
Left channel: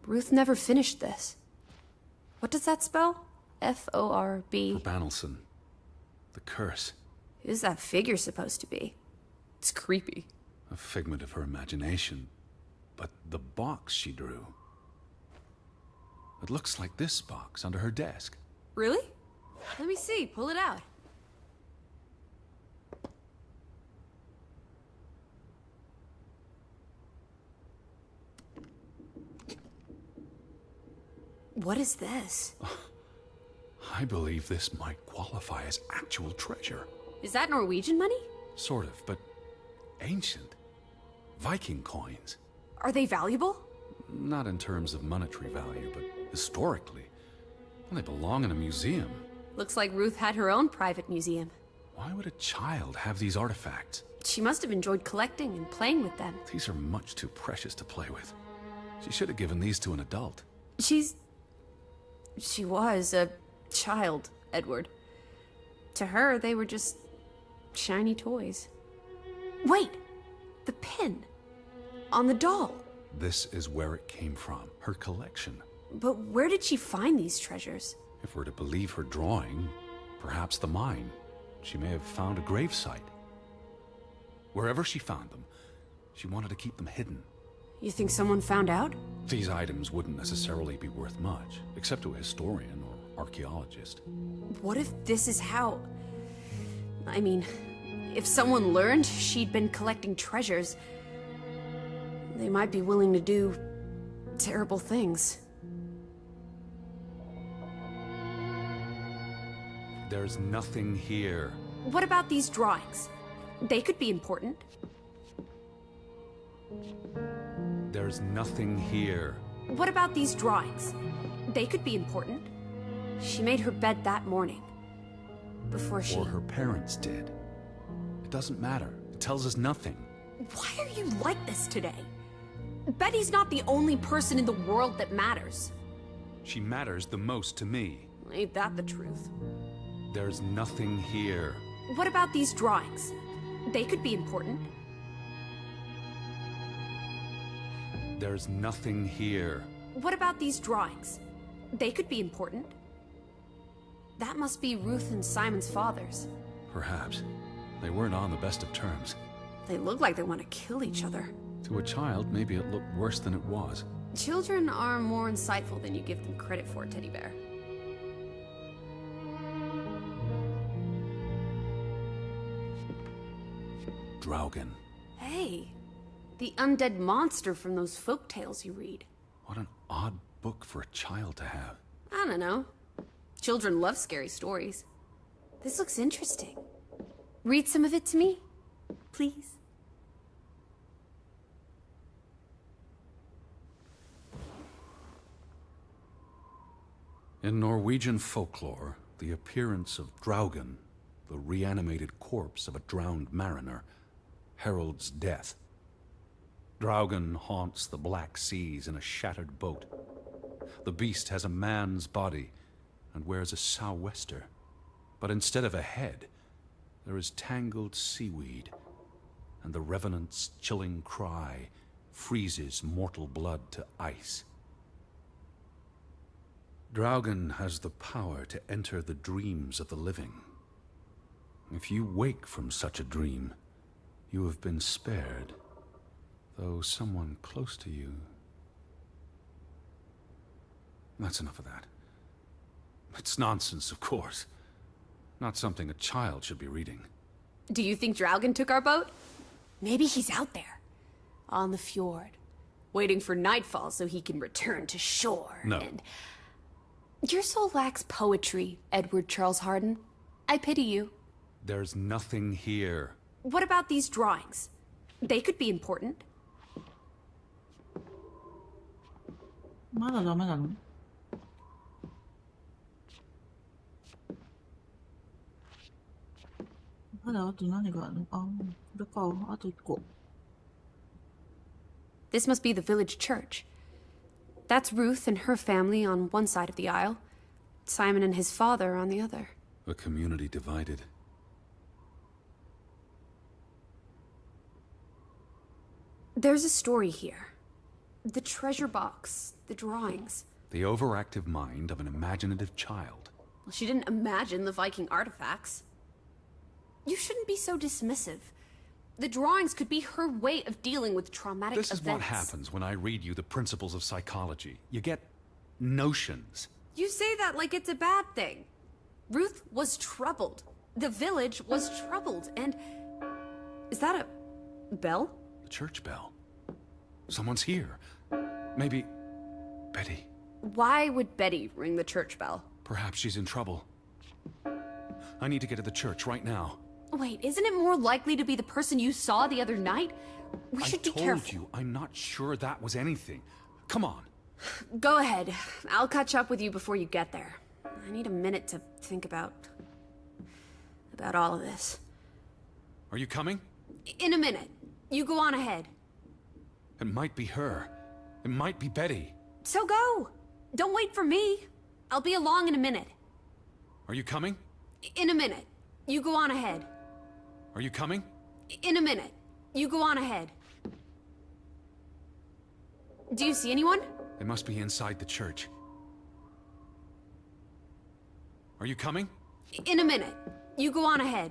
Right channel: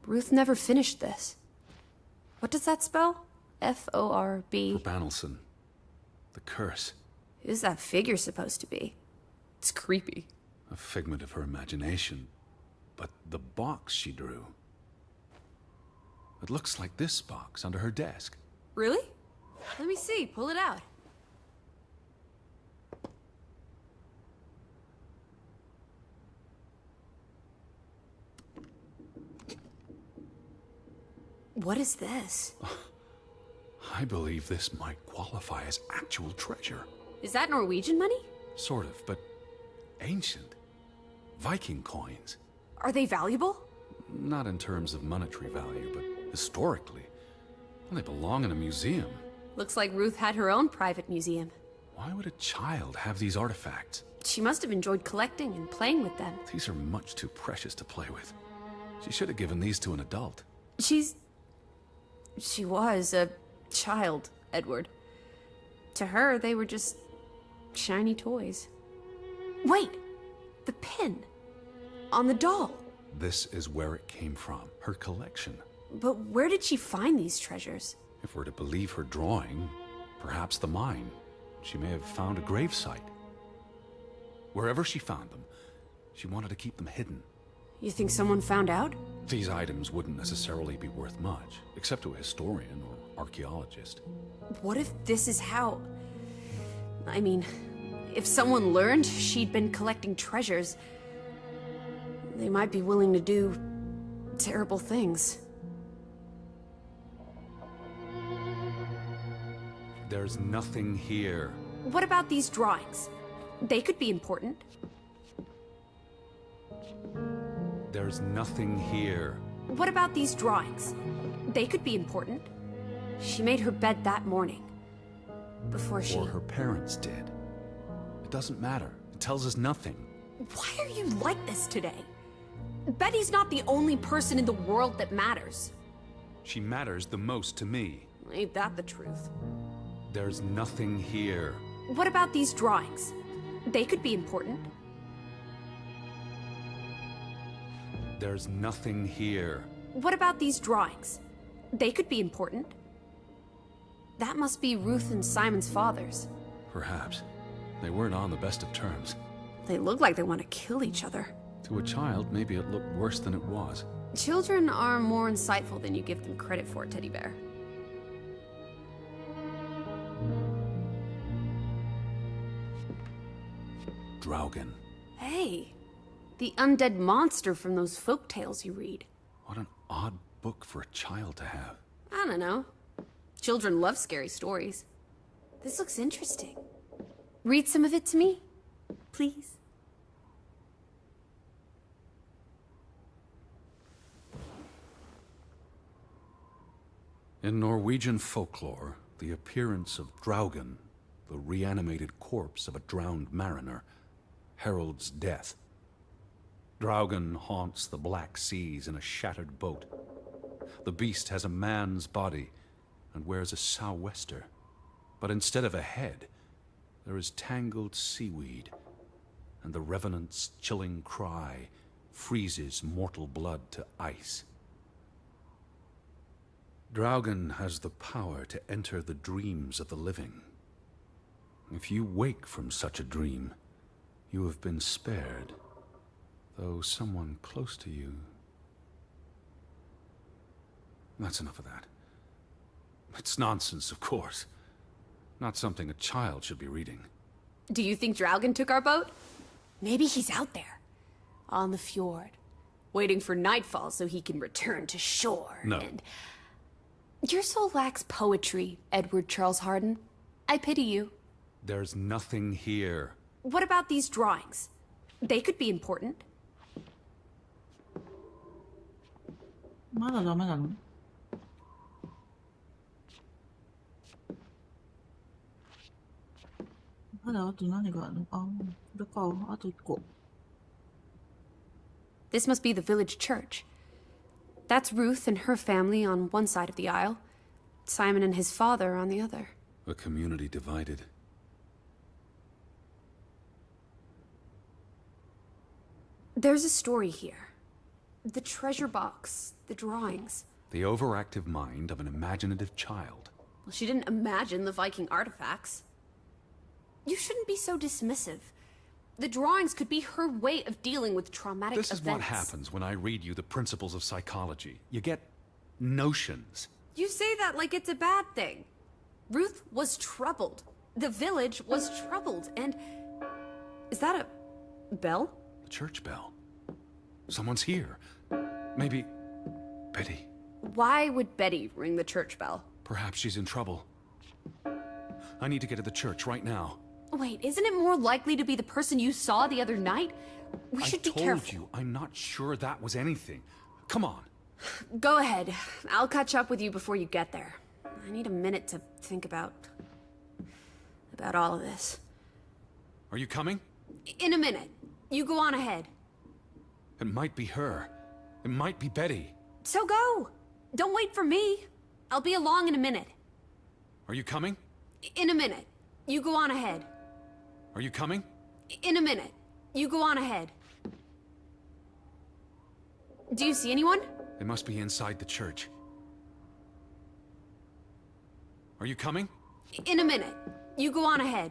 Ruth never finished this. What does that spell? F-O-R-B. For Banelson. The curse. Who's that figure supposed to be? It's creepy. A figment of her imagination. But the box she drew... It looks like this box under her desk. Really? Let me see. Pull it out. What is this? I believe this might qualify as actual treasure. Is that Norwegian money? Sort of, but ancient. Viking coins. Are they valuable? Not in terms of monetary value, but historically. Well, they belong in a museum. Looks like Ruth had her own private museum. Why would a child have these artifacts? She must have enjoyed collecting and playing with them. These are much too precious to play with. She should have given these to an adult. She was a child, Edward. To her, they were just shiny toys. Wait! The pin. On the doll. This is where it came from, her collection. But where did she find these treasures? If we're to believe her drawing, perhaps the mine. She may have found a gravesite. Wherever she found them, she wanted to keep them hidden. You think someone found out? These items wouldn't necessarily be worth much, except to a historian or archaeologist. What if this is how... I mean, if someone learned she'd been collecting treasures, they might be willing to do terrible things. There's nothing here. What about these drawings? They could be important. There's nothing here. What about these drawings? They could be important. She made her bed that morning. Before she... Or her parents did. It doesn't matter. It tells us nothing. Why are you like this today? Betty's not the only person in the world that matters. She matters the most to me. Ain't that the truth? There's nothing here. What about these drawings? They could be important. There's nothing here. What about these drawings? They could be important. That must be Ruth and Simon's fathers. Perhaps. They weren't on the best of terms. They look like they want to kill each other. To a child, maybe it looked worse than it was. Children are more insightful than you give them credit for, Teddy Bear. Draugen. Hey, the undead monster from those folk tales you read. What an odd book for a child to have. I don't know. Children love scary stories. This looks interesting. Read some of it to me, please. In Norwegian folklore, the appearance of Draugen, the reanimated corpse of a drowned mariner, heralds death. Draugen haunts the Black Seas in a shattered boat. The beast has a man's body and wears a sou'wester, but instead of a head, there is tangled seaweed, and the revenant's chilling cry freezes mortal blood to ice. Draugen has the power to enter the dreams of the living. If you wake from such a dream, you have been spared, though someone close to you... That's enough of that. It's nonsense, of course. Not something a child should be reading. Do you think Draugen took our boat? Maybe he's out there, on the fjord, waiting for nightfall so he can return to shore. No. And... Your soul lacks poetry, Edward Charles Harden. I pity you. There's nothing here. What about these drawings? They could be important. まだダメなの？まだあと何があるの？あ、これか。あと1個。This must be the village church. That's Ruth and her family on one side of the aisle. Simon and his father on the other. A community divided. There's a story here. The treasure box, the drawings. The overactive mind of an imaginative child. Well, she didn't imagine the Viking artifacts. You shouldn't be so dismissive. The drawings could be her way of dealing with traumatic events. This is what happens when I read you the principles of psychology. You get notions. You say that like it's a bad thing. Ruth was troubled. The village was troubled, and... Is that a bell? The church bell. Someone's here. Maybe... Betty. Why would Betty ring the church bell? Perhaps she's in trouble. I need to get to the church right now. Wait, isn't it more likely to be the person you saw the other night? I told you, I'm not sure that was anything. Come on. Go ahead. I'll catch up with you before you get there. I need a minute to think about all of this. Are you coming? In a minute. You go on ahead. It might be her. It might be Betty. So go. Don't wait for me. I'll be along in a minute. Are you coming? In a minute. You go on ahead. Are you coming? In a minute. You go on ahead. Do you see anyone? They must be inside the church. Are you coming? In a minute. You go on ahead.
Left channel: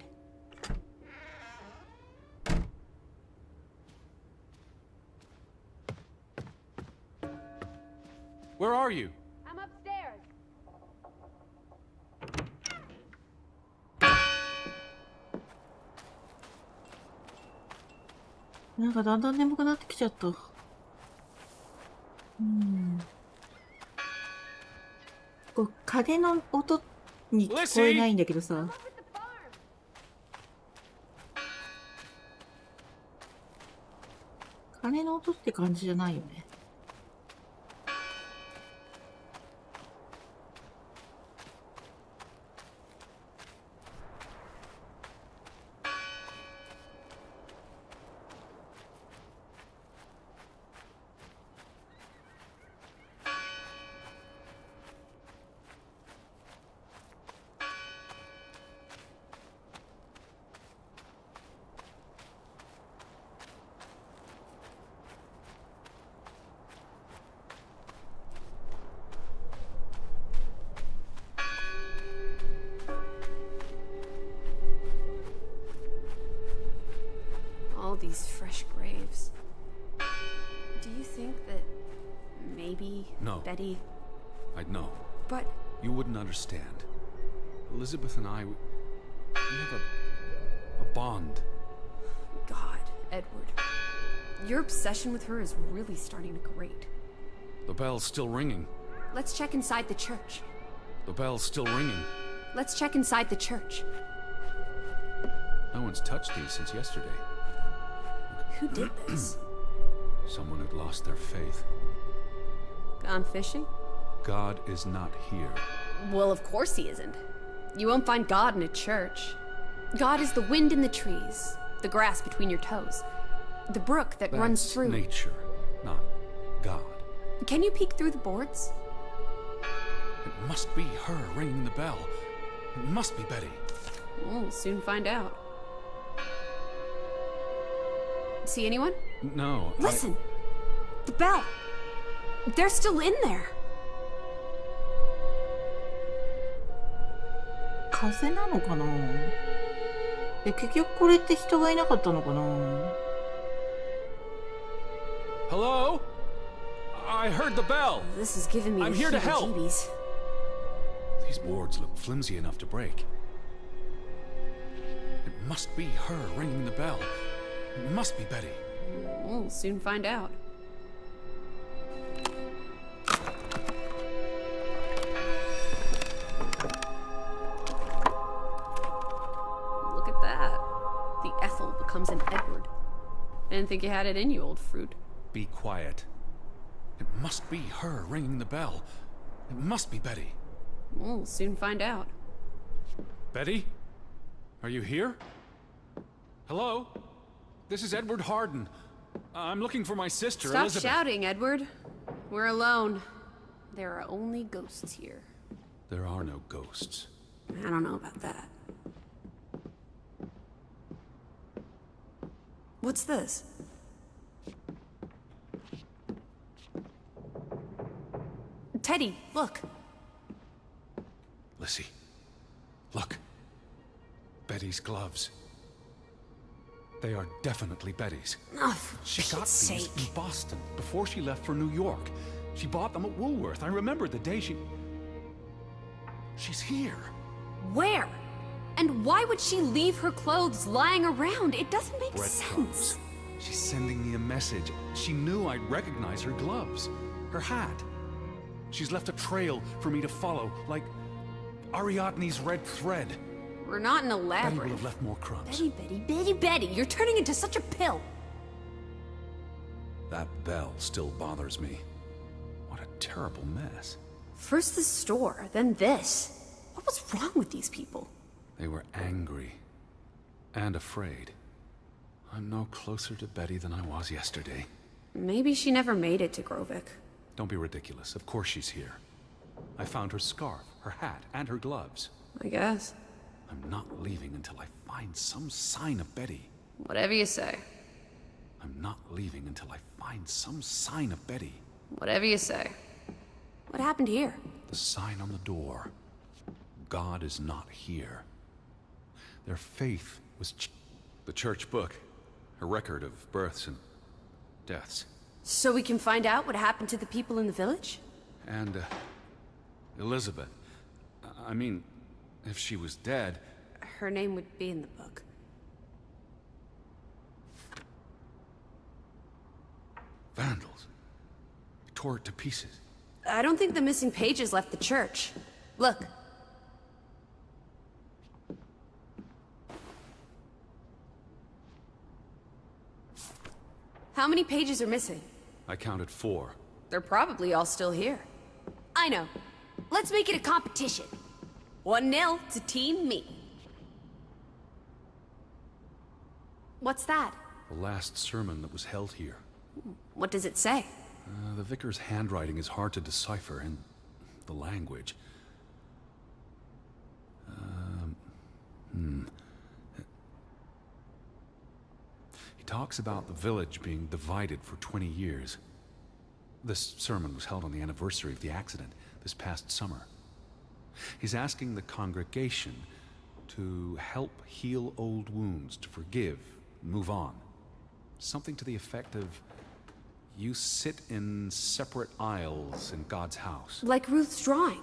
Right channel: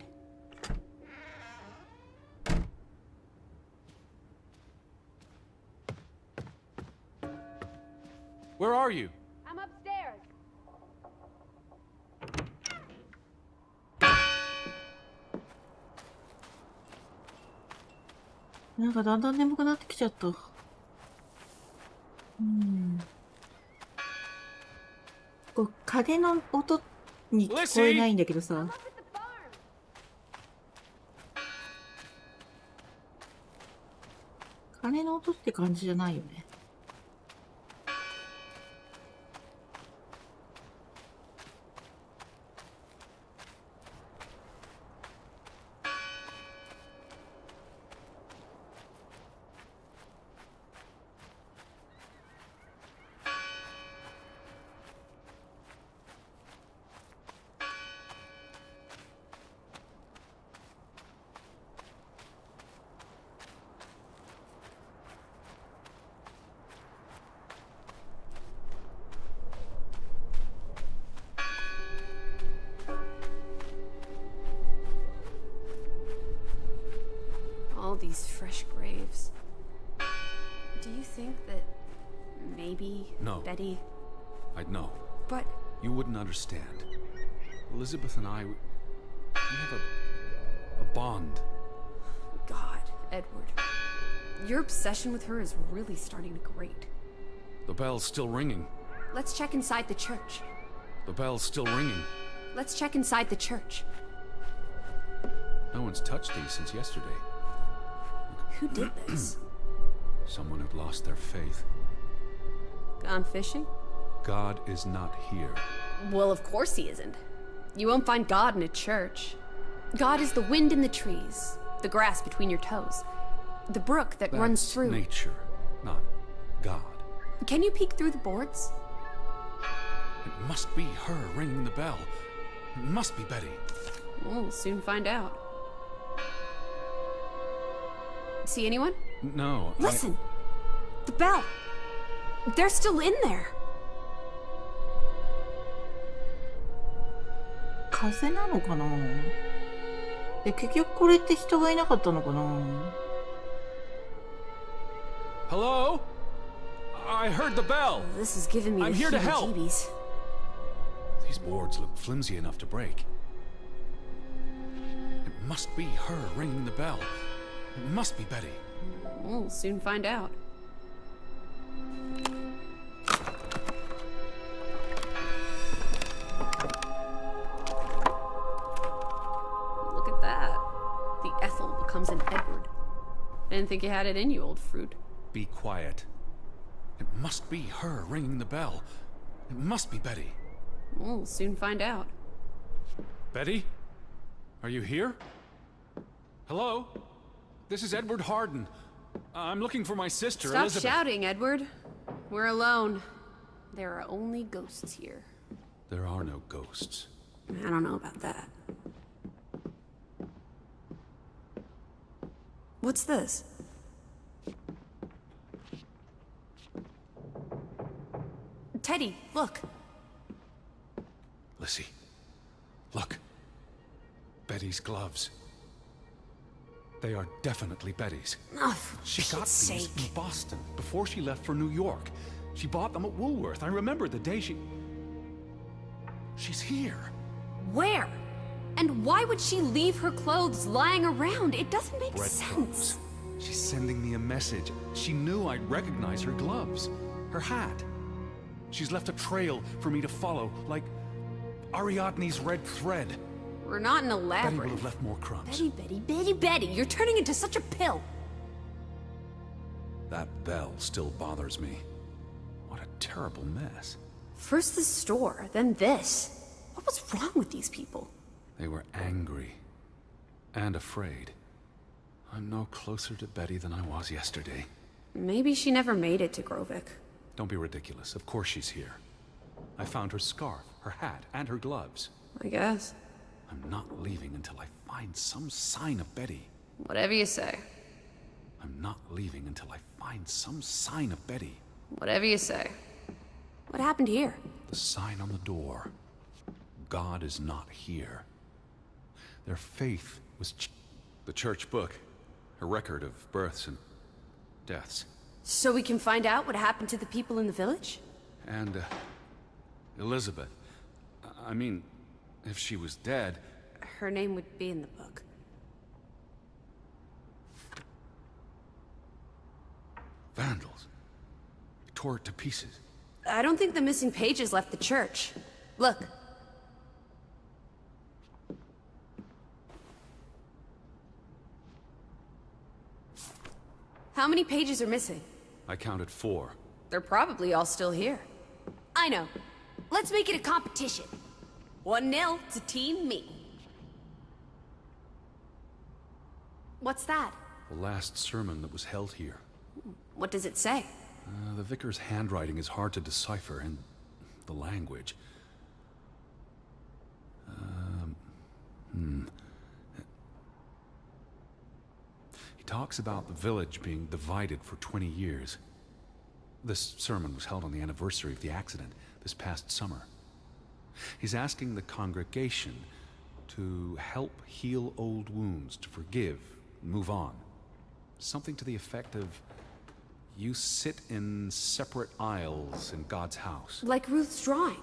Where are you? I'm upstairs. なんかだんだん眠くなってきちゃった。こう鐘の音に聞こえないんだけどさ。鐘の音って感じじゃないよね。Do you think that maybe No. Betty... I'd know. But You wouldn't understand. Elizabeth and I, we have a bond. God, Edward. Your obsession with her is really starting to grate. The bell's still ringing. Let's check inside the church. The bell's still ringing. Let's check inside. No one's touched these since yesterday. Who did this? Someone who'd lost their faith. Gone fishing? God is not here. Well, of course he isn't. You won't find God in a church. God is the wind in the trees, the grass between your toes, the brook that runs That's through. nature, not God. Can you peek through the boards? It must be her ringing the bell. It must be Betty. We'll soon find out. See anyone? No, Listen. The bell. They're still in there. 風なのかな。結局これって人がいなかったのかな。Hello? I heard the bell. This is giving me I'm here to help. heebie-jeebies. These boards look flimsy enough to break. It must be her ringing the bell. It must be Betty. We'll soon find out. Look at that. The Ethel comes in Edward. I didn't think you had it in you, old fruit. Be quiet. It must be her ringing the bell. It must be Betty. We'll soon find out. Betty? Are you here? Hello? This is Edward Harden. I'm looking for my sister, Stop Elizabeth. shouting, Edward. We're alone. There are only ghosts here. There are no ghosts. I don't know about that. What's this? Teddy, look. Lissy, look. Betty's gloves. They are definitely Betty's. Oh, She got these in Boston before she left for New York. She bought them at Woolworth. I remember the day she... She's here. where? And why would she leave her clothes lying around? It doesn't make Breadcrumbs. sense. She's sending me a message. She knew I'd recognize her gloves, her hat. She's left a trail for me to follow, like Ariadne's red thread. We're not in a lab. Betty will have left more crumbs. Betty, you're turning into such a pill. That bell still bothers me. What a terrible mess. First the store, then this. What was wrong with these people? They were angry and afraid. I'm no closer to Betty than I was yesterday. Maybe she never made it to Grovik. Don't be ridiculous. Of course she's here. I found her scarf, her hat, and her gloves. I guess. I'm not leaving until I find some sign of Betty. Whatever you say. I'm not leaving until I find some sign of Betty. Whatever you say. What happened here? The sign on the door. God is not here. Their faith was the church book, a record of births and deaths. So we can find out what happened to the people in the village? And, Elizabeth. I mean, if she was dead... Her name would be in the book. Vandals. They tore it to pieces. I don't think the missing pages left the church. Look. How many pages are missing? I counted 4. They're probably all still here. I know. Let's make it a competition. 1-0 to Team Me. What's that? The last sermon that was held here. What does it say? The vicar's handwriting is hard to decipher, and the language... He talks about the village being divided for 20 years. This sermon was held on the anniversary of the accident this past summer. He's asking the congregation to help heal old wounds, to forgive, move on. Something to the effect of, you sit in separate aisles in God's house. Like Ruth's drawing.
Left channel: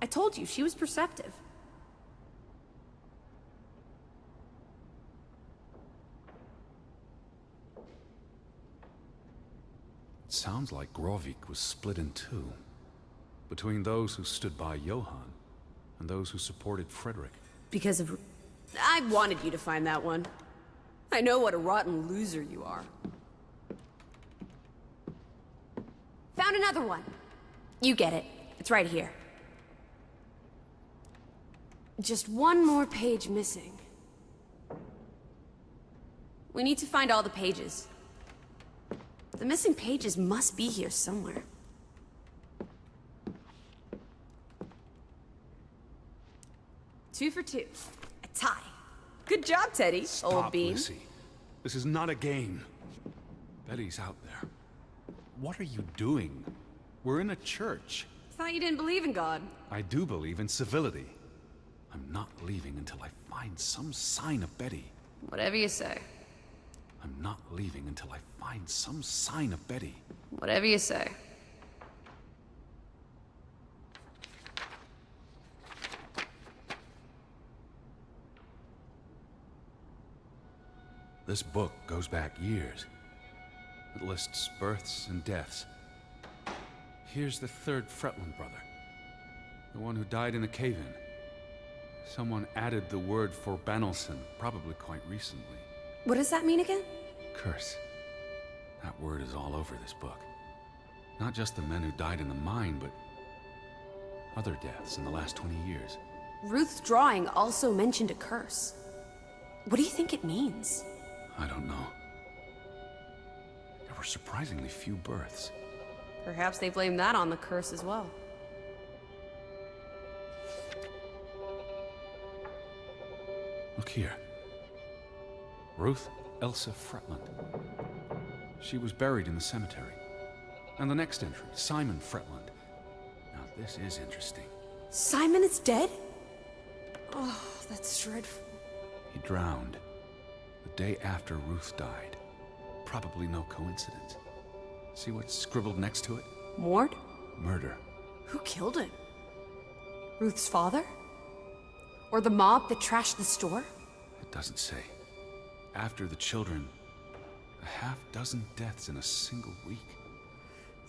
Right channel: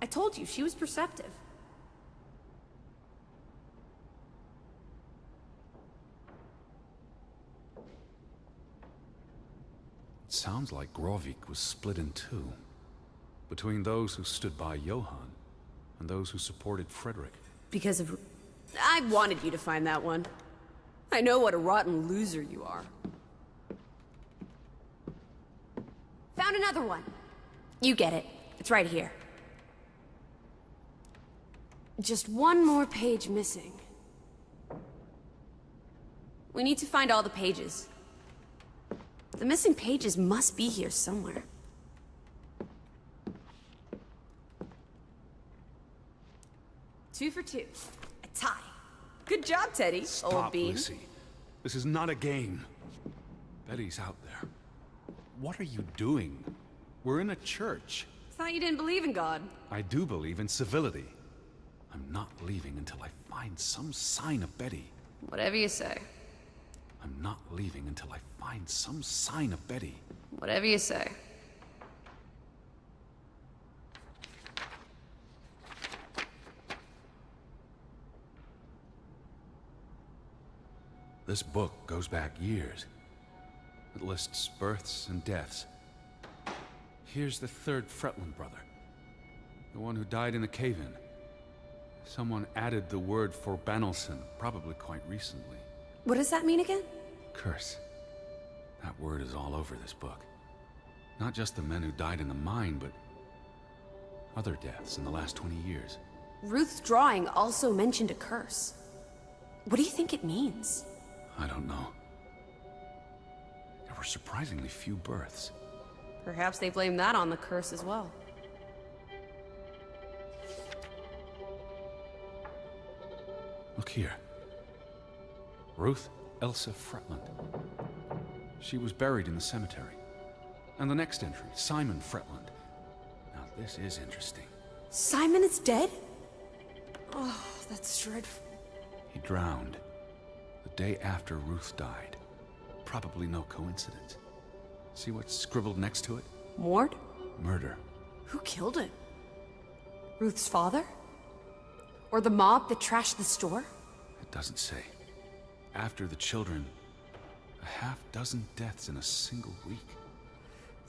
I told you, she was perceptive. It sounds like Grovik was split in two. Between those who stood by Johann and those who supported Frederick. Because of... I wanted you to find that one. I know what a rotten loser you are. Found another one. You get it. It's right here. Just one more page missing. We need to find all the pages. The missing pages must be... 2 for 2. A tie. Good job, Teddy. Stop, Lissy. This is not a game. Betty's out there. What are you doing? We're in a church. Thought you didn't believe in God. I do believe in civility. I'm not leaving until I find some sign of Betty. Whatever you say. I'm not leaving until I find some sign of Betty. Whatever you say. This book goes back years. It lists births and deaths. Here's the 3rd Fretland brother. The one who died in the cave-in. Someone added the word for Banelson, probably quite recently. What does that mean again? Curse. That word is all over this book. Not just the men who died in the mine, but other deaths in the last 20 years. Ruth's drawing also mentioned a curse. What do you think it means? I don't know. There were surprisingly few births. Perhaps they blame that on the curse as well. Look here. Ruth Elsa Fretland. She was buried in the cemetery. And the next entry, Simon Fretland. Now this is interesting. Simon is dead? Oh, that's dreadful. He drowned the day after Ruth died. Probably no coincidence. See what's scribbled next to it? Mord? Murder. Who killed him? Ruth's father? Or the mob that trashed the store? It doesn't say. After the children, a half-dozen deaths in a single week.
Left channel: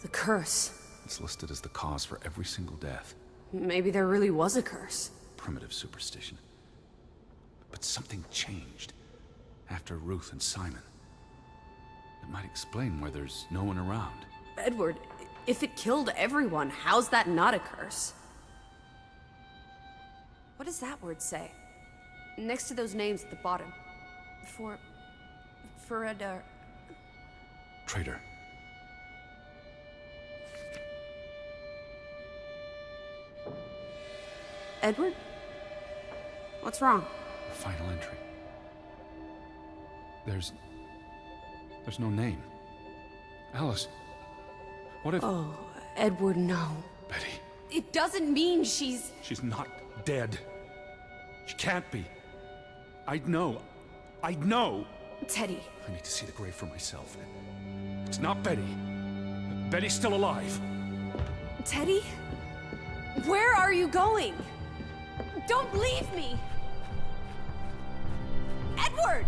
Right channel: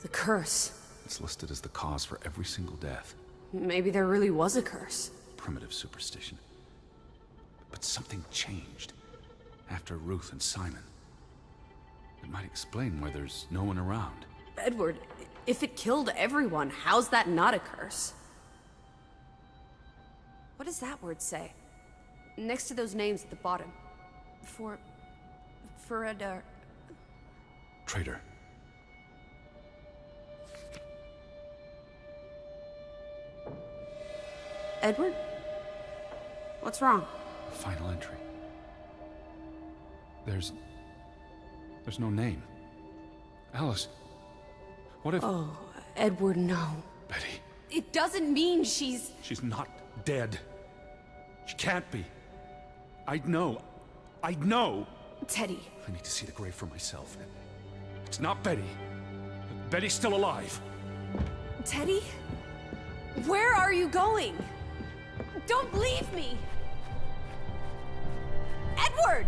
The curse. It's listed as the cause for every single death. Maybe there really was a curse. Primitive superstition. But something changed after Ruth and Simon. It might explain why there's no one around. Edward, if it killed everyone, how's that not a curse? What does that word say? Next to those names at the bottom. For For a Traitor. Edward? What's wrong? The final entry. There's no name. Alice, what if... Oh, Edward, no. Betty, It doesn't mean she's... she's not dead. She can't be. I'd know. I'd know. Teddy. I need to see the grave for myself. It's not Betty. Betty's still alive. Teddy? Edward!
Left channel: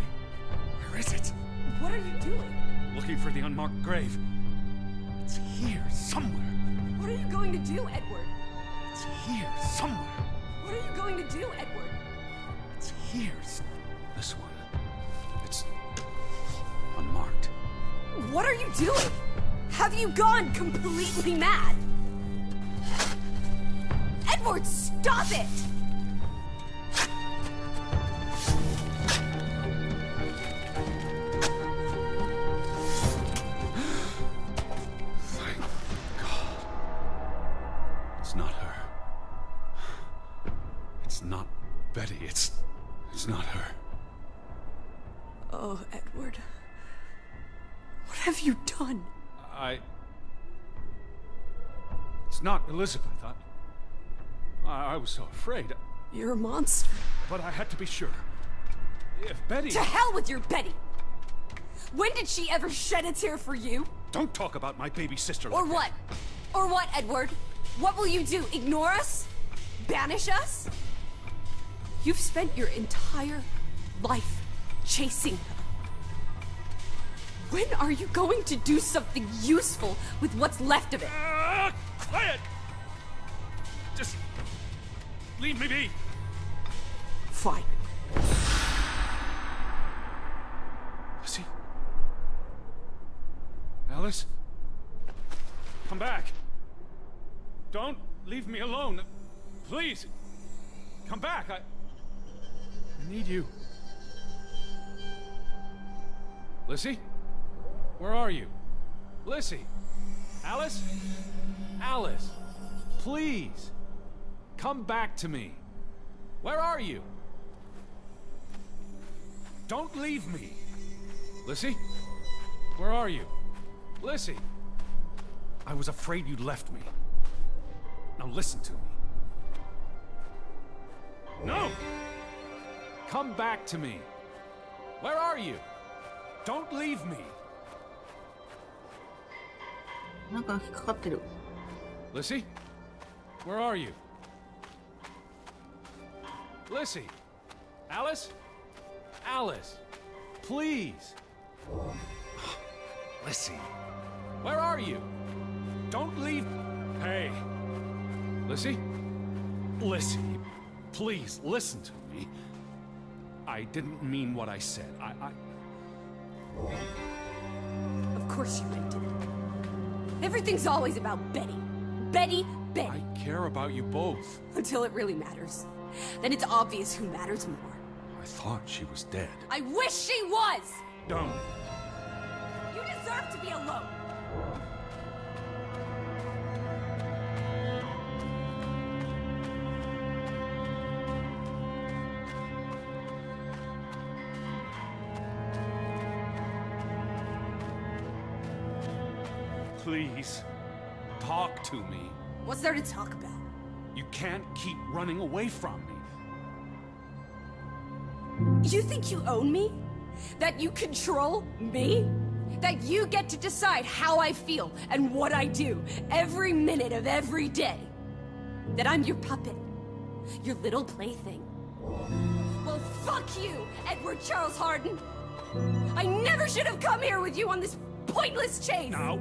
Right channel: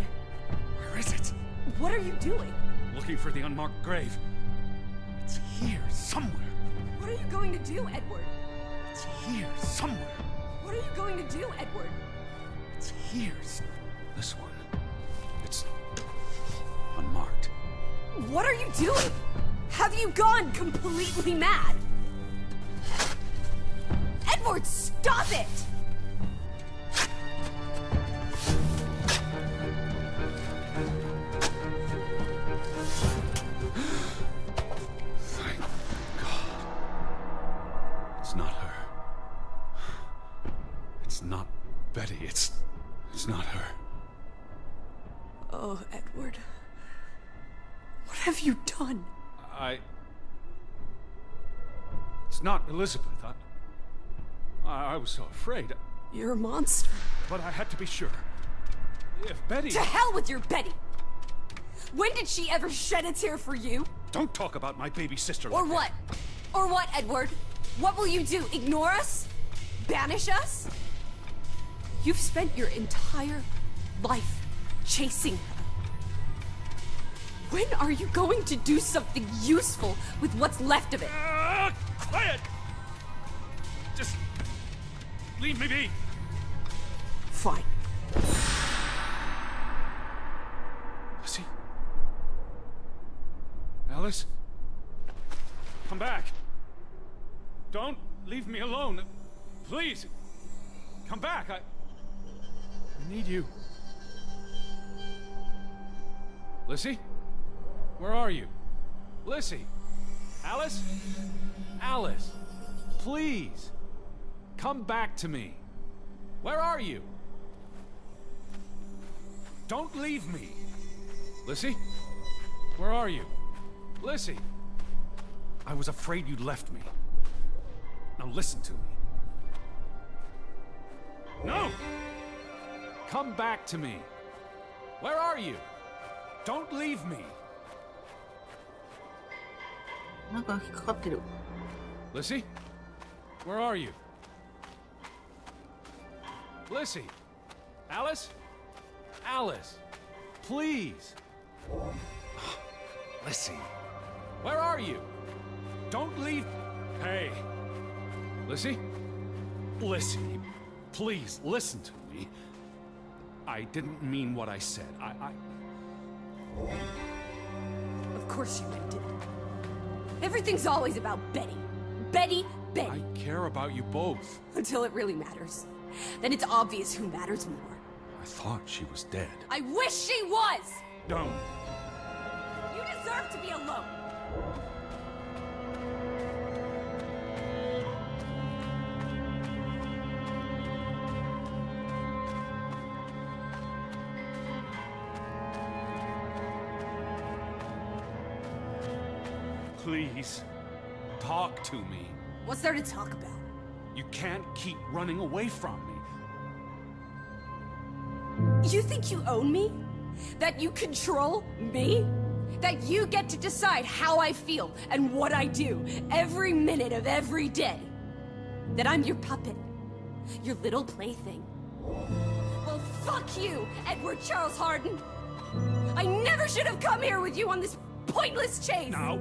Where is it? What are you doing? Looking for the unmarked grave. It's here, somewhere. What are you going to do, Edward? It's here, somewhere. What are you going to do, Edward? It's here. This one. It's unmarked. What are you doing? Have you gone completely mad? Edward, stop it! Thank God. It's not her. It's not Betty. It's not her. Oh, Edward. What have you done? It's not Elizabeth. I was so afraid. You're a monster. But I had to be sure. If Betty... To hell with your Betty! When did she ever shed a tear for you? Don't talk about my baby sister like Or that. what? Or what, Edward? What will you do? Ignore us? Banish us? You've spent your entire life chasing. When are you going to do something useful with what's left of it? Quiet! Just leave me be. Fine. Lizzie? Alice? Come back. Don't leave me alone. Please. Come back. I need you. Lizzie? Where are you? Lizzie? Alice? Alice? Please. Come back to me. Where are you? Don't leave me. Lizzie? Where are you? Lizzie? I was afraid you'd left me. Now listen to me. No! Come back to me. Where are you? Don't leave me. なんか引っかかってる。 Lizzie? Where are you? Lizzie? Alice? Alice? Please. Lizzie? Where are you? Don't leave. Hey. Lizzie? Lizzie, please listen to me. I didn't mean what I said. Of course you meant it. Everything's always about Betty. Betty, Betty. I care about you both. Until it really matters. Then it's obvious who matters more. I thought she was dead. I wish she was! Don't. You deserve to be alone! Please, talk to me. What's there to talk about? You can't keep running away from me. You think you own me? That you control me? That you get to decide how I feel and what I do every minute of every day? That I'm your puppet? Your little plaything? Well, fuck you, Edward Charles Harden! I never should have come here with you on this pointless chase! Now,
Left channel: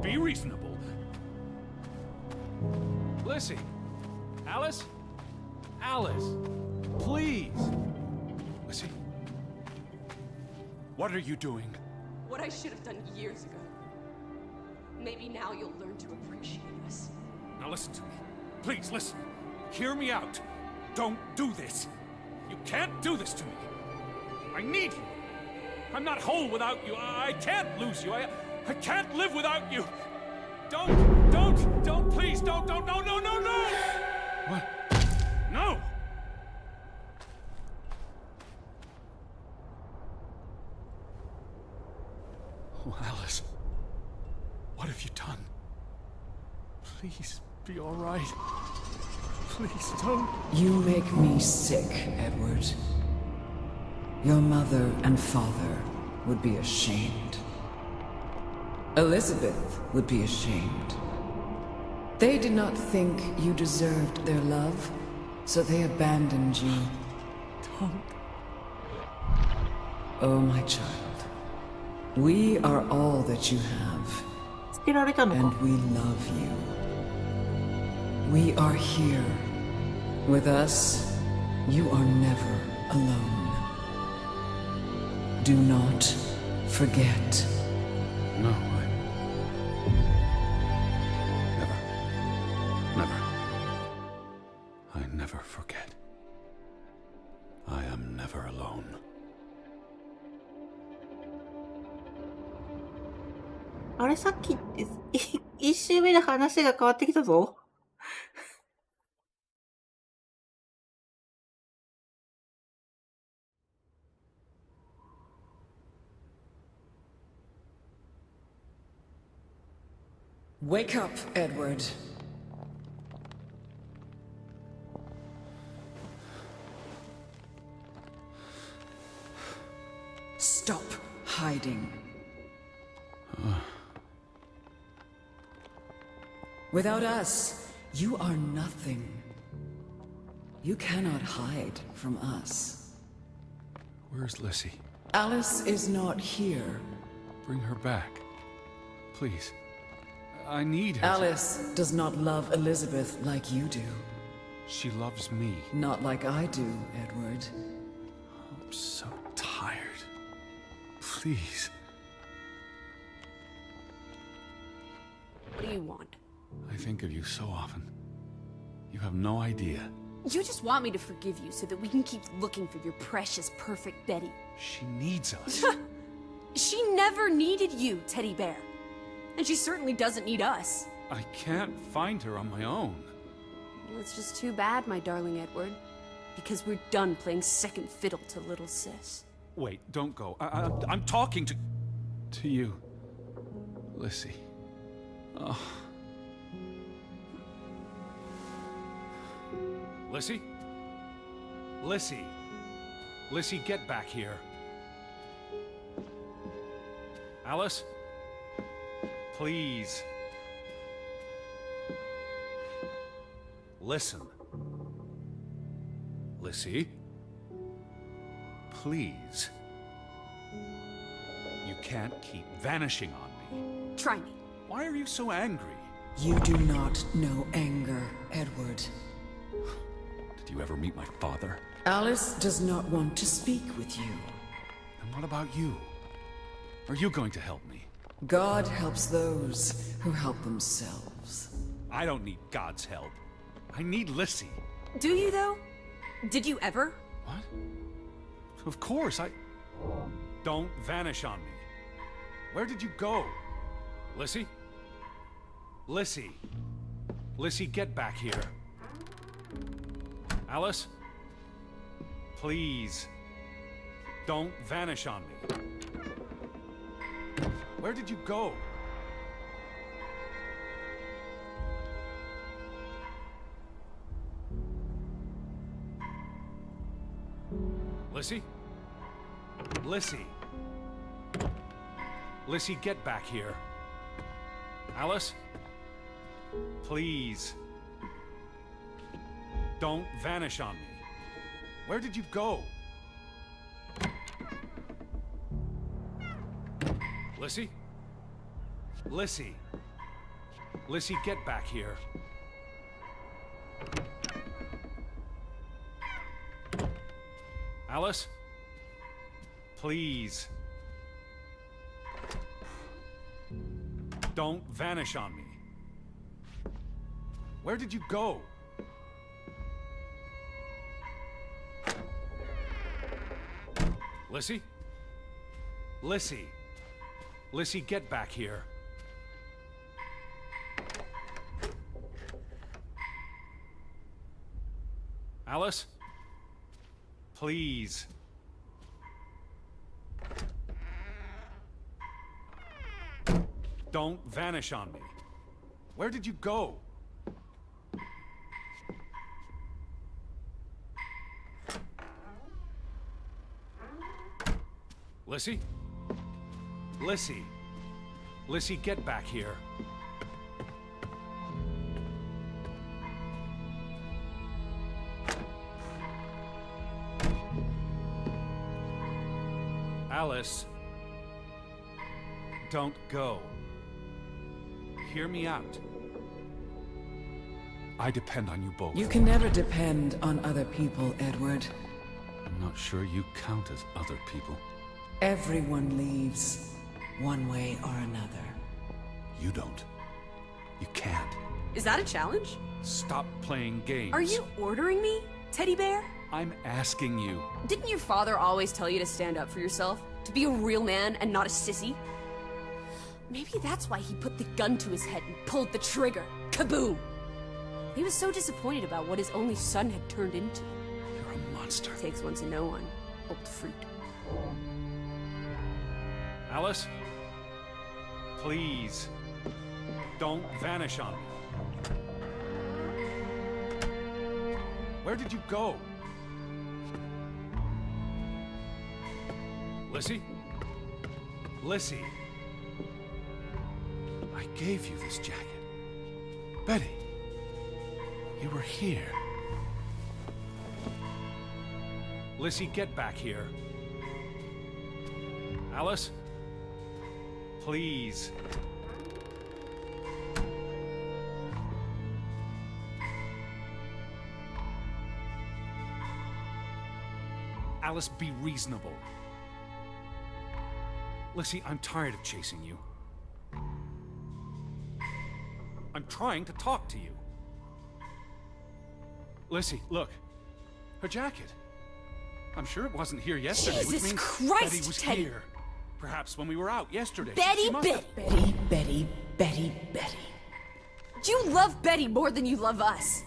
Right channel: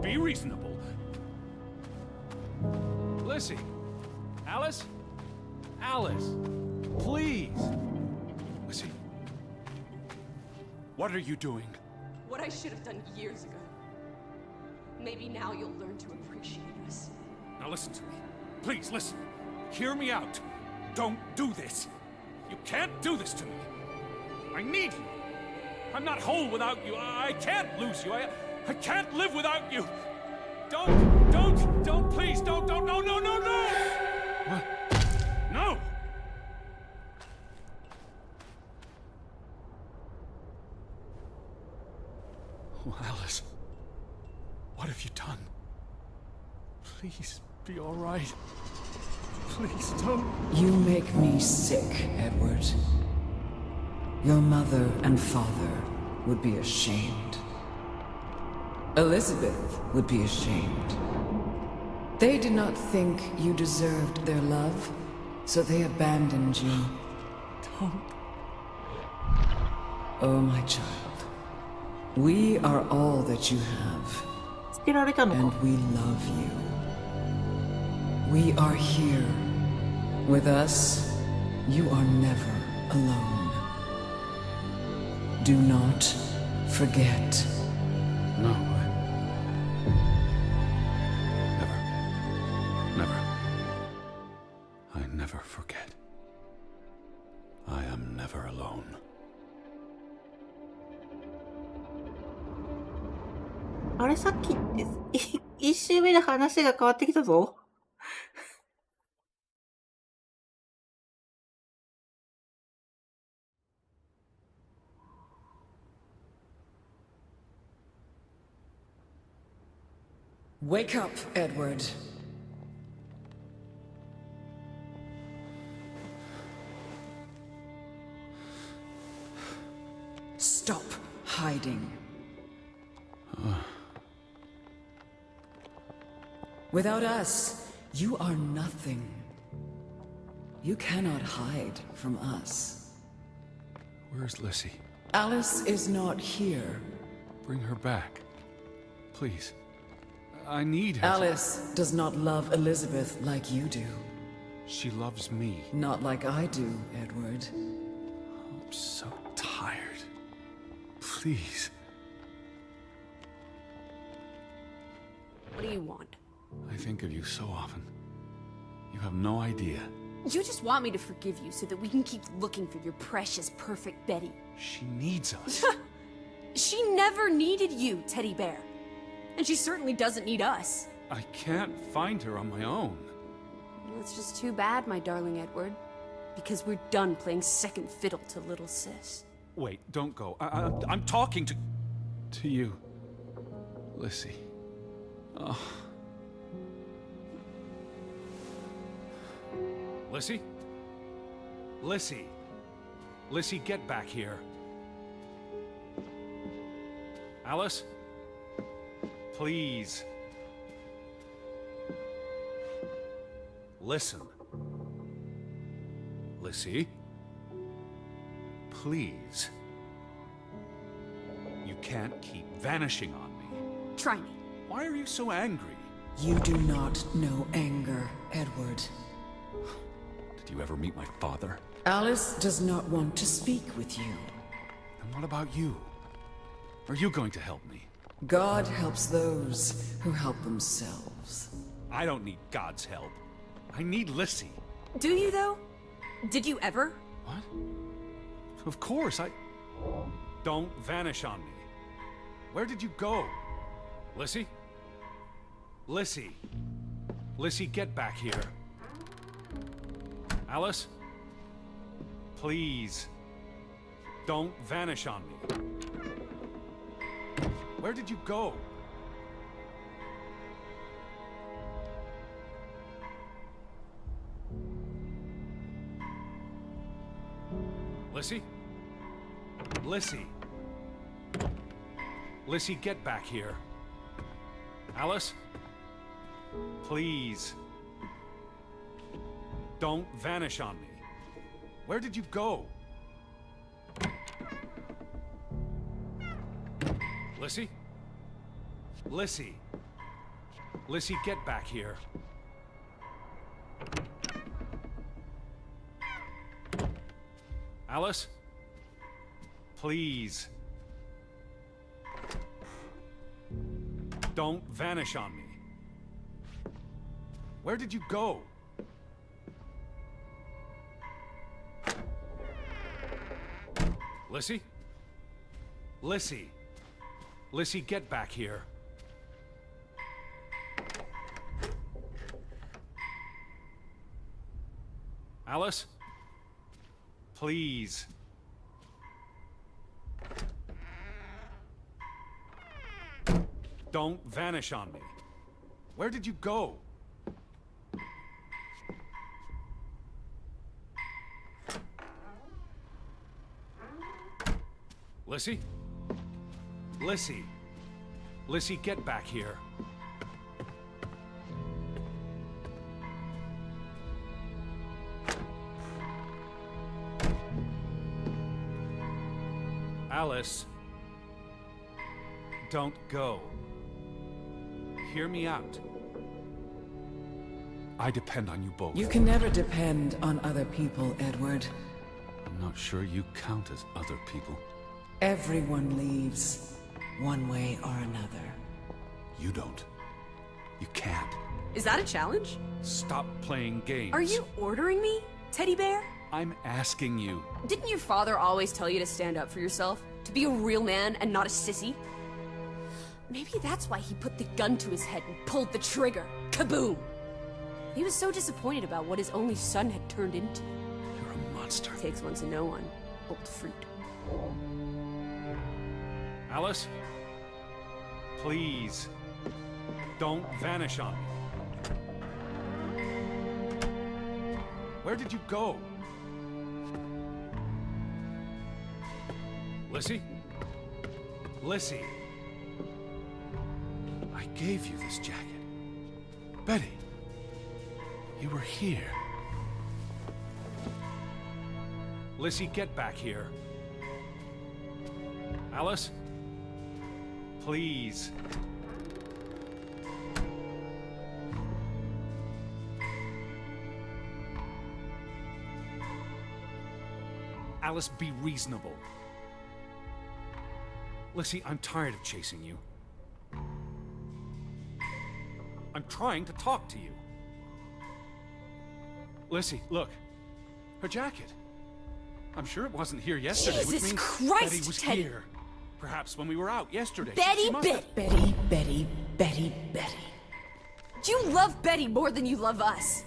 be reasonable. Lizzie. Alice? Alice. Please. Lizzie. What are you doing? What I should have done years ago. Maybe now you'll learn to appreciate us. Now listen to me. Please, listen. Hear me out. Don't do this. You can't do this to me. I need you. I'm not whole without you. I can't lose you. I can't live without you. Don't, please, don't, no. What? No! Oh, Alice. What have you done? Please, be all right. Please, don't. You make me sick, Edward. Your mother and father would be ashamed. Elizabeth would be ashamed. They did not think you deserved their love, so they abandoned you. Don't. Oh, my child. We are all that you have, 捨てられたの and か。 we love you. We are here. With us, you are never alone. Do not forget. No, Never. I never forget. I am never alone. あれ、さっきって一周目で話が変わってきたぞ。Wake up, Edward. Stop hiding. Without us, you are nothing. You cannot hide from us. Where's Lissy? Alice is not here. Bring her back. Please. I need her. Alice does not love Elizabeth like you do. She loves me. Not like I do, Edward. I'm so tired. Please. What do you want? I think of you so often. You have no idea. You just want me to forgive you so that we can keep looking for your precious, perfect Betty. She needs us. She never needed you, Teddy Bear. And she certainly doesn't need us. I can't find her on my own. Well, it's just too bad, my darling Edward. Because we're done playing second fiddle to little sis. Wait, don't go. I'm talking to you, Lissy. Oh. Lissy? Lissy! Lissy, get back here. Alice? Please. Listen. Lissy? Please. You can't keep vanishing on me. Try me. Why are you so angry? You do not know anger, Edward. Did you ever meet my father? Alice does not want to speak with you. And what about you? Are you going to help me? God helps those who help themselves. I don't need God's help. I need Lissy. Do you, though? Did you ever? What? Of course, Don't vanish on me. Where did you go? Lissy? Lissy. Lissy, get back here. Alice? Please. Don't vanish on me. Where did you go? Lissy? Lissy. Lissy, get back here. Alice? Please. Don't vanish on me. Where did you go? Lissy? Lissy. Lissy, get back here. Alice? Please. Don't vanish on me. Where did you go? Lissy? Lissy! Lissy, get back here. Alice? Please. Don't vanish on me. Where did you go? Lissy? Lissy. Lissy, get back here. Alice. Don't go. Hear me out. I depend on you both. Can never depend on other people, Edward. I'm not sure you count as other people. Everyone leaves, one way or another. You don't. You can't. Is that a challenge? Stop playing games. Are you ordering me, teddy bear? I'm asking you. Didn't your father always tell you to stand up for yourself? To be a real man and not a sissy? Maybe that's why he put the gun to his head and pulled the trigger. Kaboom! He was so disappointed about what his only son had turned into. You're a monster. Takes one to know one. Old fruit. Alice? Please. Don't vanish on me. Where did you go? Lissy? Lissy? I gave you this jacket. Betty, you were here. Lissy, get back here. Alice? Please. Alice, be reasonable. Lissy, I'm tired of chasing you. I'm trying to talk to you. Lissy, look. Her jacket. I'm sure it wasn't here yesterday, which Jesus means Christ, Betty was Teddy. here. Perhaps when we were out yesterday. Betty, she must Betty. have... Betty, Betty, Betty, Betty. You love Betty more than you love us.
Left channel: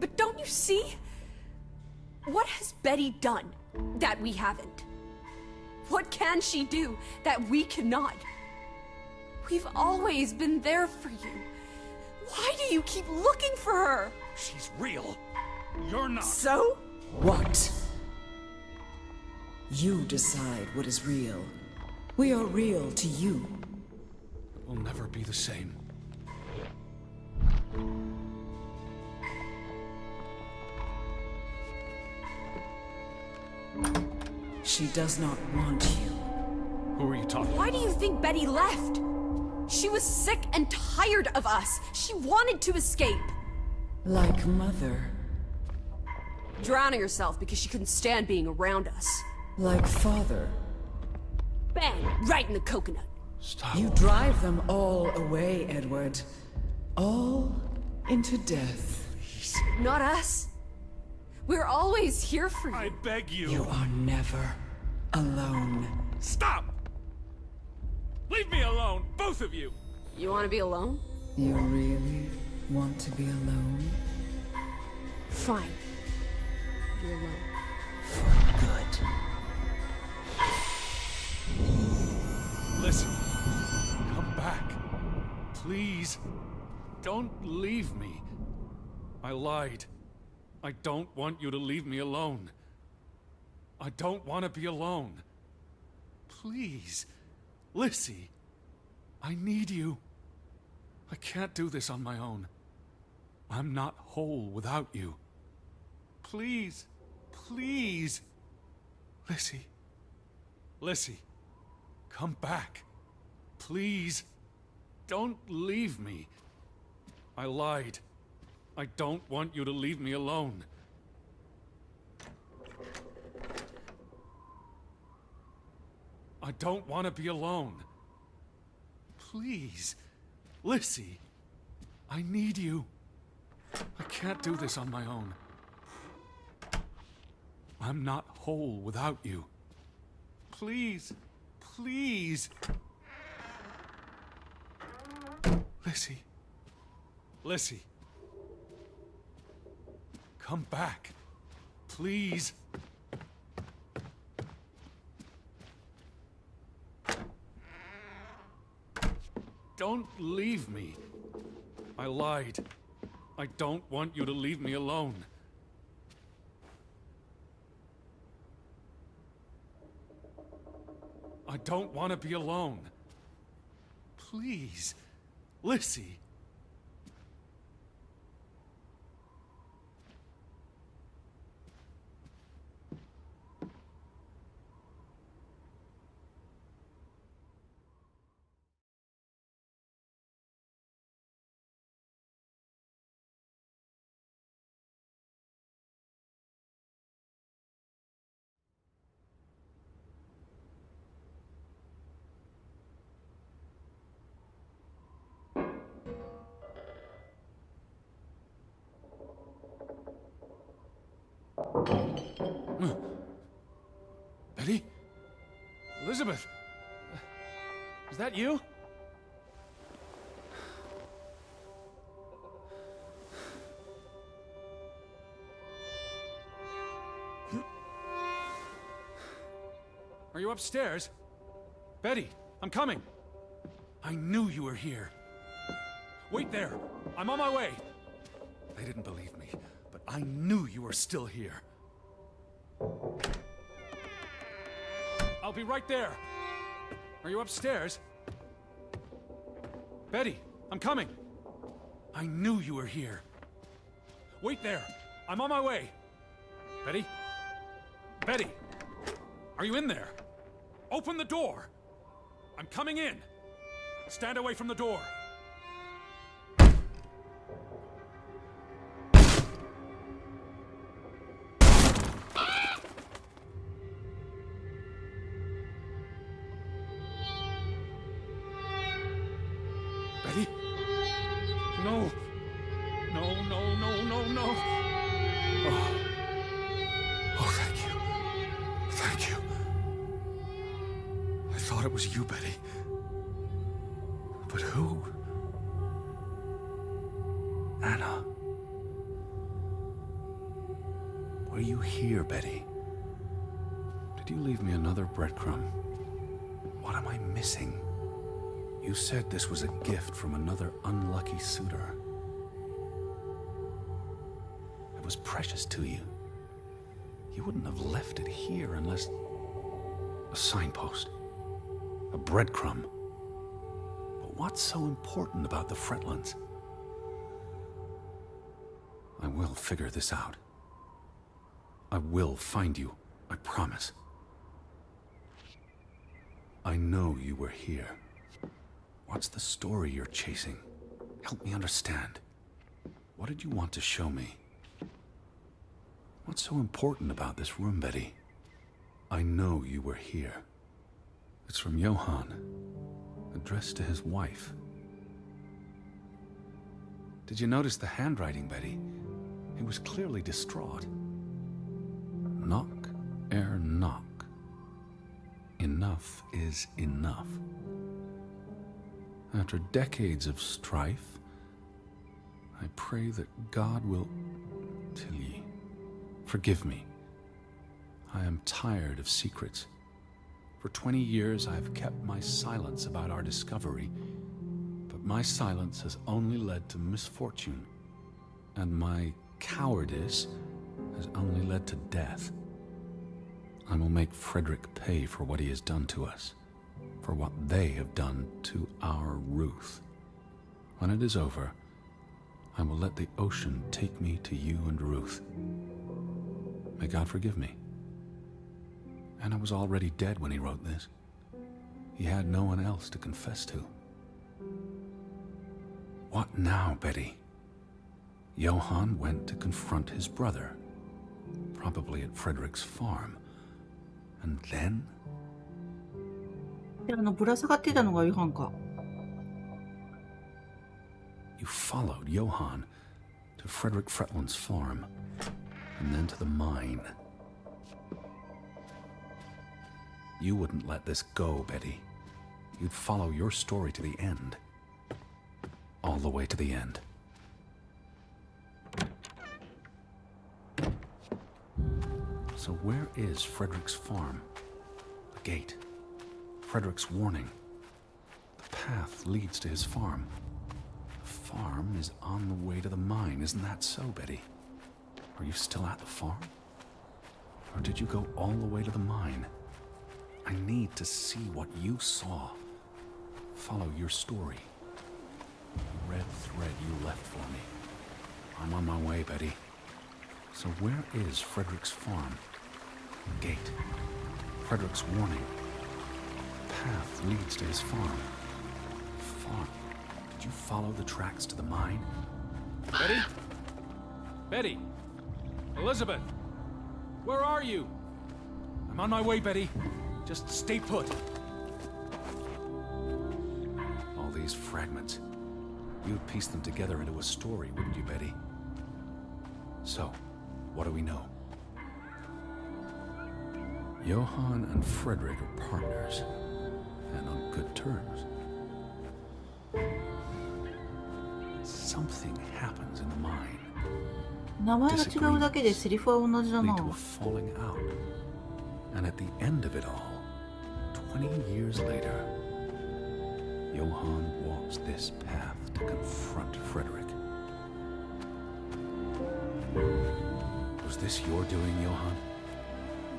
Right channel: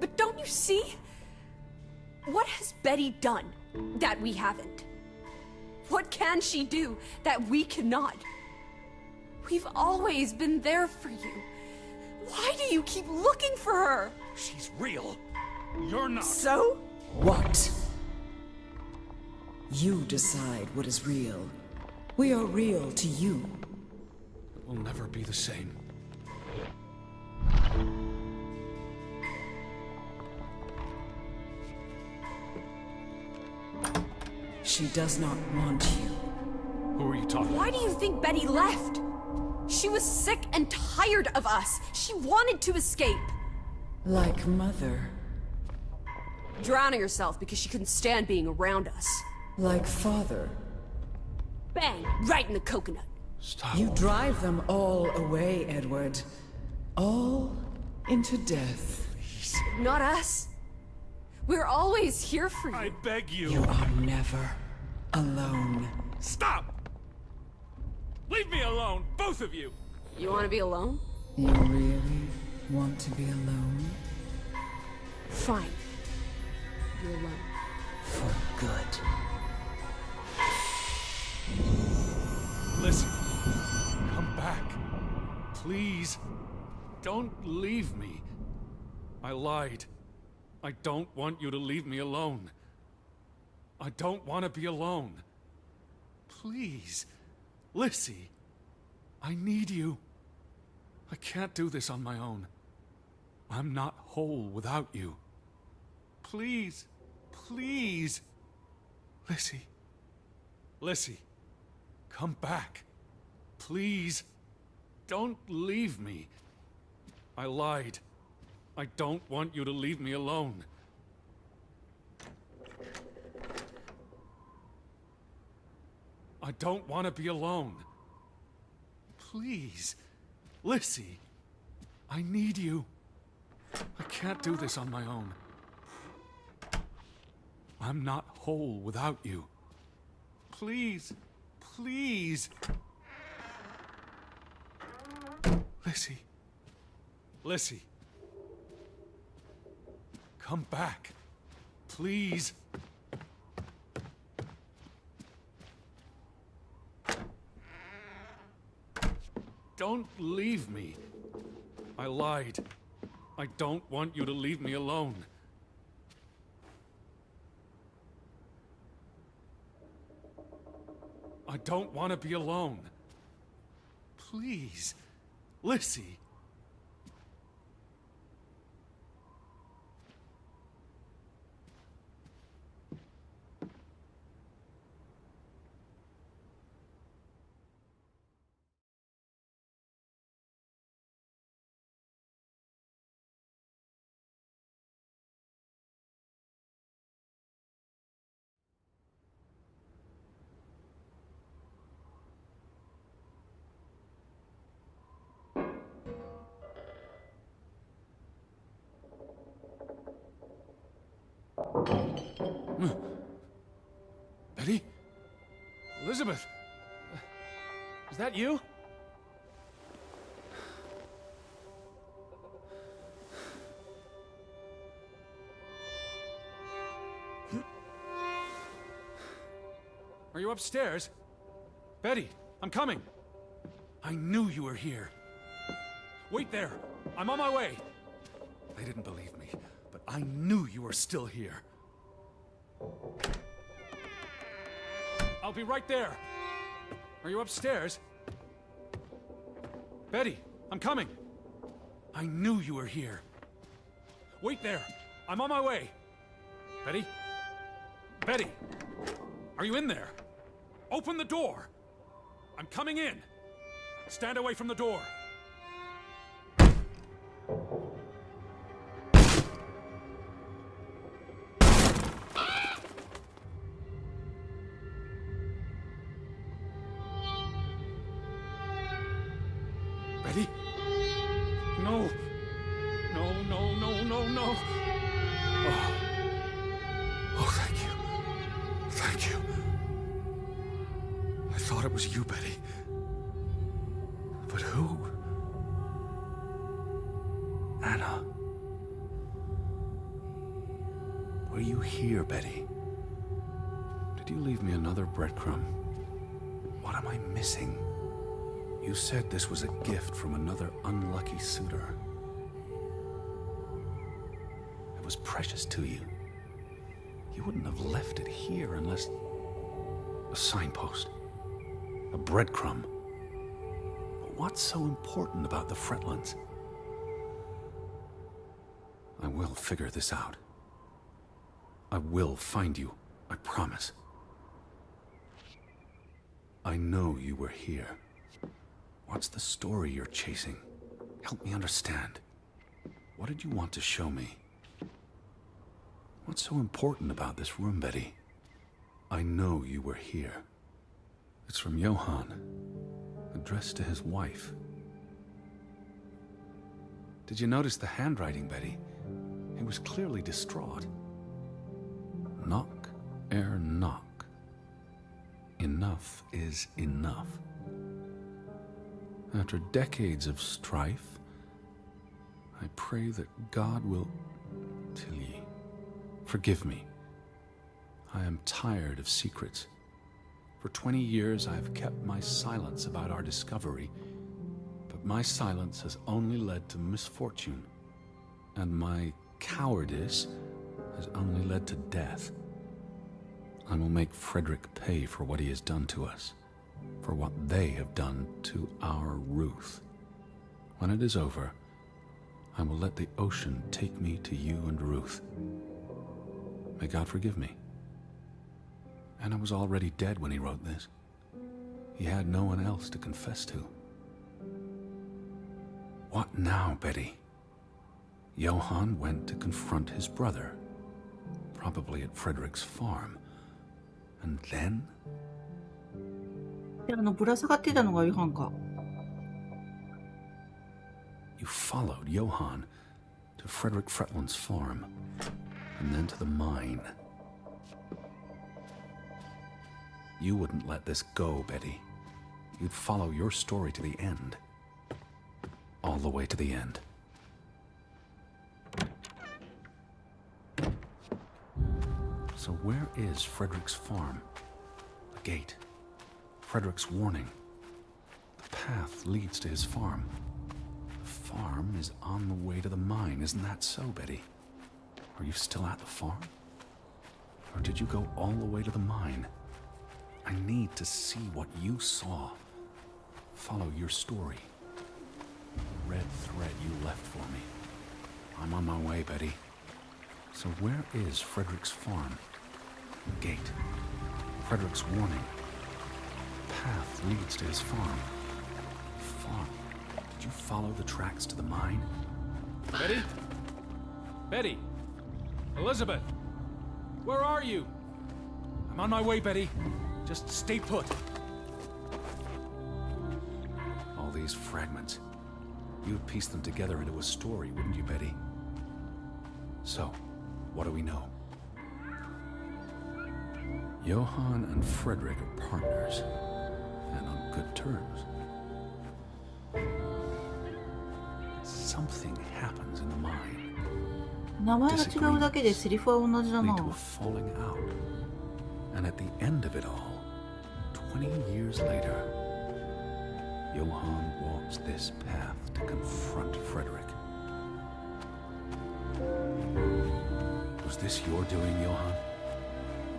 But don't you see? What has Betty done that we haven't? What can she do that we cannot? We've always been there for you. Why do you keep looking for her? She's real. You're not. So? What? You decide what is real. We are real to you. It will never be the same. She does not want you. Who are you talking Why about? do you think Betty left? She was sick and tired of us. She wanted to escape. Like mother. Drowning herself because she couldn't stand being around us. Like father. Bang! Right in the coconut. Stop. You drive them all away, Edward. All into death. Please. Not us. We're always here for you. I beg you. You are never alone. Stop! Leave me alone, both of you! You want to be alone? You really want to be alone? Fine. Be alone. Listen, come back. Please. Don't leave me. I lied. I don't want you to leave me alone. I don't want to be alone. Please. Lissy, I need you. I can't do this on my own. I'm not whole without you. Please, please. Lissy, Lissy, come back. Please. Don't leave me. I lied. I don't want you to leave me alone. I don't want to be alone. Please. Lissy, I need you. I can't do this on my own. I'm not whole without you. Please, Please. Lizzie. Lizzie. Come back. Please. Don't leave me. I lied. I don't want you to leave me alone. I don't want to be alone. Please, Lizzie. Betty? Elizabeth? Is that you? Are you upstairs? Betty, I'm coming. I knew you were here. Wait there. I'm on my way. They didn't believe me, but I knew you were still here. I'll be right there. Are you upstairs? Betty, I'm coming. I knew you were here. Wait there. I'm on my way. Betty? Betty! Are you in there? Open the door. I'm coming in. Stand away from the door. Betty? No. No, no, no, no, no. Oh. Oh, thank you. Thank you. I thought it was you, Betty. But who? Anna. Were you here, Betty? Did you leave me another breadcrumb? What am I missing? You said this was a gift from another unlucky suitor. It was precious to you. You wouldn't have left it here unless... a signpost. A breadcrumb. But what's so important about the Fretlands? I will figure this out. I will find you, I promise. I know you were here. What's the story you're chasing? Help me understand. What did you want to show me? What's so important about this room, Betty? I know you were here. It's from Johann, addressed to his wife. Did you notice the handwriting, Betty? He was clearly distraught. Knock ere knock. Enough is enough. After decades of strife, I pray that God will... Tilly, forgive me. I am tired of secrets. For 20 years, I've kept my silence about our discovery, but my silence has only led to misfortune, and my cowardice has only led to death. I will make Frederick pay for what he has done to us, for what they have done to our Ruth. When it is over, I will let the ocean take me to you and Ruth. May God forgive me. Anna was already dead when he wrote this. He had no one else to confess to. What now, Betty? Johann went to confront his brother, probably at Frederick's farm. And then? で、ぶら下がってたのがヨハンか。You followed Johann to Frederick Fretland's farm, and then to the mine. You wouldn't let this go, Betty. You'd follow your story to the end. All the way to the end. So where is Frederick's farm? The gate. Frederick's warning. The path leads to his farm. The farm is on the way to the mine, isn't that so, Betty? Are you still at the farm? Or did you go all the way to the mine? I need to see what you saw. Follow your story. The red thread you left for me. I'm on my way, Betty. So where is Frederick's farm? The gate. Frederick's warning. The path leads to his farm. Farm. Did you follow the tracks to the mine? Betty? Betty? Elizabeth? Where are you? I'm on my way, Betty. Just stay put. All these fragments. You'd piece them together into a story, wouldn't you, Betty? So, what do we know? Johann and Frederick are partners, and on good terms. Something happens in the mine. 名前が違うだけでセリフは同じだ Lead な。 to a falling out. And at the end of it all, 20 years later, Johann walks this path to confront Frederick. Was this your doing, Johann?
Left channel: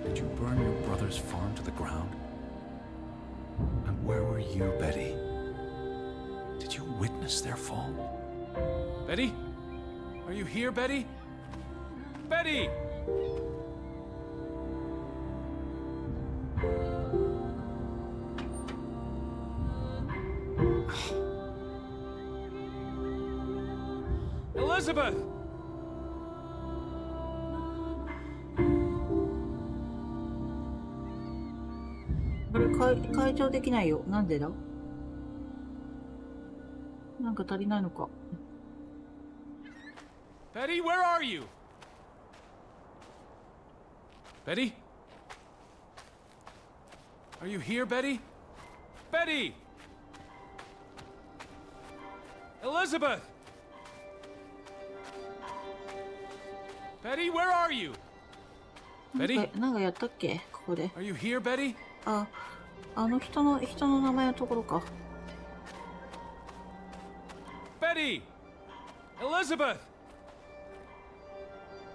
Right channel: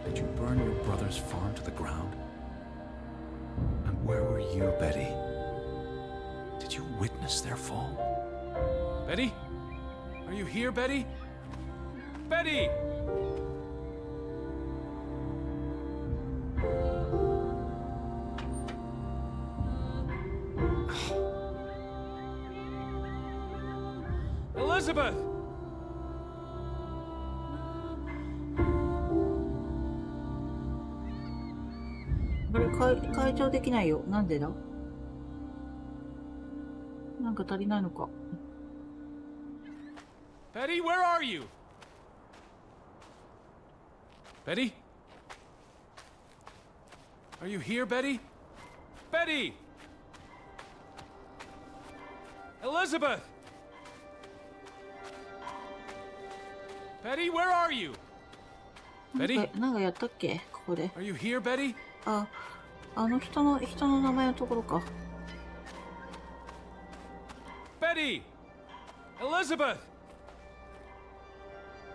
Did you burn your brother's farm to the ground? And where were you, Betty? Did you witness their fall? Betty? Are you here, Betty? Betty! Elizabeth! これ解除できないよ。なんでだ？なんか足りないのか。Betty, where are you? Betty? Are you here, Betty? Betty! Elizabeth! Betty, where are you? なんかやったっけここで。 Are you here, Betty? あ、あの人の名前のところか。 Betty! Elizabeth!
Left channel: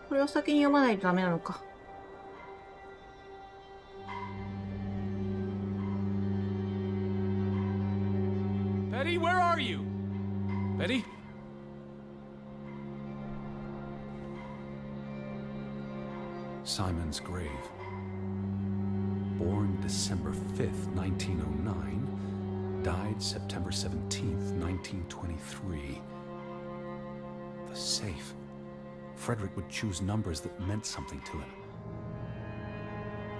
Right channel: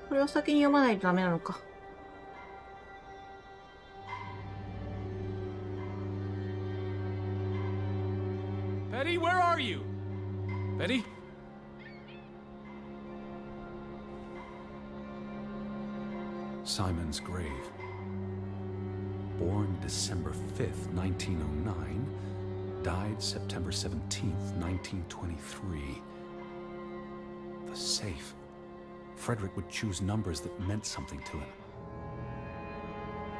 これを先に読まないとダメなのか。Betty, where are you? Betty? Simon's grave. Born December 5th, 1909, died September 17th, 1923. The safe. Frederick would choose numbers that meant something to him.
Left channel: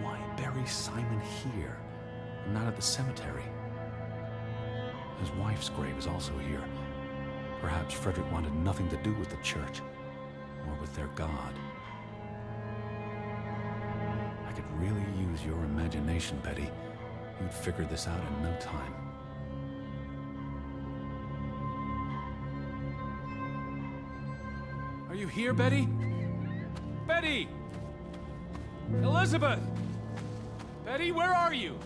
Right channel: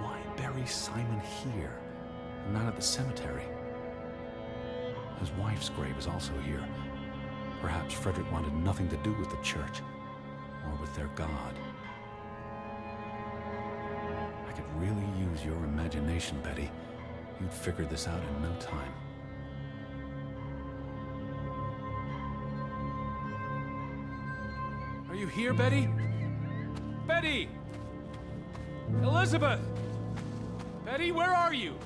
Why bury Simon here, and not at the cemetery? His wife's grave is also here. Perhaps Frederick wanted nothing to do with the church, or with their God. I could really use your imagination, Betty. You'd figure this out in no time. Are you here, Betty? Betty! Elizabeth! Betty, where are you?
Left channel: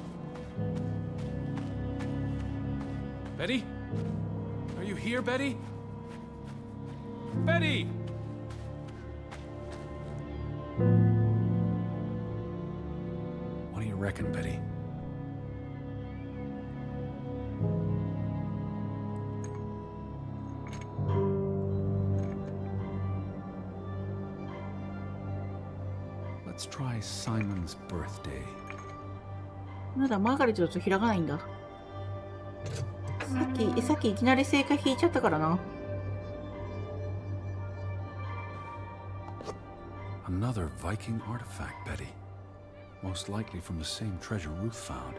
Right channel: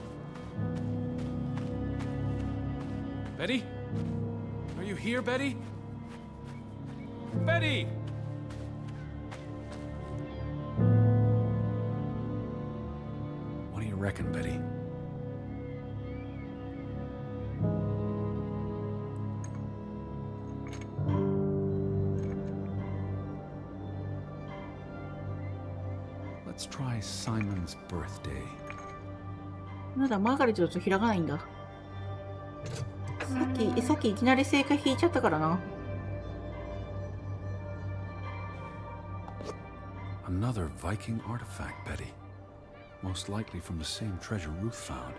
Betty? Are you here, Betty? Betty! What do you reckon, Betty? Let's try Simon's birthday. まだマーガレットだと開かないんだ。さっきいきなり正解引いちゃったからな。Another Viking artifact, Betty. Most likely from the same treasure Ruth found.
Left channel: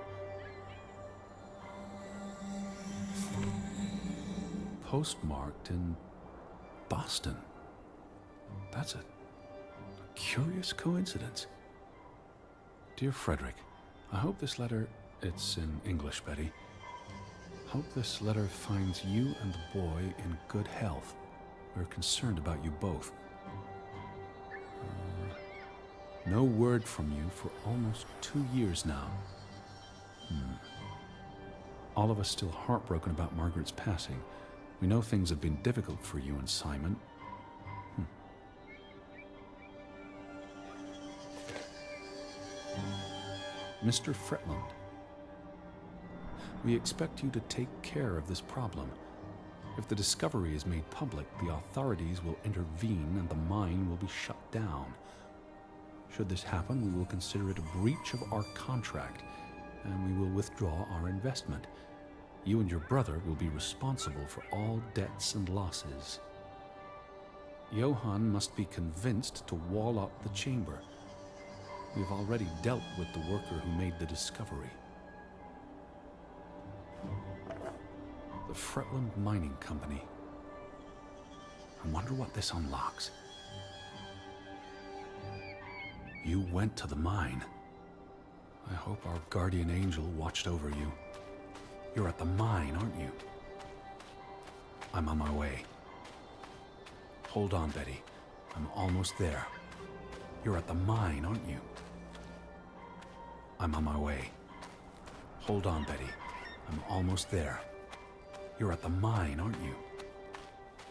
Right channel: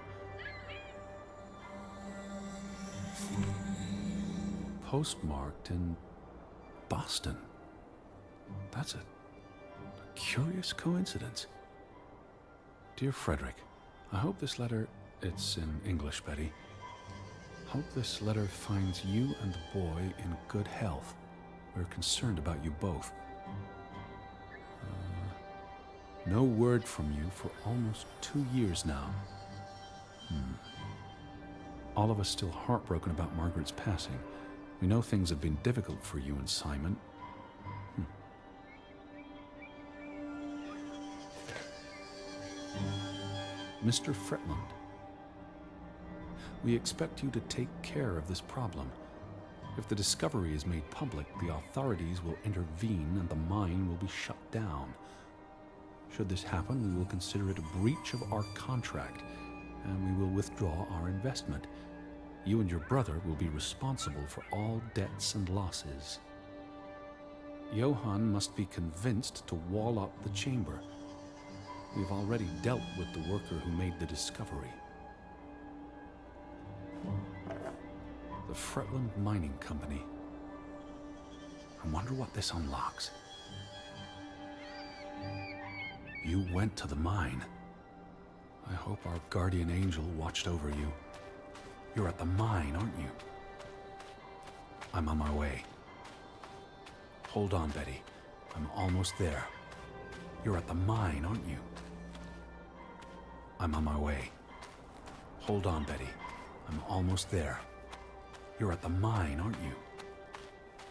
Postmarked in Boston. That's a curious coincidence. Dear Frederick, I hope this letter, it's in English, Betty. Hope this letter finds you and the boy in good health. We're concerned about you both. No word from you for almost 2 years now. All of us still heartbroken about Margaret's passing. We know things have been difficult for you and Simon. Mr. Fretland, we expect you to take care of this problem. If the discovery is made public, the authorities will intervene and the mine will be shut down. Should this happen, we will consider it a breach of our contract, and we will withdraw our investment. You and your brother will be responsible for all debts and losses. Johann must be convinced to wall up the chamber. We have already dealt with the worker who made the discovery. The Fretland Mining Company. I wonder what this unlocks. You went to the mine. I hope our guardian angel watched over you. You're at the mine, aren't you? I'm on my way. Hold on, Betty. I'm almost there. You're at the mine, aren't you? I'm on my way. Hold on, Betty. I'm almost there. You're at the mine, aren't you?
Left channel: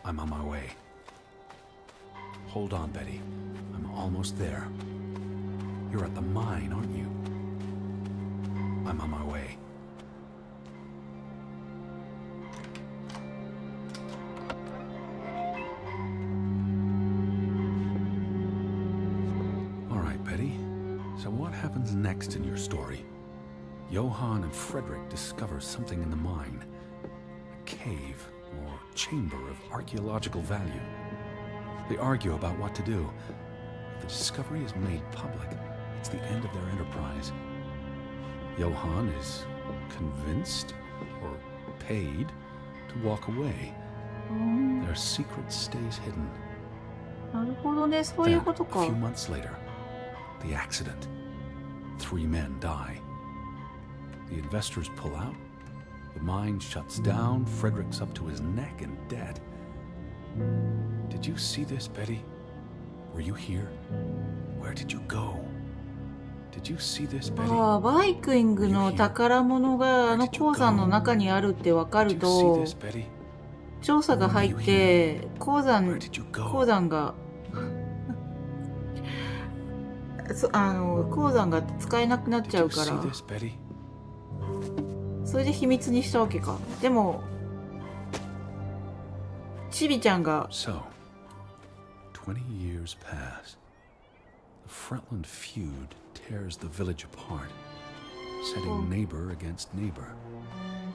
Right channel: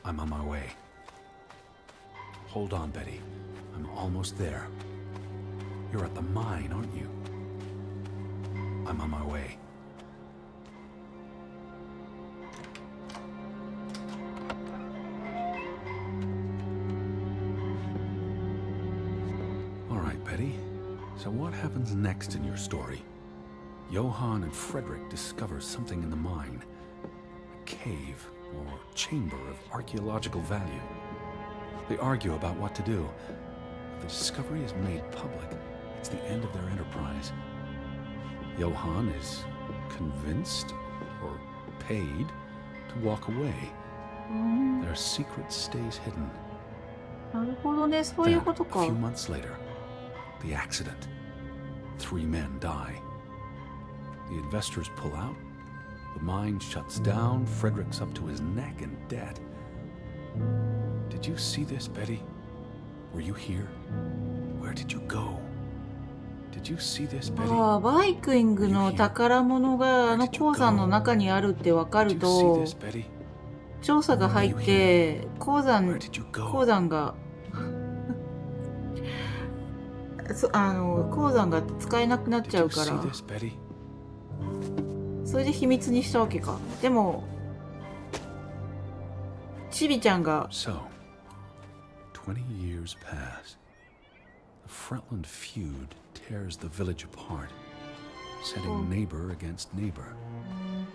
I'm on my way. Hold on, Betty. I'm almost there. You're at the mine, aren't you? I'm on my way. All right, Betty. So what happens next in your story? Johann and Frederick discover something in the mine. A cave or chamber of archaeological value. They argue about what to do. If the discovery is made public, it's the end of their enterprise. Johann is convinced or paid to walk away. Their secret stays hidden. なるほどね、そういう Then, こと a か。 few months later, the accident. 3 men die. The investors pull out. The mine shuts down. Frederick's up to his neck in debt. Did you see this, Betty? Were you here? Where did you go? Did you see this, Betty? ああ、バイキングの宝物があの鉱山の中にあるってわか Did る you see と、 this, Betty? 調査が入って、鉱 Where did you go? が鉱山が使えなくなっち Did ゃ you うか see ら、 this, Betty? それで秘密にしたわけか。でも、チビちゃんが、 So, 20 years pass. The Fretland feud tears the village apart, setting neighbor against neighbor.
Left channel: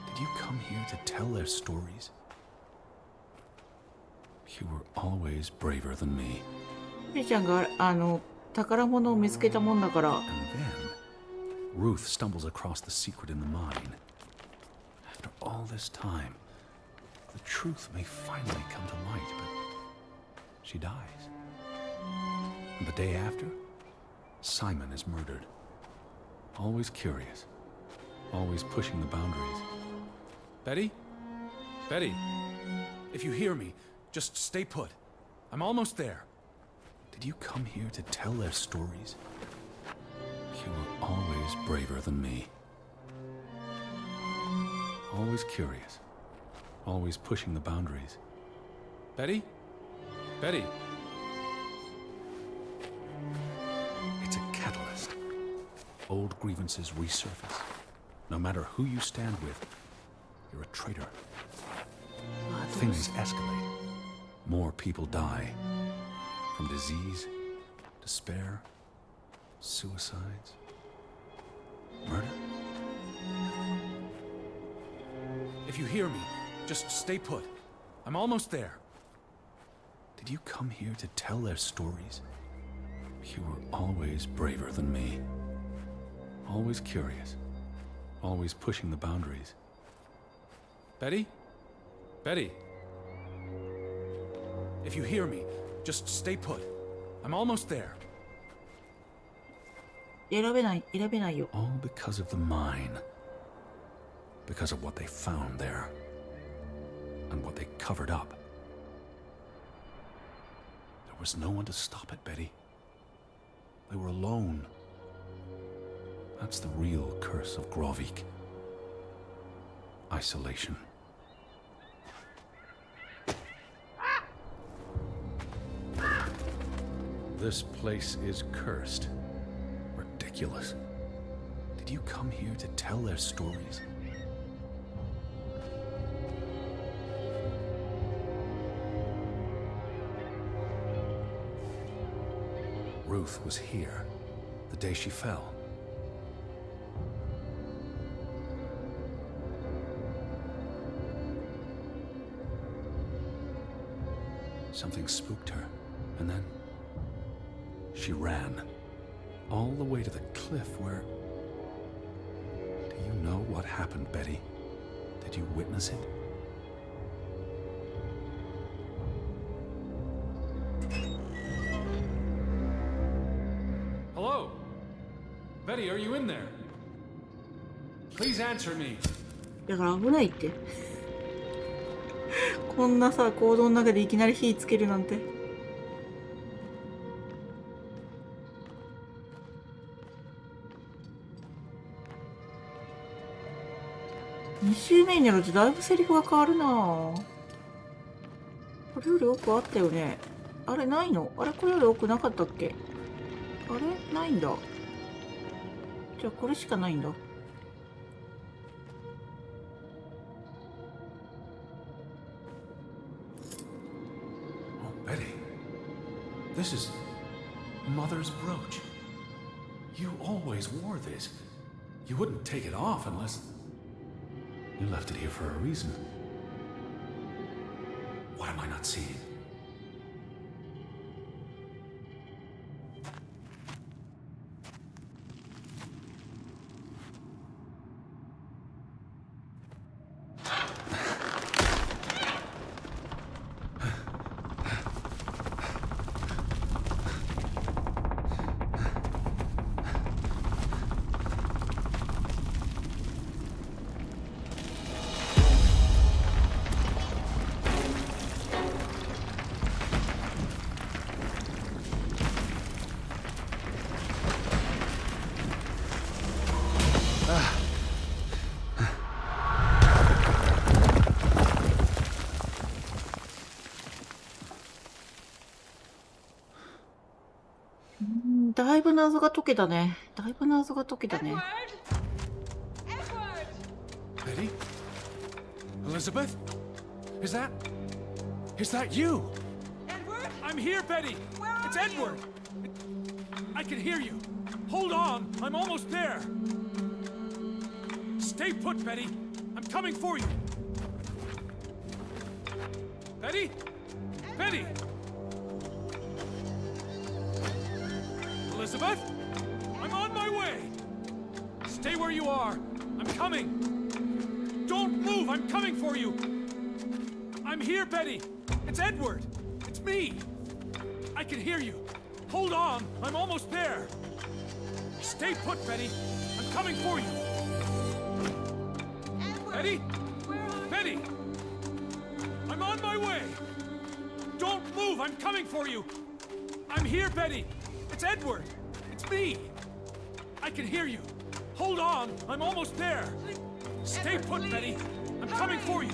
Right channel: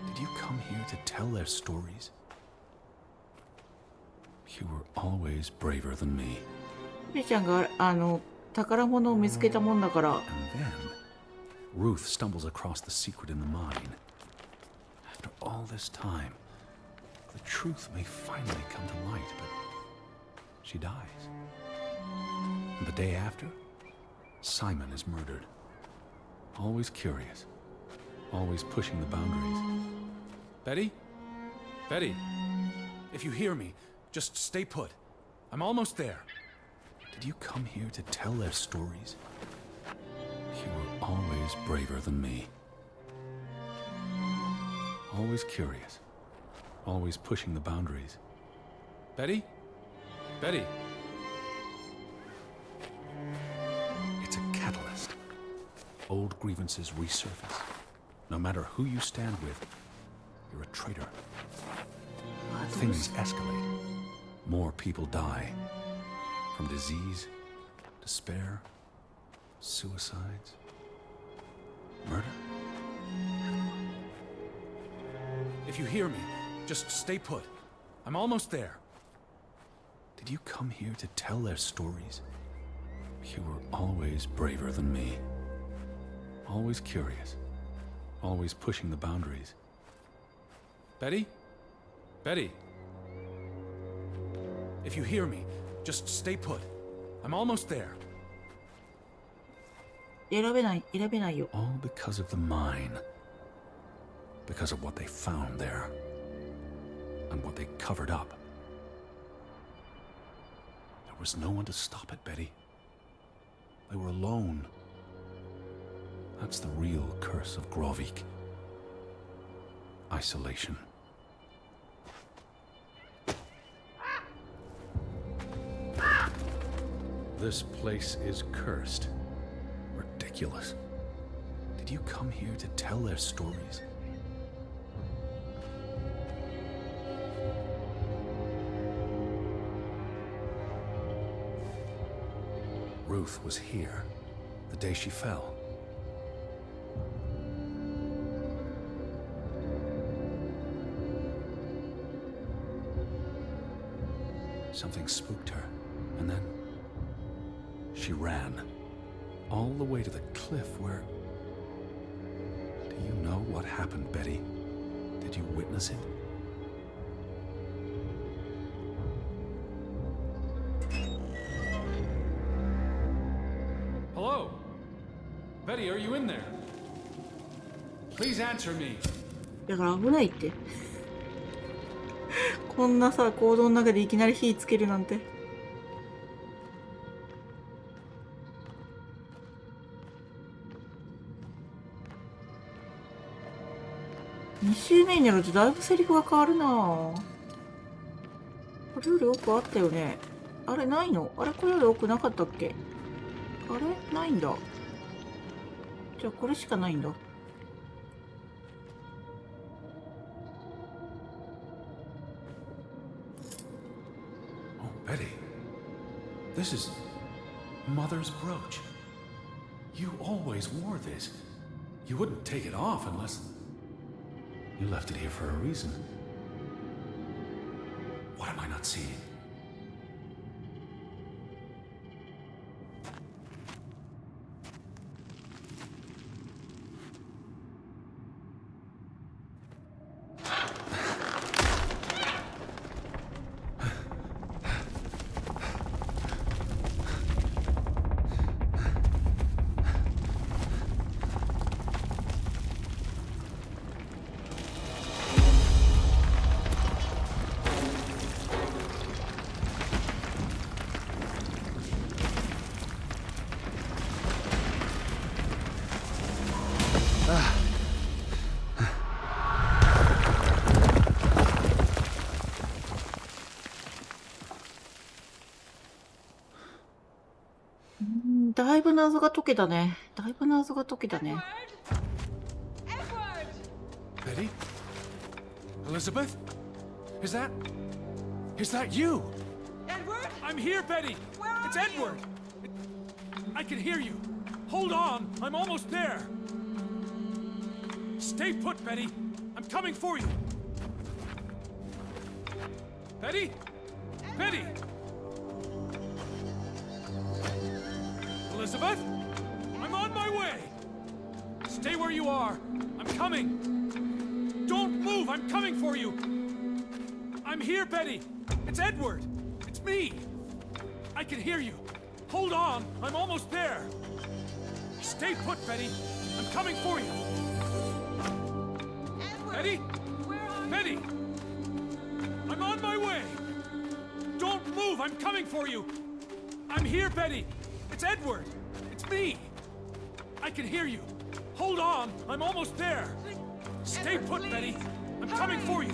Did you come here to tell their stories? You were always braver than me. チビちゃんが宝物を見つけたもんだから、 And then, Ruth stumbles across the secret in the mine. After all this time, the truth may finally come to light, but she dies. And the day after, Simon is murdered. Always curious, always pushing the boundaries. Betty? Betty, if you hear me, just stay put. I'm almost there. Did you come here to tell their stories? You were always braver than me. Always curious, always pushing the boundaries. Betty? Betty? It's a catalyst. Old grievances resurface. No matter who you stand with, you're a traitor. あどう Things し escalate. More people die. From disease, despair, suicides, murder. If you hear me, just stay put. I'm almost there. Did you come here to tell their stories? You were always braver than me. Always curious. Always pushing the boundaries. Betty? Betty? If you hear me, just stay put. I'm almost there. 選べないよ。 All because of the mine. Because of what they found there. And what they covered up. There was no one to stop it, Betty. They were alone. That's the real curse of Grovik. Isolation. This place is cursed. Ridiculous. Did you come here to tell their stories? Ruth was here the day she fell. Something spooked her, and then she ran all the way to the cliff where... Do you know what happened, Betty? Did you witness it? Hello? Betty, are you in there? Please answer me. だから危ないって。こんなさ、行動の中でいきなり火つけるなんて。2周目になるとだいぶセリフが変わるなぁ。これより奥あったよね。あれないの？あれこれより奥なかったっけ？あれないんだ。じゃあこれしかないんだ。Betty, this is Mother's brooch. You always wore this. You wouldn't take it off unless... You left it here for a reason. What am I not seeing?だいぶ謎が解けたね。だいぶ謎が解けたね。Betty? Elizabeth? Is that you? Edward? I'm here, Betty! Where are It's Edward! I can hear you. Hold on, I'm almost there. Stay put, Betty. I'm coming for you. Betty? Betty! Elizabeth? I'm on my way! Stay where you are. I'm coming. Don't move, I'm coming for you. I'm here, Betty. It's Edward. It's me. I can hear you. Hold on, I'm almost there. Stay put, Betty. I'm coming for you. Edward! Betty? Where are you? Betty! I'm on my way. Don't move, I'm coming for you. I'm here, Betty. It's Edward. It's me. I can hear you. Hold on, I'm almost there. Stay Edward, put, please. Betty. I'm coming for you.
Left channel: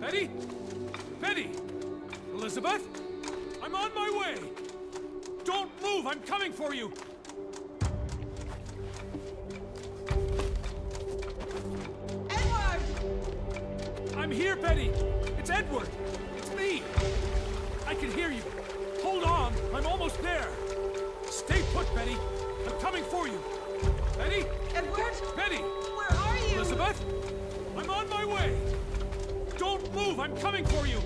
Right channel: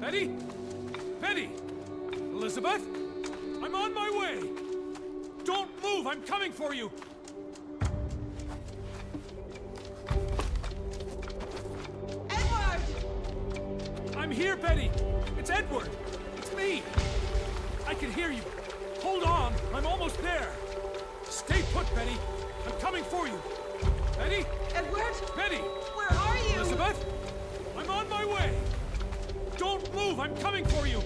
Betty? Betty? Elizabeth? I'm on my way. Don't move, I'm coming for you. Edward! I'm here, Betty. It's Edward. It's me. I can hear you. Hold on, I'm almost there. Stay put, Betty. I'm coming for you. Betty? Betty? Elizabeth? I'm on my way. Don't move, I'm coming for you.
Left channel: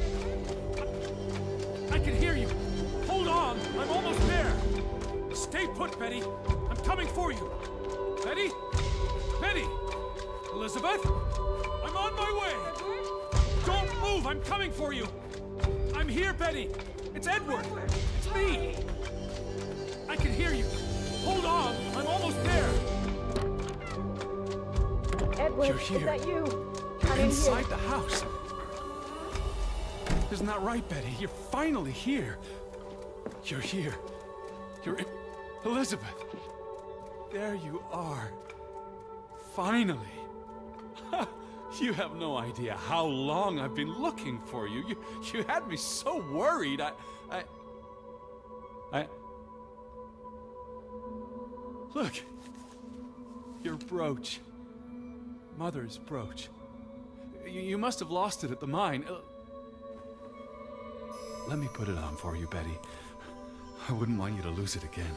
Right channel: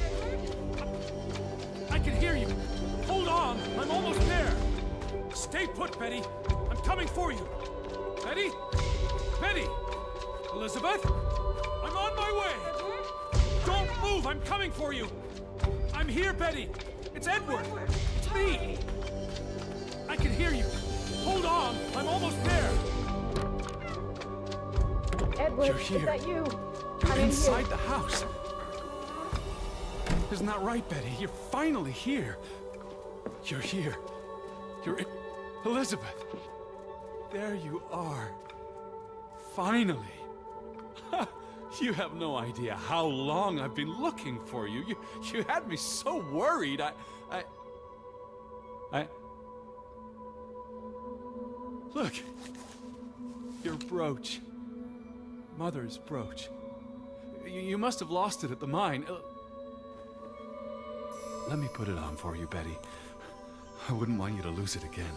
I can hear you. Hold on, I'm almost there. Stay put, Betty. I'm coming for you. Betty? Betty? Elizabeth? I'm on my way. Don't move, I'm coming for you. I'm here, Betty. It's Edward. It's me. I can hear you. Hold on! I'm almost there! Edward, You're is here. that you? You're inside the house. Isn't that right, Betty? You're finally here. You're here. You're in... Elizabeth. There you are. Finally. You have no idea how long I've been looking for you. You had me so worried. Look. Your brooch. Mother's brooch. You must have lost it at the mine. Let me put it on for you, Betty. I wouldn't want you to lose it again.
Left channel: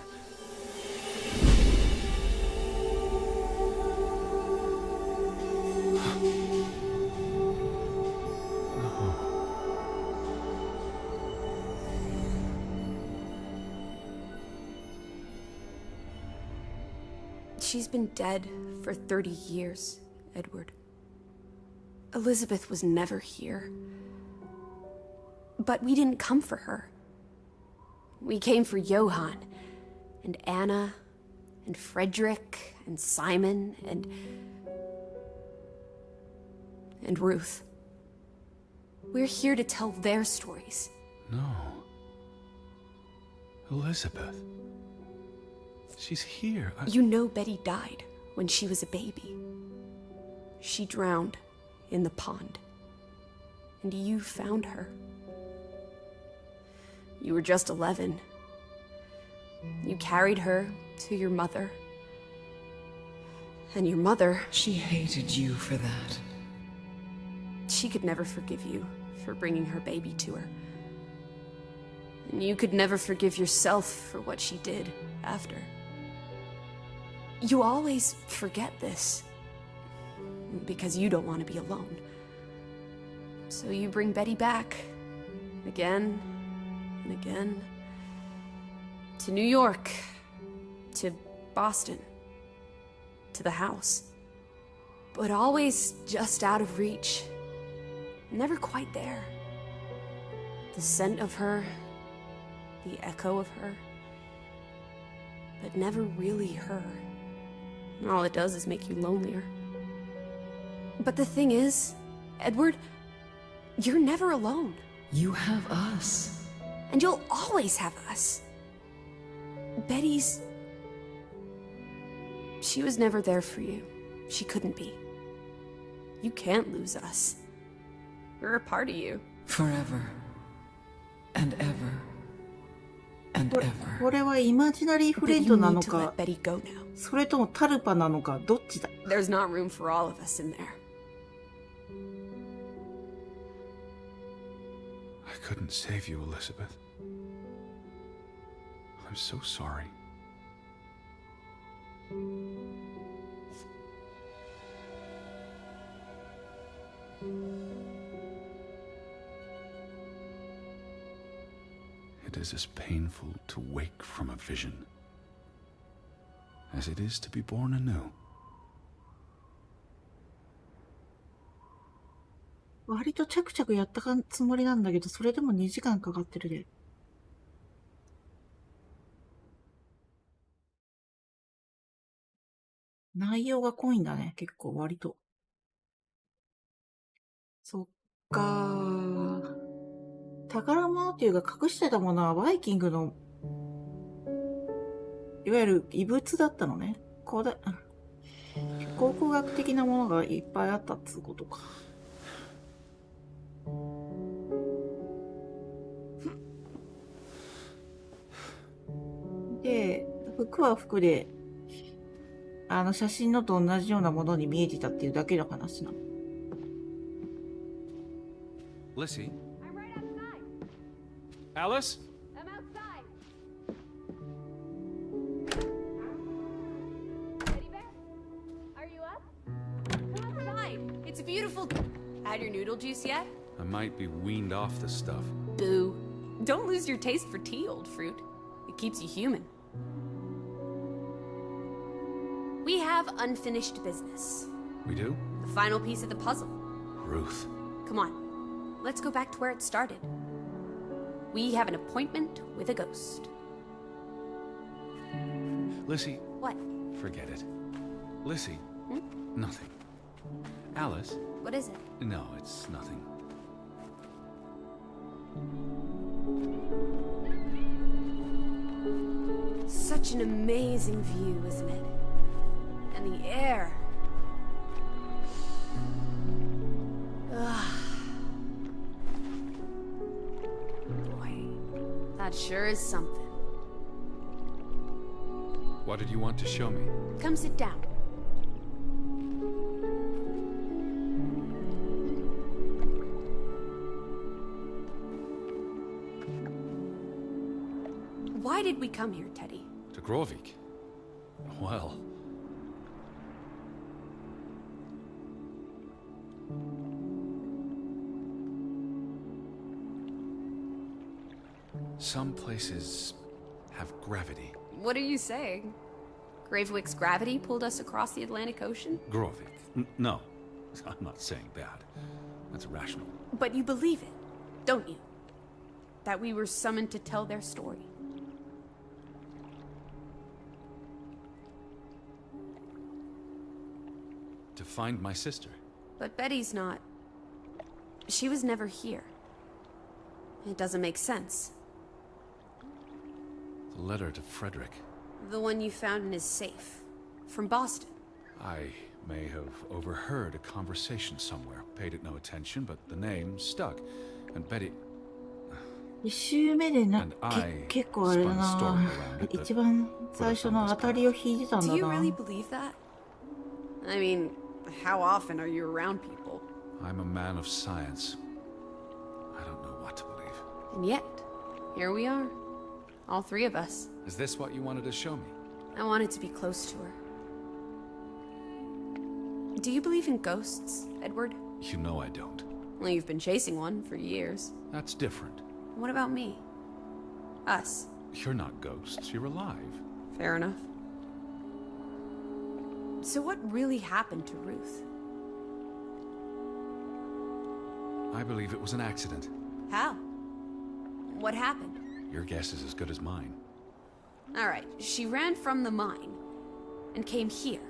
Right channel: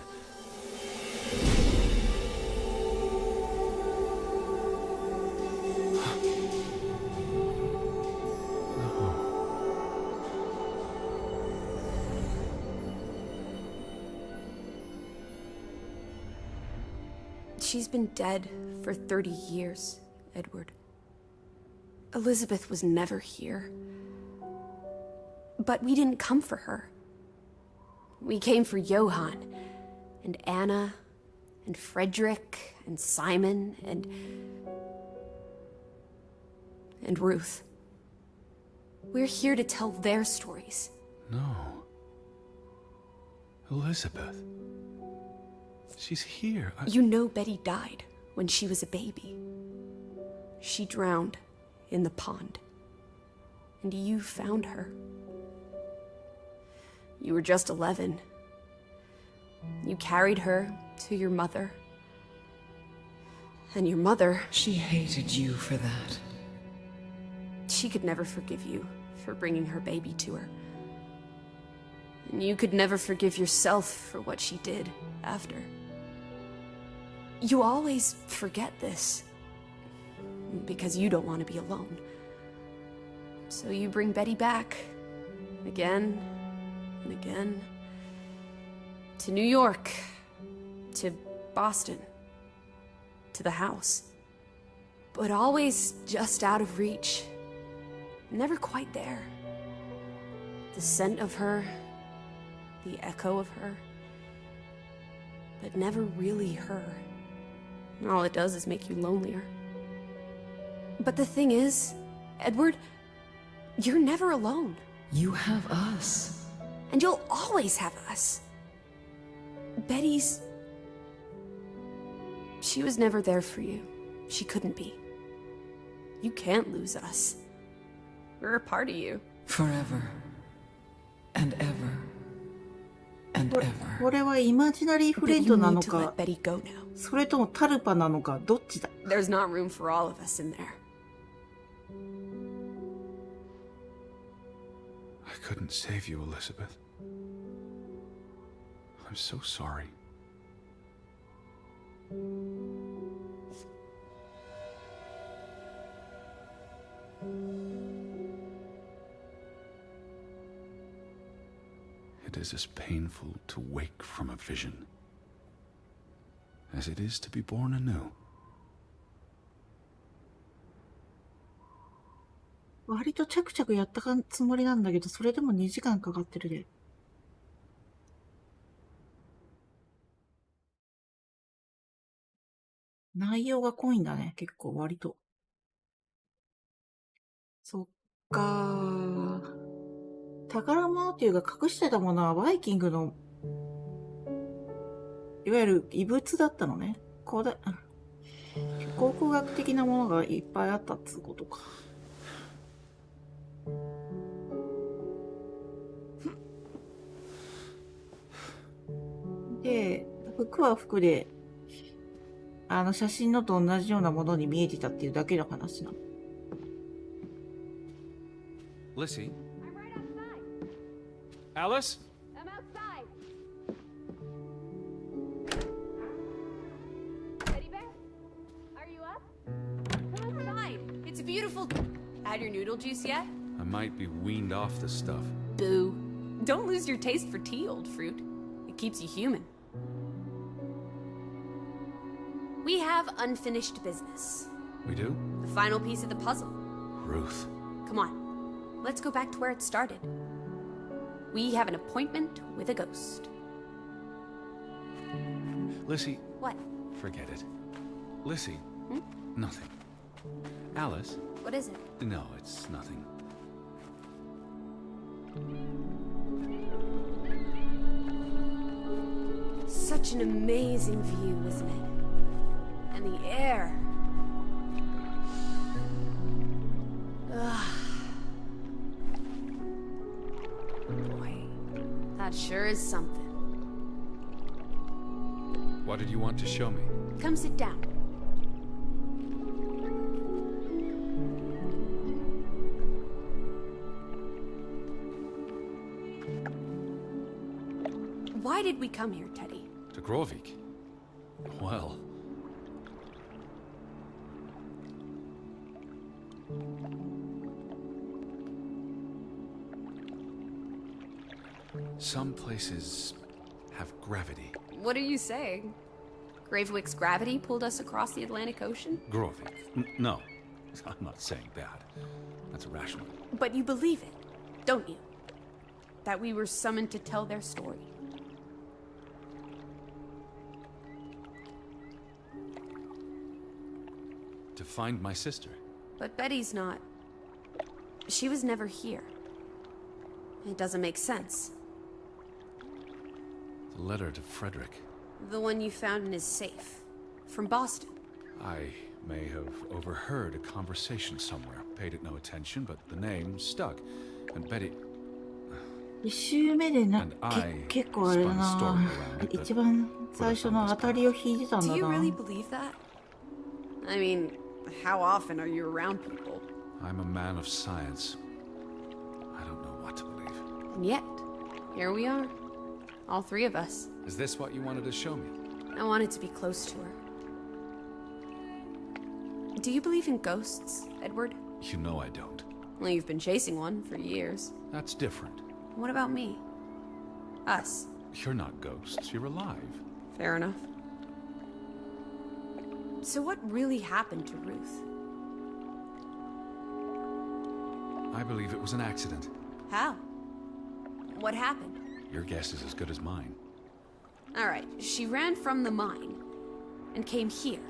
She's been dead for 30 years, Edward. Elizabeth was never here. But we didn't come for her. We came for Johann, and Anna, and Frederick, and Simon, and Ruth. We're here to tell their stories. No. Elizabeth. She's here. You know Betty died when she was a baby. She drowned in the pond. And you found her. You were just 11. You carried her to your mother. And your mother... She hated you for that. She could never forgive you for bringing her baby to her. And you could never forgive yourself for what she did after. You always forget this. Because you don't want to be alone. So you bring Betty back. Again and again. To New York. To Boston. To the house. But always just out of reach. Never quite there. The scent of her. The echo of her. But never really her. And all it does is make you lonelier. But the thing is, Edward, you're never alone. You have us. And you'll always have us. Betty's... She was never there for you. She couldn't be. You can't lose us. We're a part of you. Forever. And ever. And これ ever. これはイマジナリーフレンド But you なの need to か let Betty go now. それともタルパなのかどっちだ There's not room for all of us in there. I couldn't save you, Elizabeth. I'm so sorry. It is as painful to wake from a vision as it is to be born anew. 割とチャクチャクやったつもりなんだけど、それでも2時間かかってるで。内容が濃いんだね、結構割と。そっかー。宝物っていうか隠してたものはバイキングの、いわゆる遺物だったのね。考古学的なものがいっぱいあったっつうことか。で、服は服で、写真のと同じようなものに見えてたっていうだけの話なの。Lissy? I'm right outside. Alice? I'm outside. Teddy bear? Are you up? Come inside. It's a beautiful... Had your noodle juice yet? I might be weaned off the stuff. Boo. Don't lose your taste for tea, old fruit. It keeps you human. We have unfinished business. We do? The final piece of the puzzle. Ruth. Come on. Let's go back to where it started. We have an appointment with a ghost. Lissy, What? forget it. Lissy, nothing. Alice, What is it? no, it's nothing. Such an amazing view, isn't it? And the air. Ugh. Boy, that sure is something. What did you want to show me? Come sit down. Why did we come here, Teddy? To Grovik? Well... some places have gravity. What are you saying? Gravewick's gravity pulled us across the Atlantic Ocean? Grovik? No. I'm not saying that. That's irrational. But you believe it, don't you? That we were summoned to tell their story. To find my sister. But Betty's not. She was never here. It doesn't make sense. The letter to Frederick. The one you found in his safe. From Boston. I may have overheard a conversation somewhere. Paid it no attention, but the name stuck. And Betty... 一周目でな And I 結構あれだ spun a な story around it that 一番最初の当たりを引いてたん Do だ you な really believe that? I mean, how often are you around people? I'm a man of science. I don't know what to believe. And yet, here we are. All three of us. Is this what you wanted to show me? I wanted to be close to her. Do you believe in ghosts, Edward? You know I don't. Well, you've been chasing one for years. That's different. What about me? Us. You're not ghosts. You're alive. Fair enough. So what really happened to Ruth? I believe it was an accident. How? What happened? Your guess is as good as mine. All right, she ran from the mine and came here.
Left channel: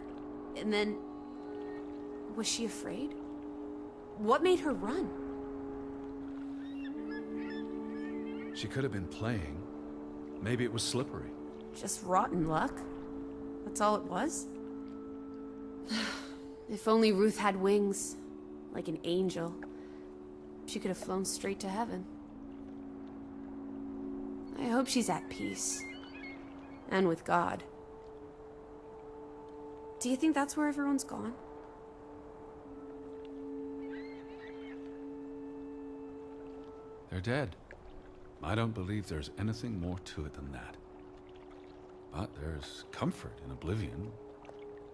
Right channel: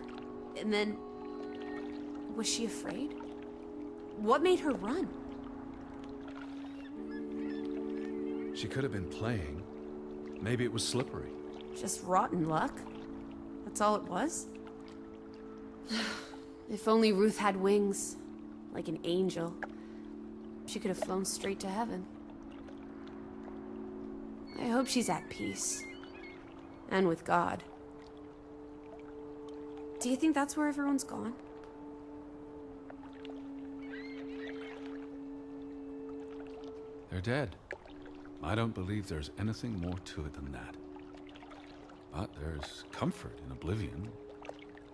And then... was she afraid? What made her run? She could have been playing. Maybe it was slippery. Just rotten luck? That's all it was? If only Ruth had wings. Like an angel. She could have flown straight to heaven. I hope she's at peace. And with God. Do you think that's where everyone's gone? They're dead. I don't believe there's anything more to it than that. But there's comfort in oblivion,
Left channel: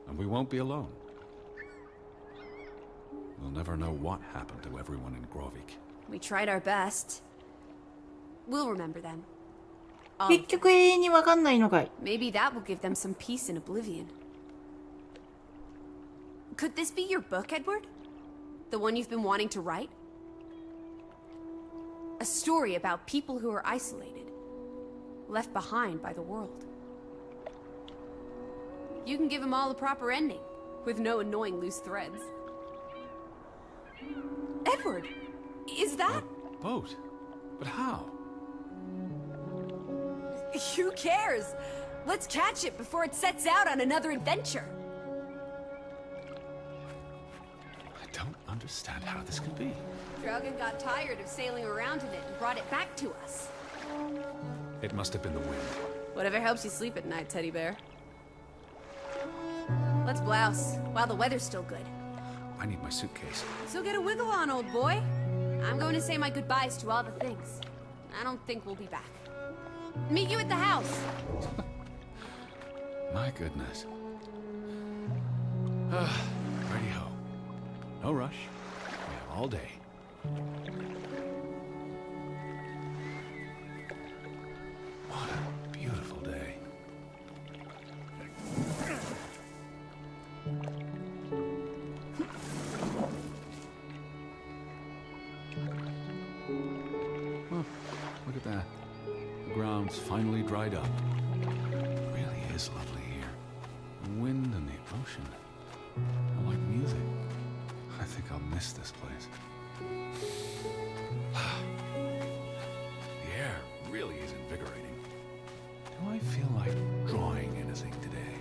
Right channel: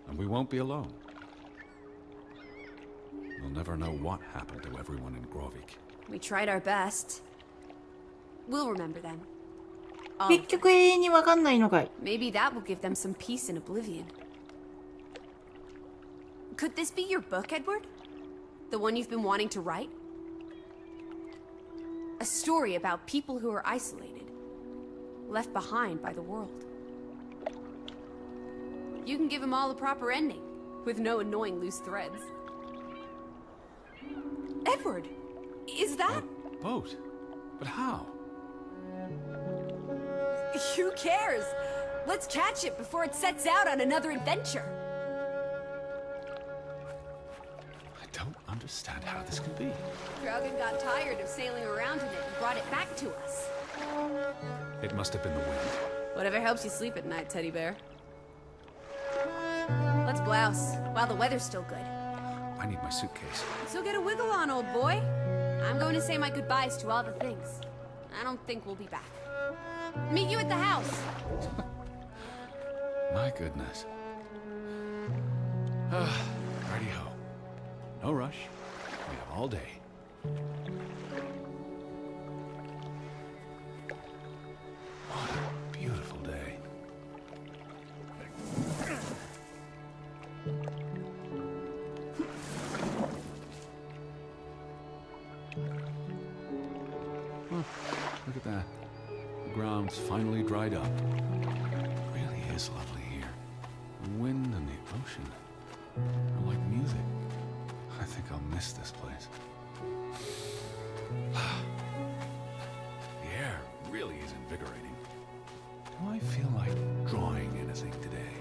and we won't be alone. We'll never know what happened to everyone in Grovik. We tried our best. We'll remember them. 結局永遠にわかんないのかい Maybe that will give them some peace in oblivion. Could this be your book, Edward? The one you've been wanting to write? A story about people who are isolated, left behind by the world. You can give them all a proper ending, with no annoying loose threads. Edward, is that... A boat? But how? Who cares? Let's catch it before it sets out on another adventure. I don't understand how this can be. Draugen got tired of sailing around in it and brought it back to us. It must have been the wind. Whatever helps you sleep at night, teddy bear. Let's blouse, while the weather's still good. I need my suitcase. So get a wiggle on, old boy. I'm going to say my goodbyes to all the things. I don't think we'll be back. Meet you at the house. My goodness. Righty-ho. No rush. We have all day. What a beautiful day. Look at that. The ground's finally dried up. Really is lovely here. The wind and the ocean are like music. I think I'll miss this place. The air really is invigorating. Do I feel like drawing anything today?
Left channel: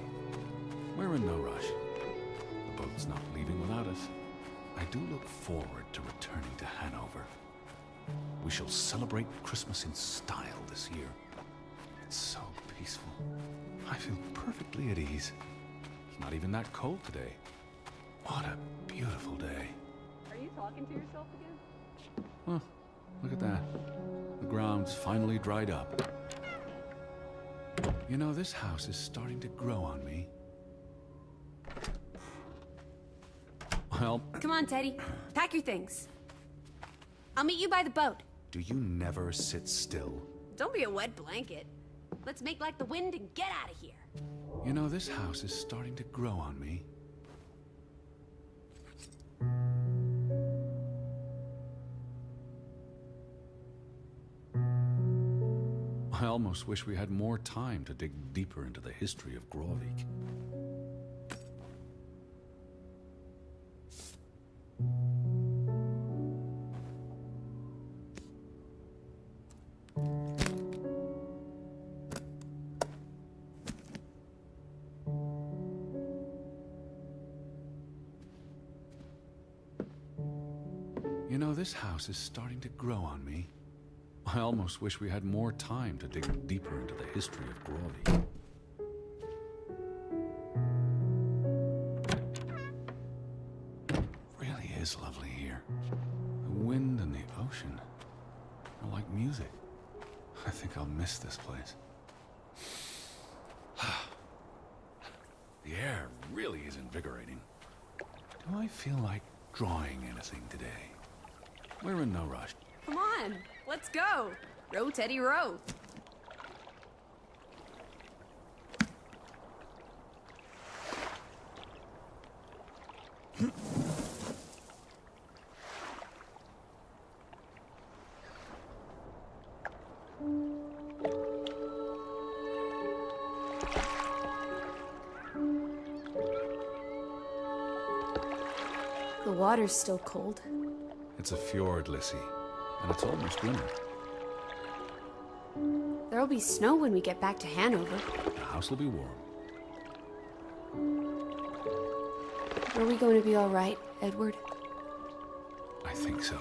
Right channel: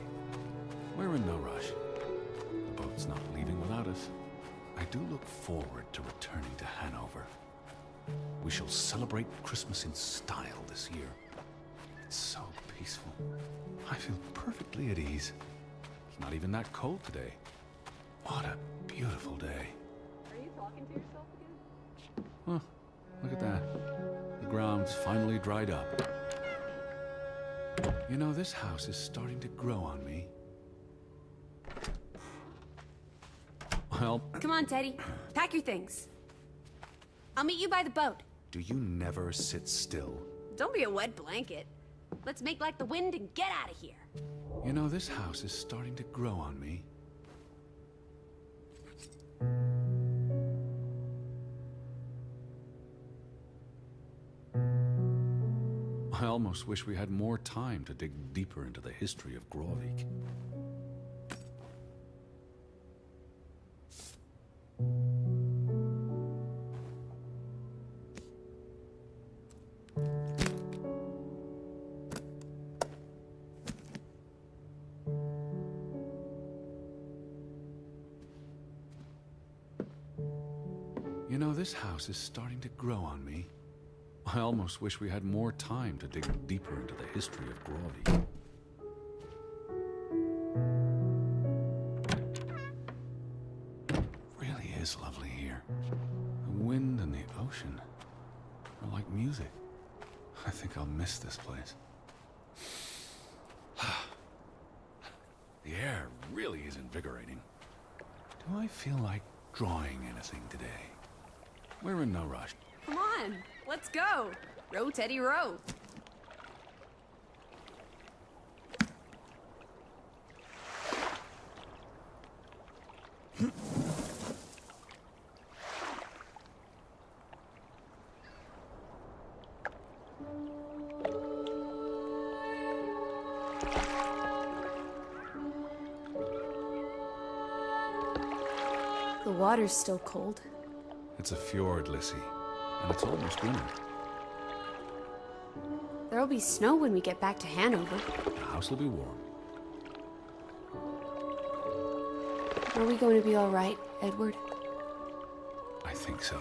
We're in no rush. The boat's not leaving without us. I do look forward to returning to Hanover. We shall celebrate Christmas in style this year. It's so peaceful. I feel perfectly at ease. It's not even that cold today. What a beautiful day. Are you talking to yourself again? Oh, look at that. The ground's finally dried up. You know, this house is starting to grow on me. Well, Come on, Teddy. Pack your things. I'll meet you by the boat. do you never sit still? Don't be a wet blanket. Let's make like the wind and get out of here. You know, this house is starting to grow on me. I almost wish we had more time to dig deeper into the history of Grovik. You know, this house is starting to grow on me. I almost wish we had more time to dig deeper into the history of Grovik. Really is lovely here. The wind and the ocean are like music. I think I'll miss this place. The air really is invigorating. Do I feel like drawing anything today? We're in no rush. Come on, let's go. Row, Teddy, row. The water's still cold. It's a fjord, Lissy, and it's almost winter. There'll be snow when we get back to Hanover. The house will be warm. Are we going to be all right, Edward? I think so.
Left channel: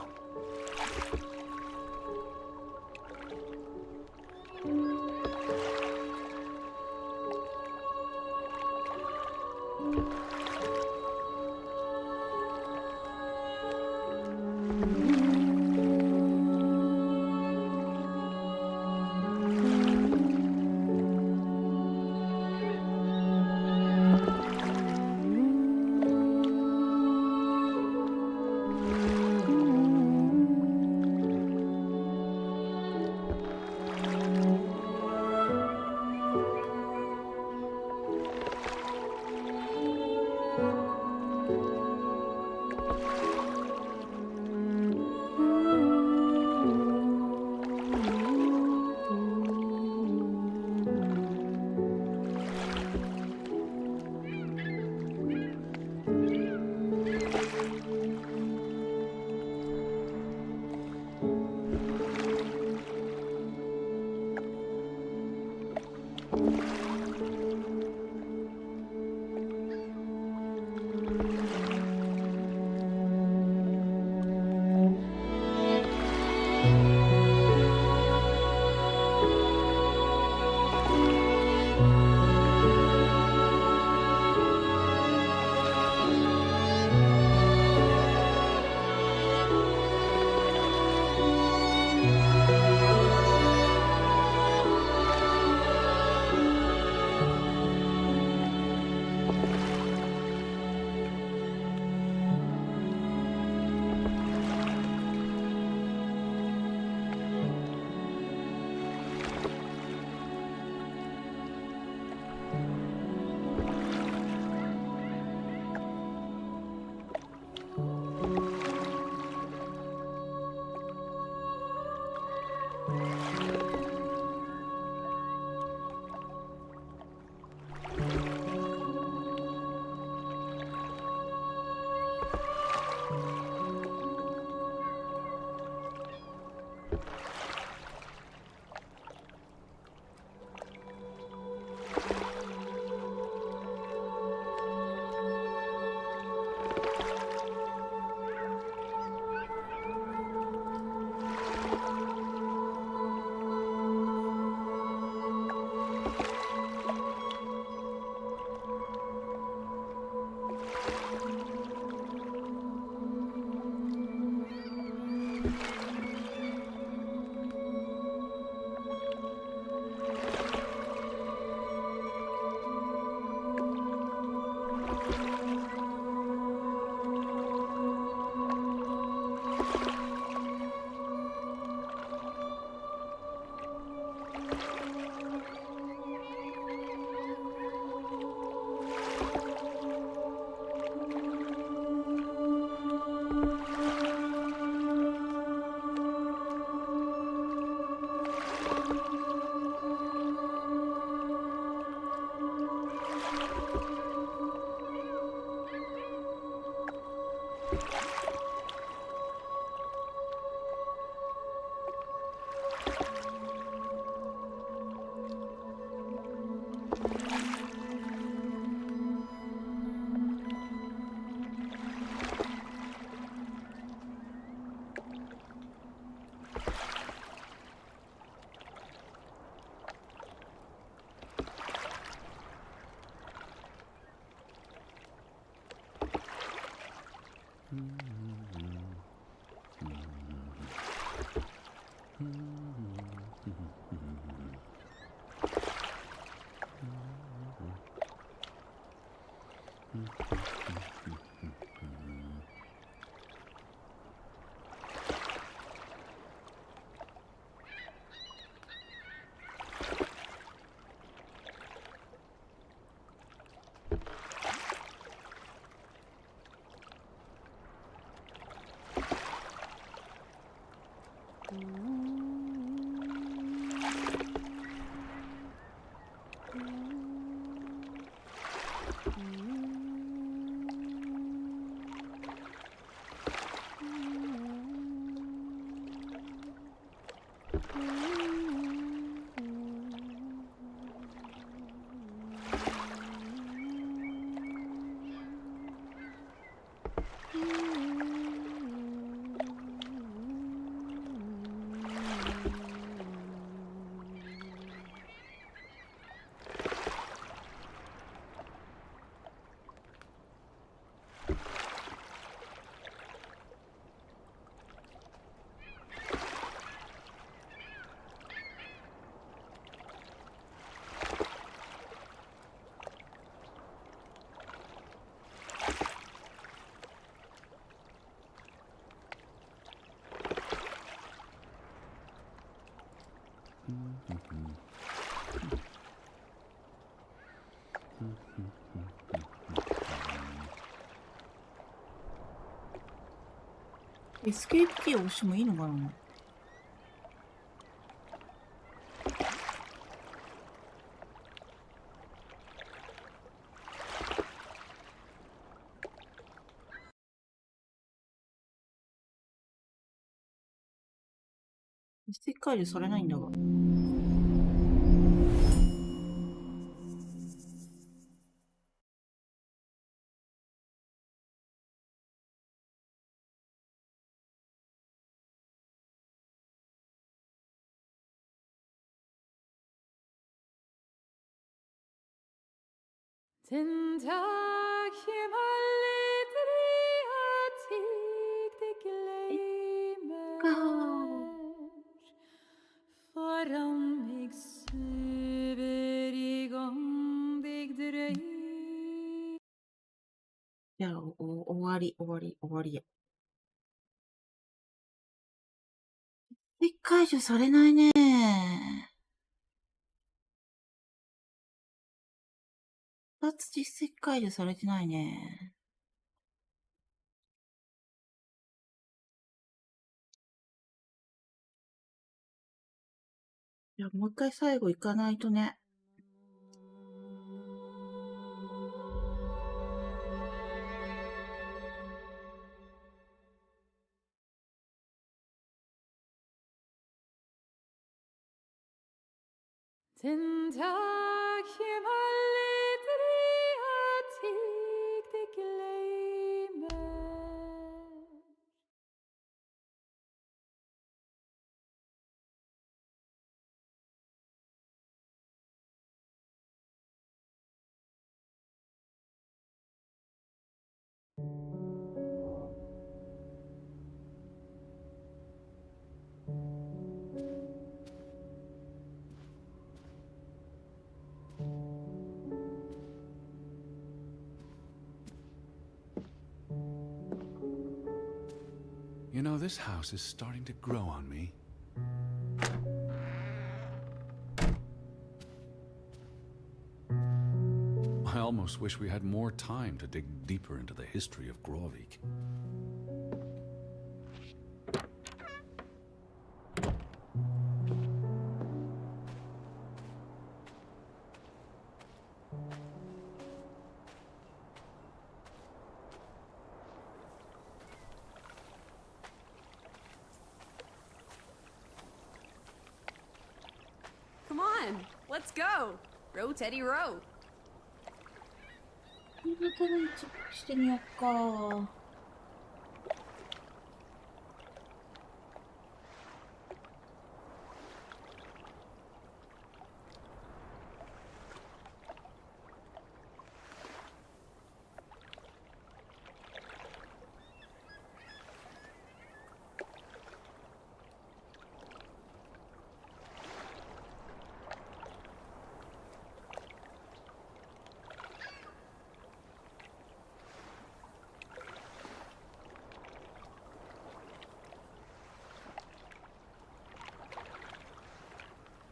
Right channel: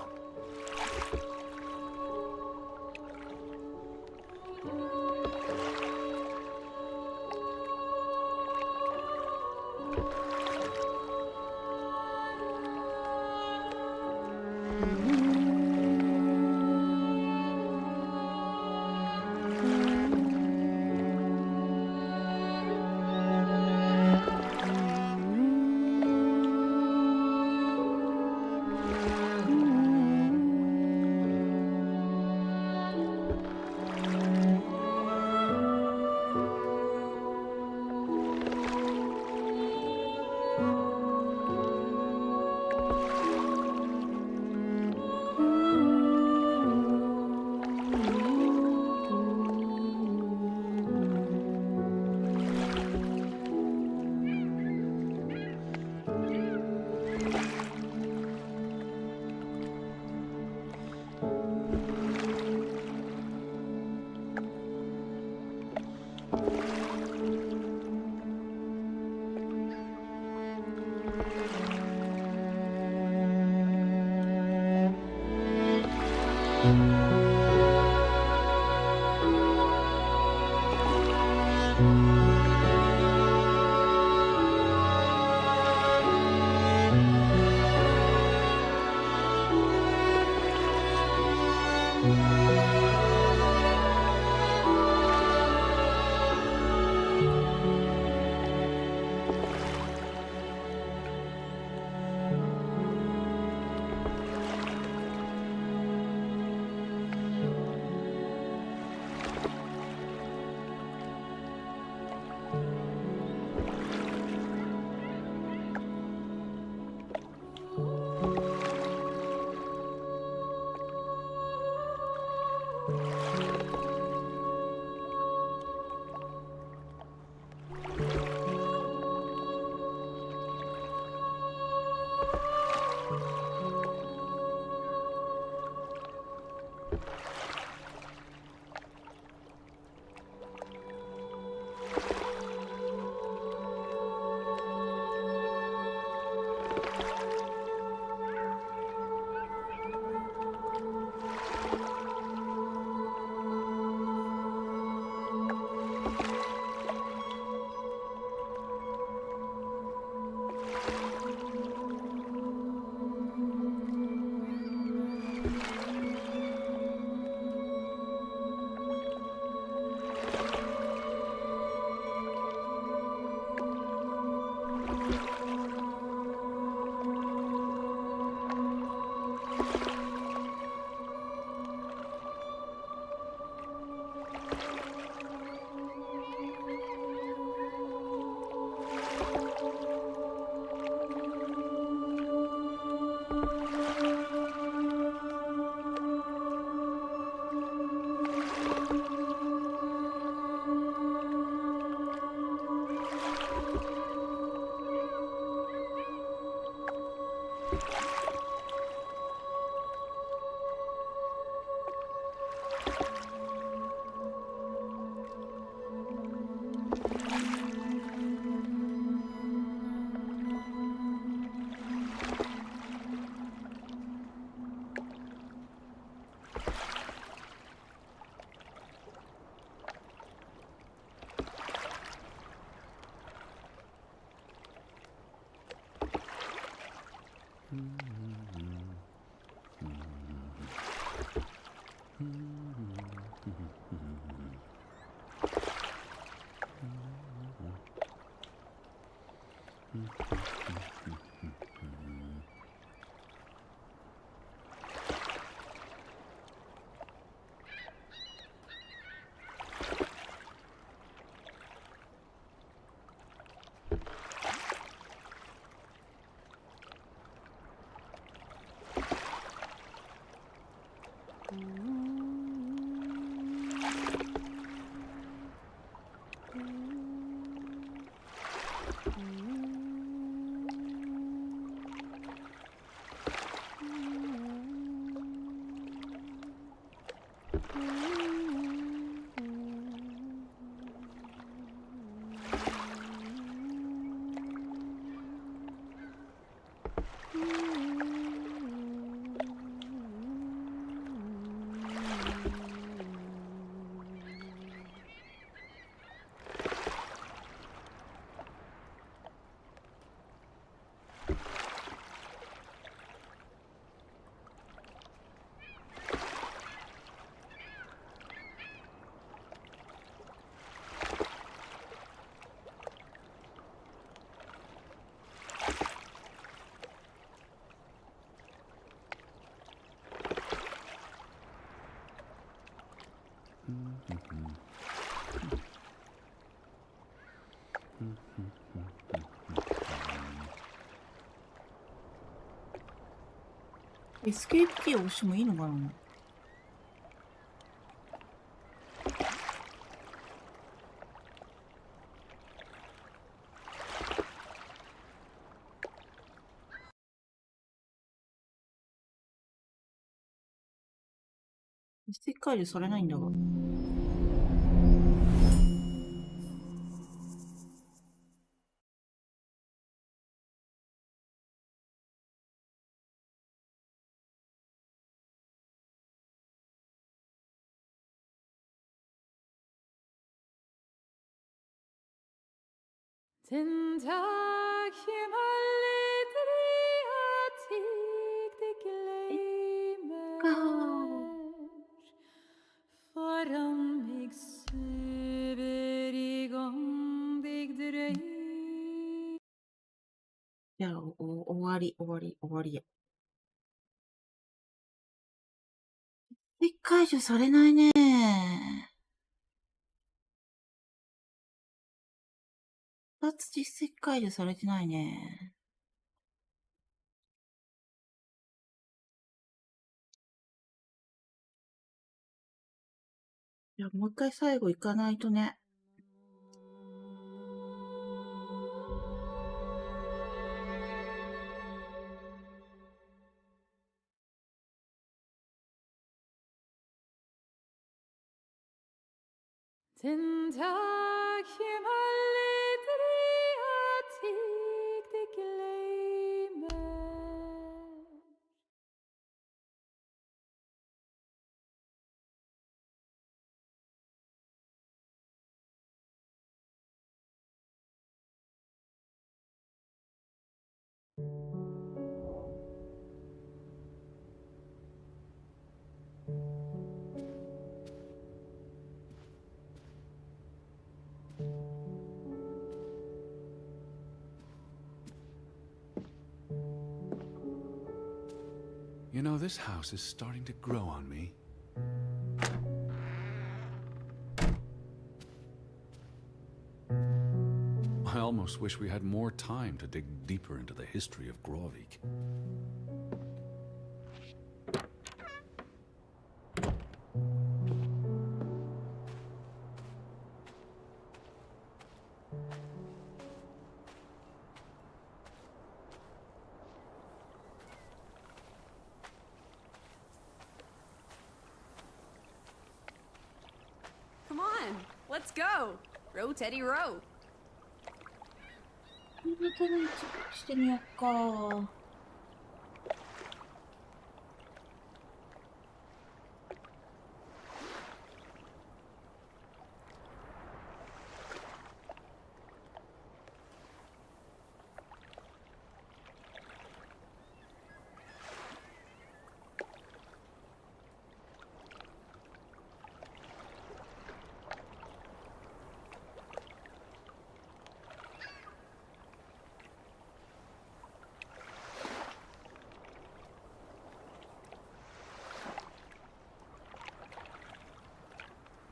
エスケープキーを押してもいいのかな。実績解除されないんだが。Den dag je maar litt ik glemmer Foran meg søver I gang deg drøy いや、終わりや。実績解除されないね。2つ実績解除されてないね。いや、もう一回最後行かないとね。Den dag je maar litt ik glemmer You know, this house is starting to grow on me. I almost wish we had more time to dig deeper into the history of Grovik. Come on, let's go. Row, Teddy, row. 新潟の一部してみよっか。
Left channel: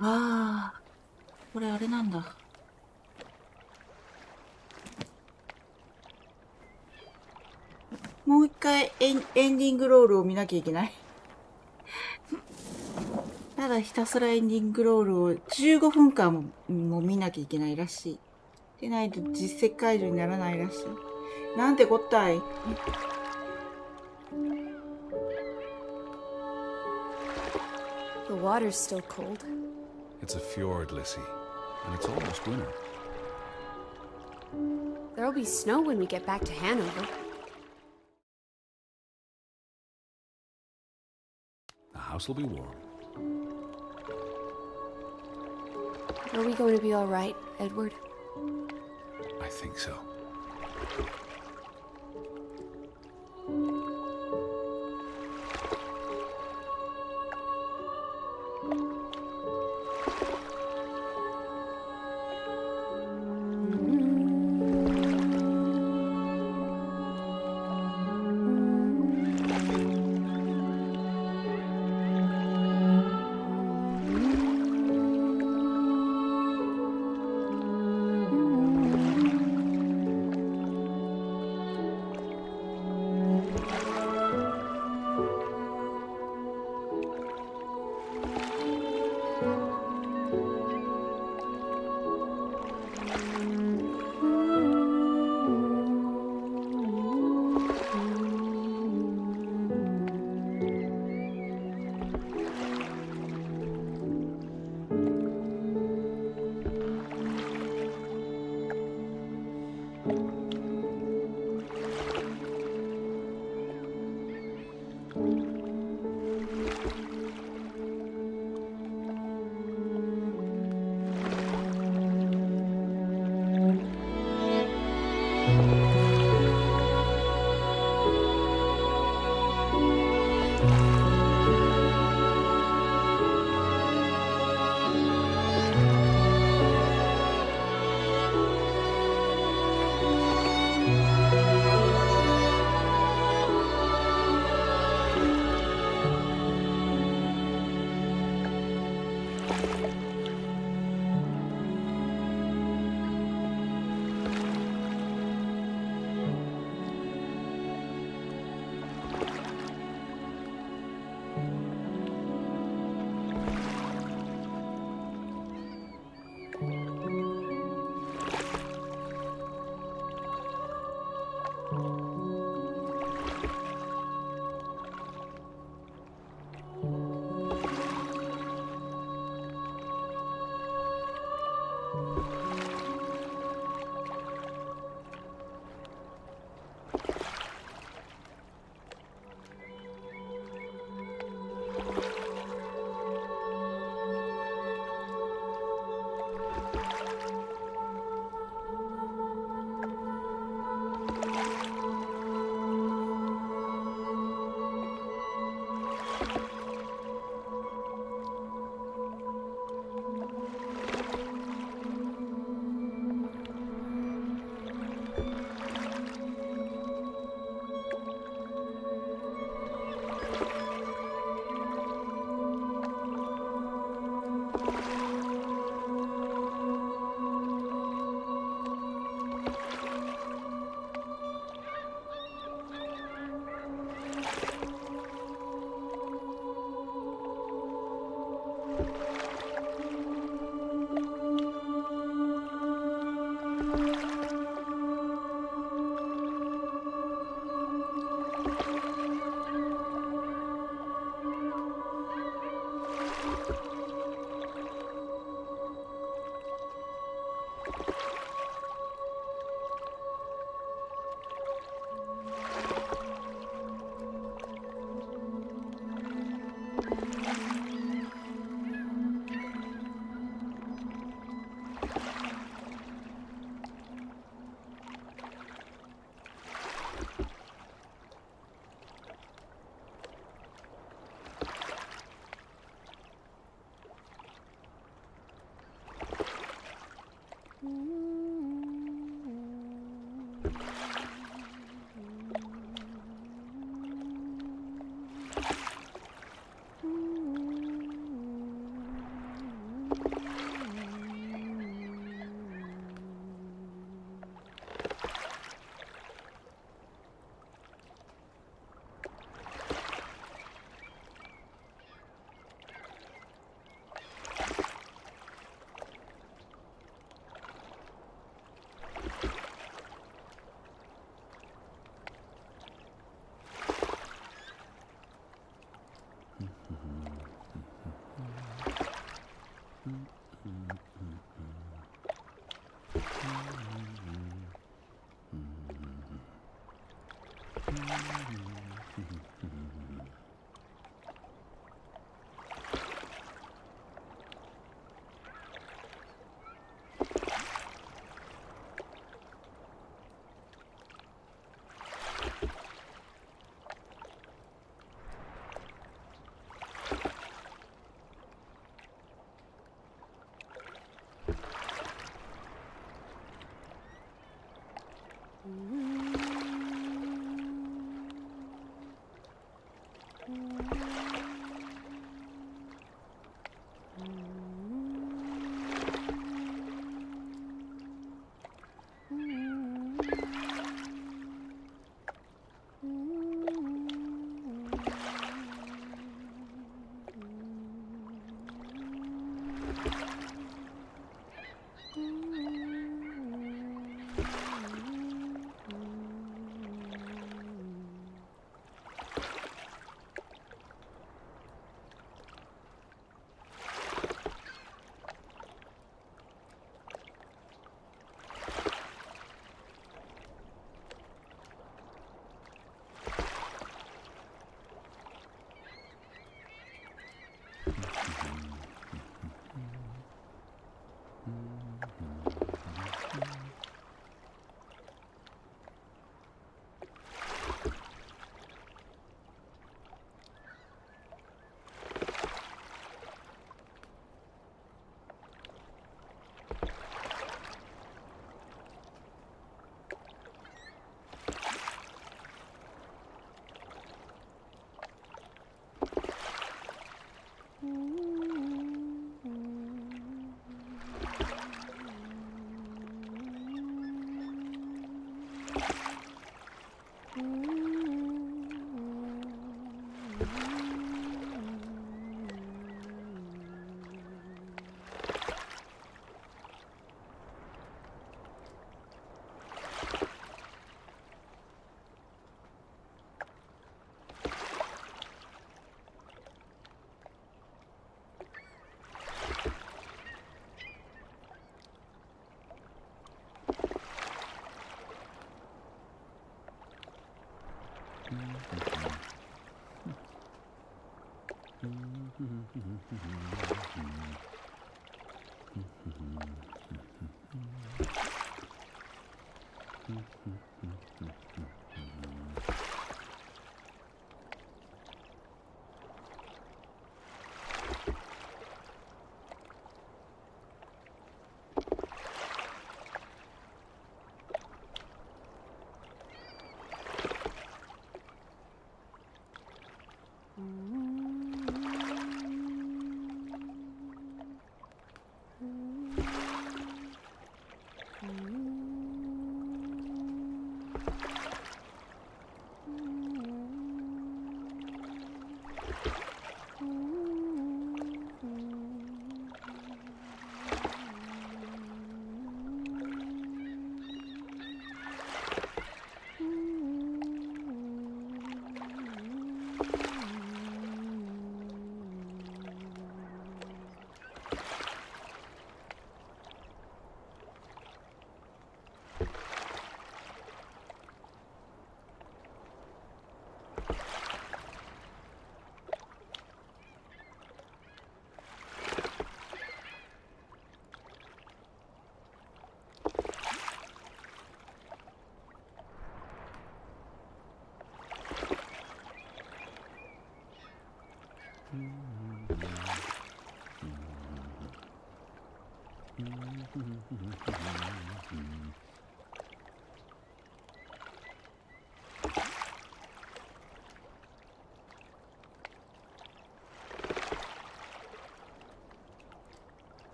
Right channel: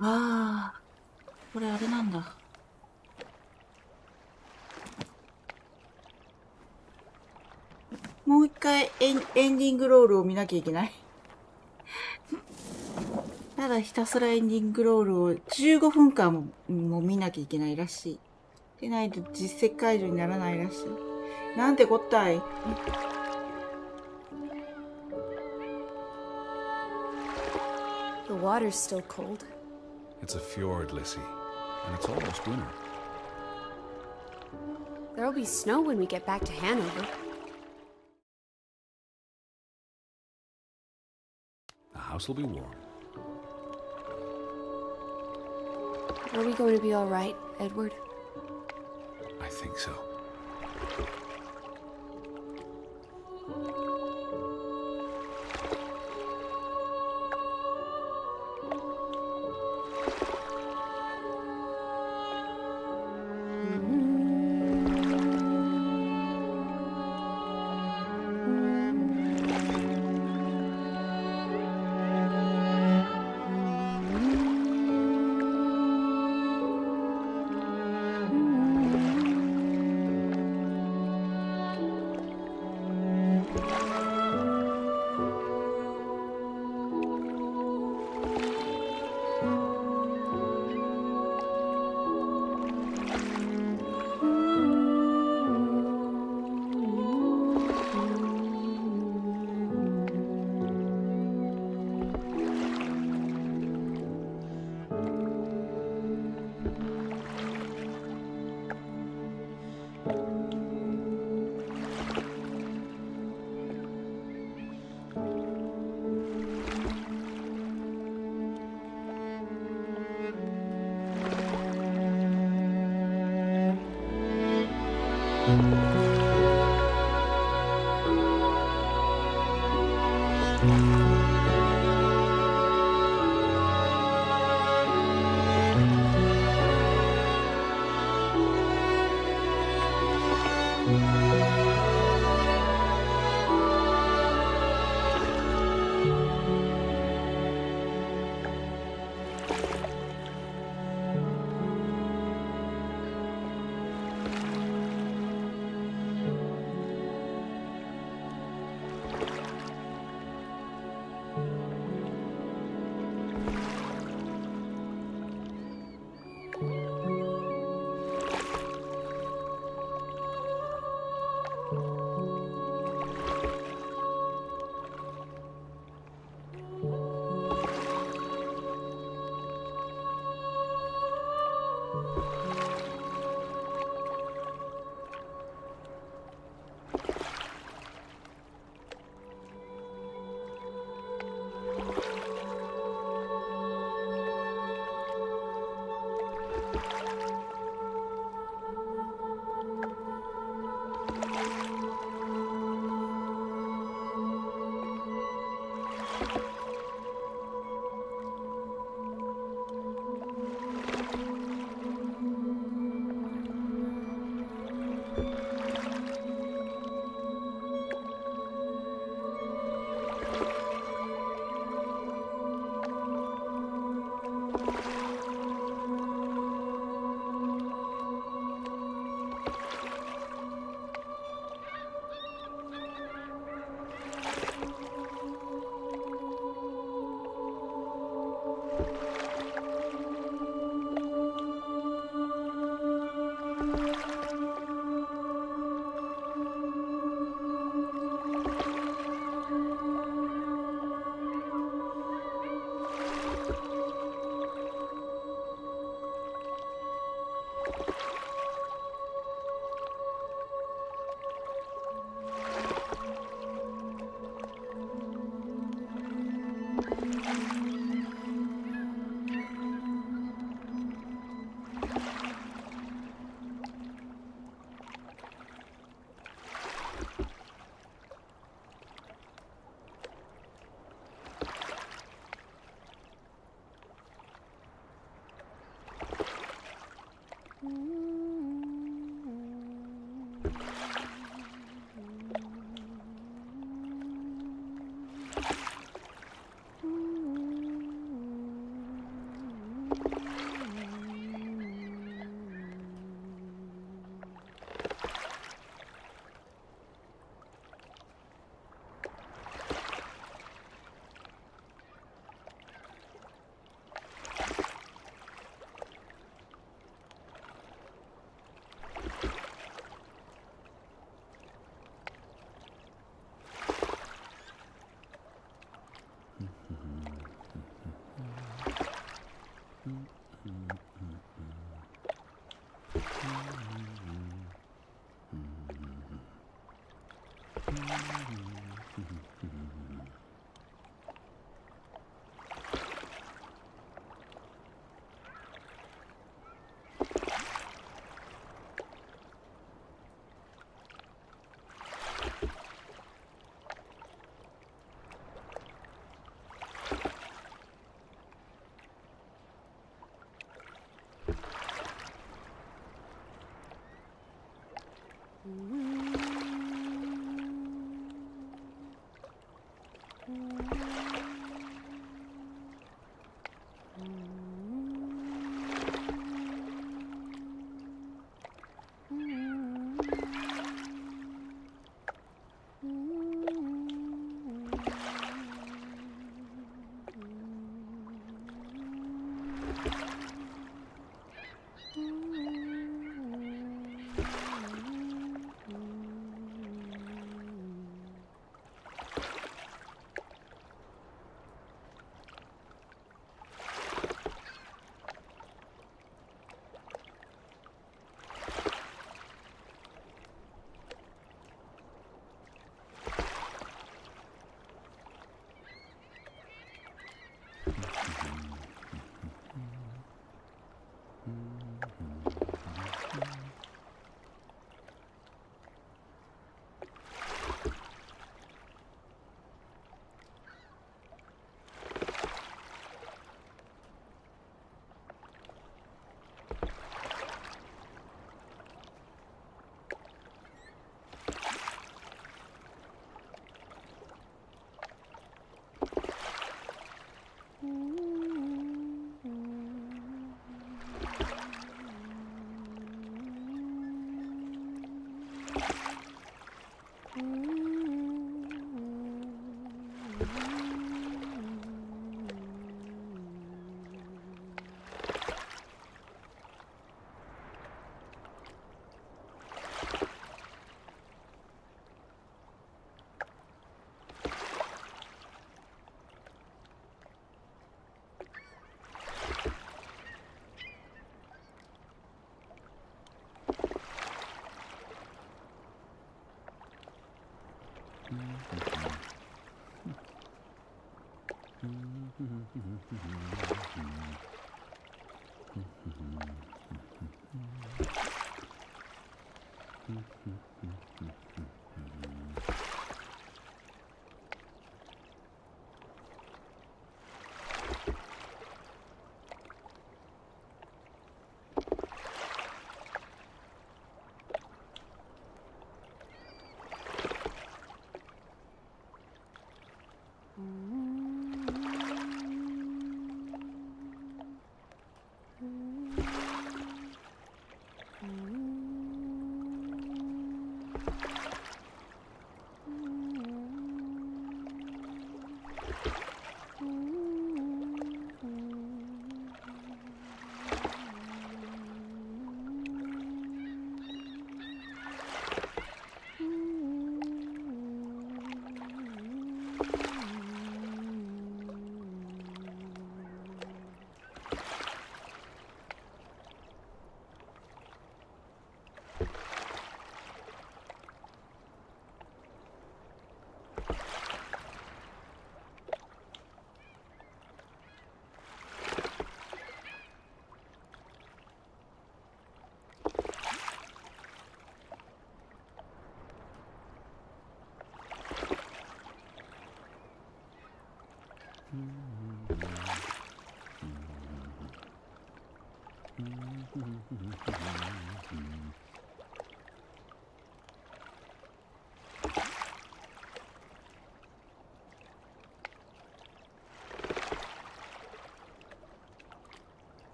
ああ、これあれなんだ。もう一回エンディングロールを見なきゃいけない。ただひたすらエンディングロールを15分間も見なきゃいけないらしい。でないと実績解除にならないらしい。なんてこったい。The water's still cold. It's a fjord, Lissy, and it's almost winter. There'll be snow when we get back to Hanover. The house will be warm. Are we going to be all right, Edward? I think so.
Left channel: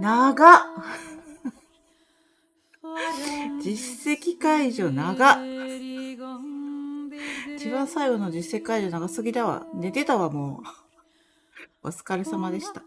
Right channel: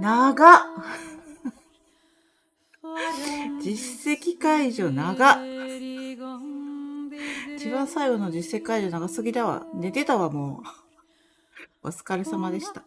長っ実績解除長っ一番最後の実績解除長すぎだわ。寝てたわもう。お疲れ様でした。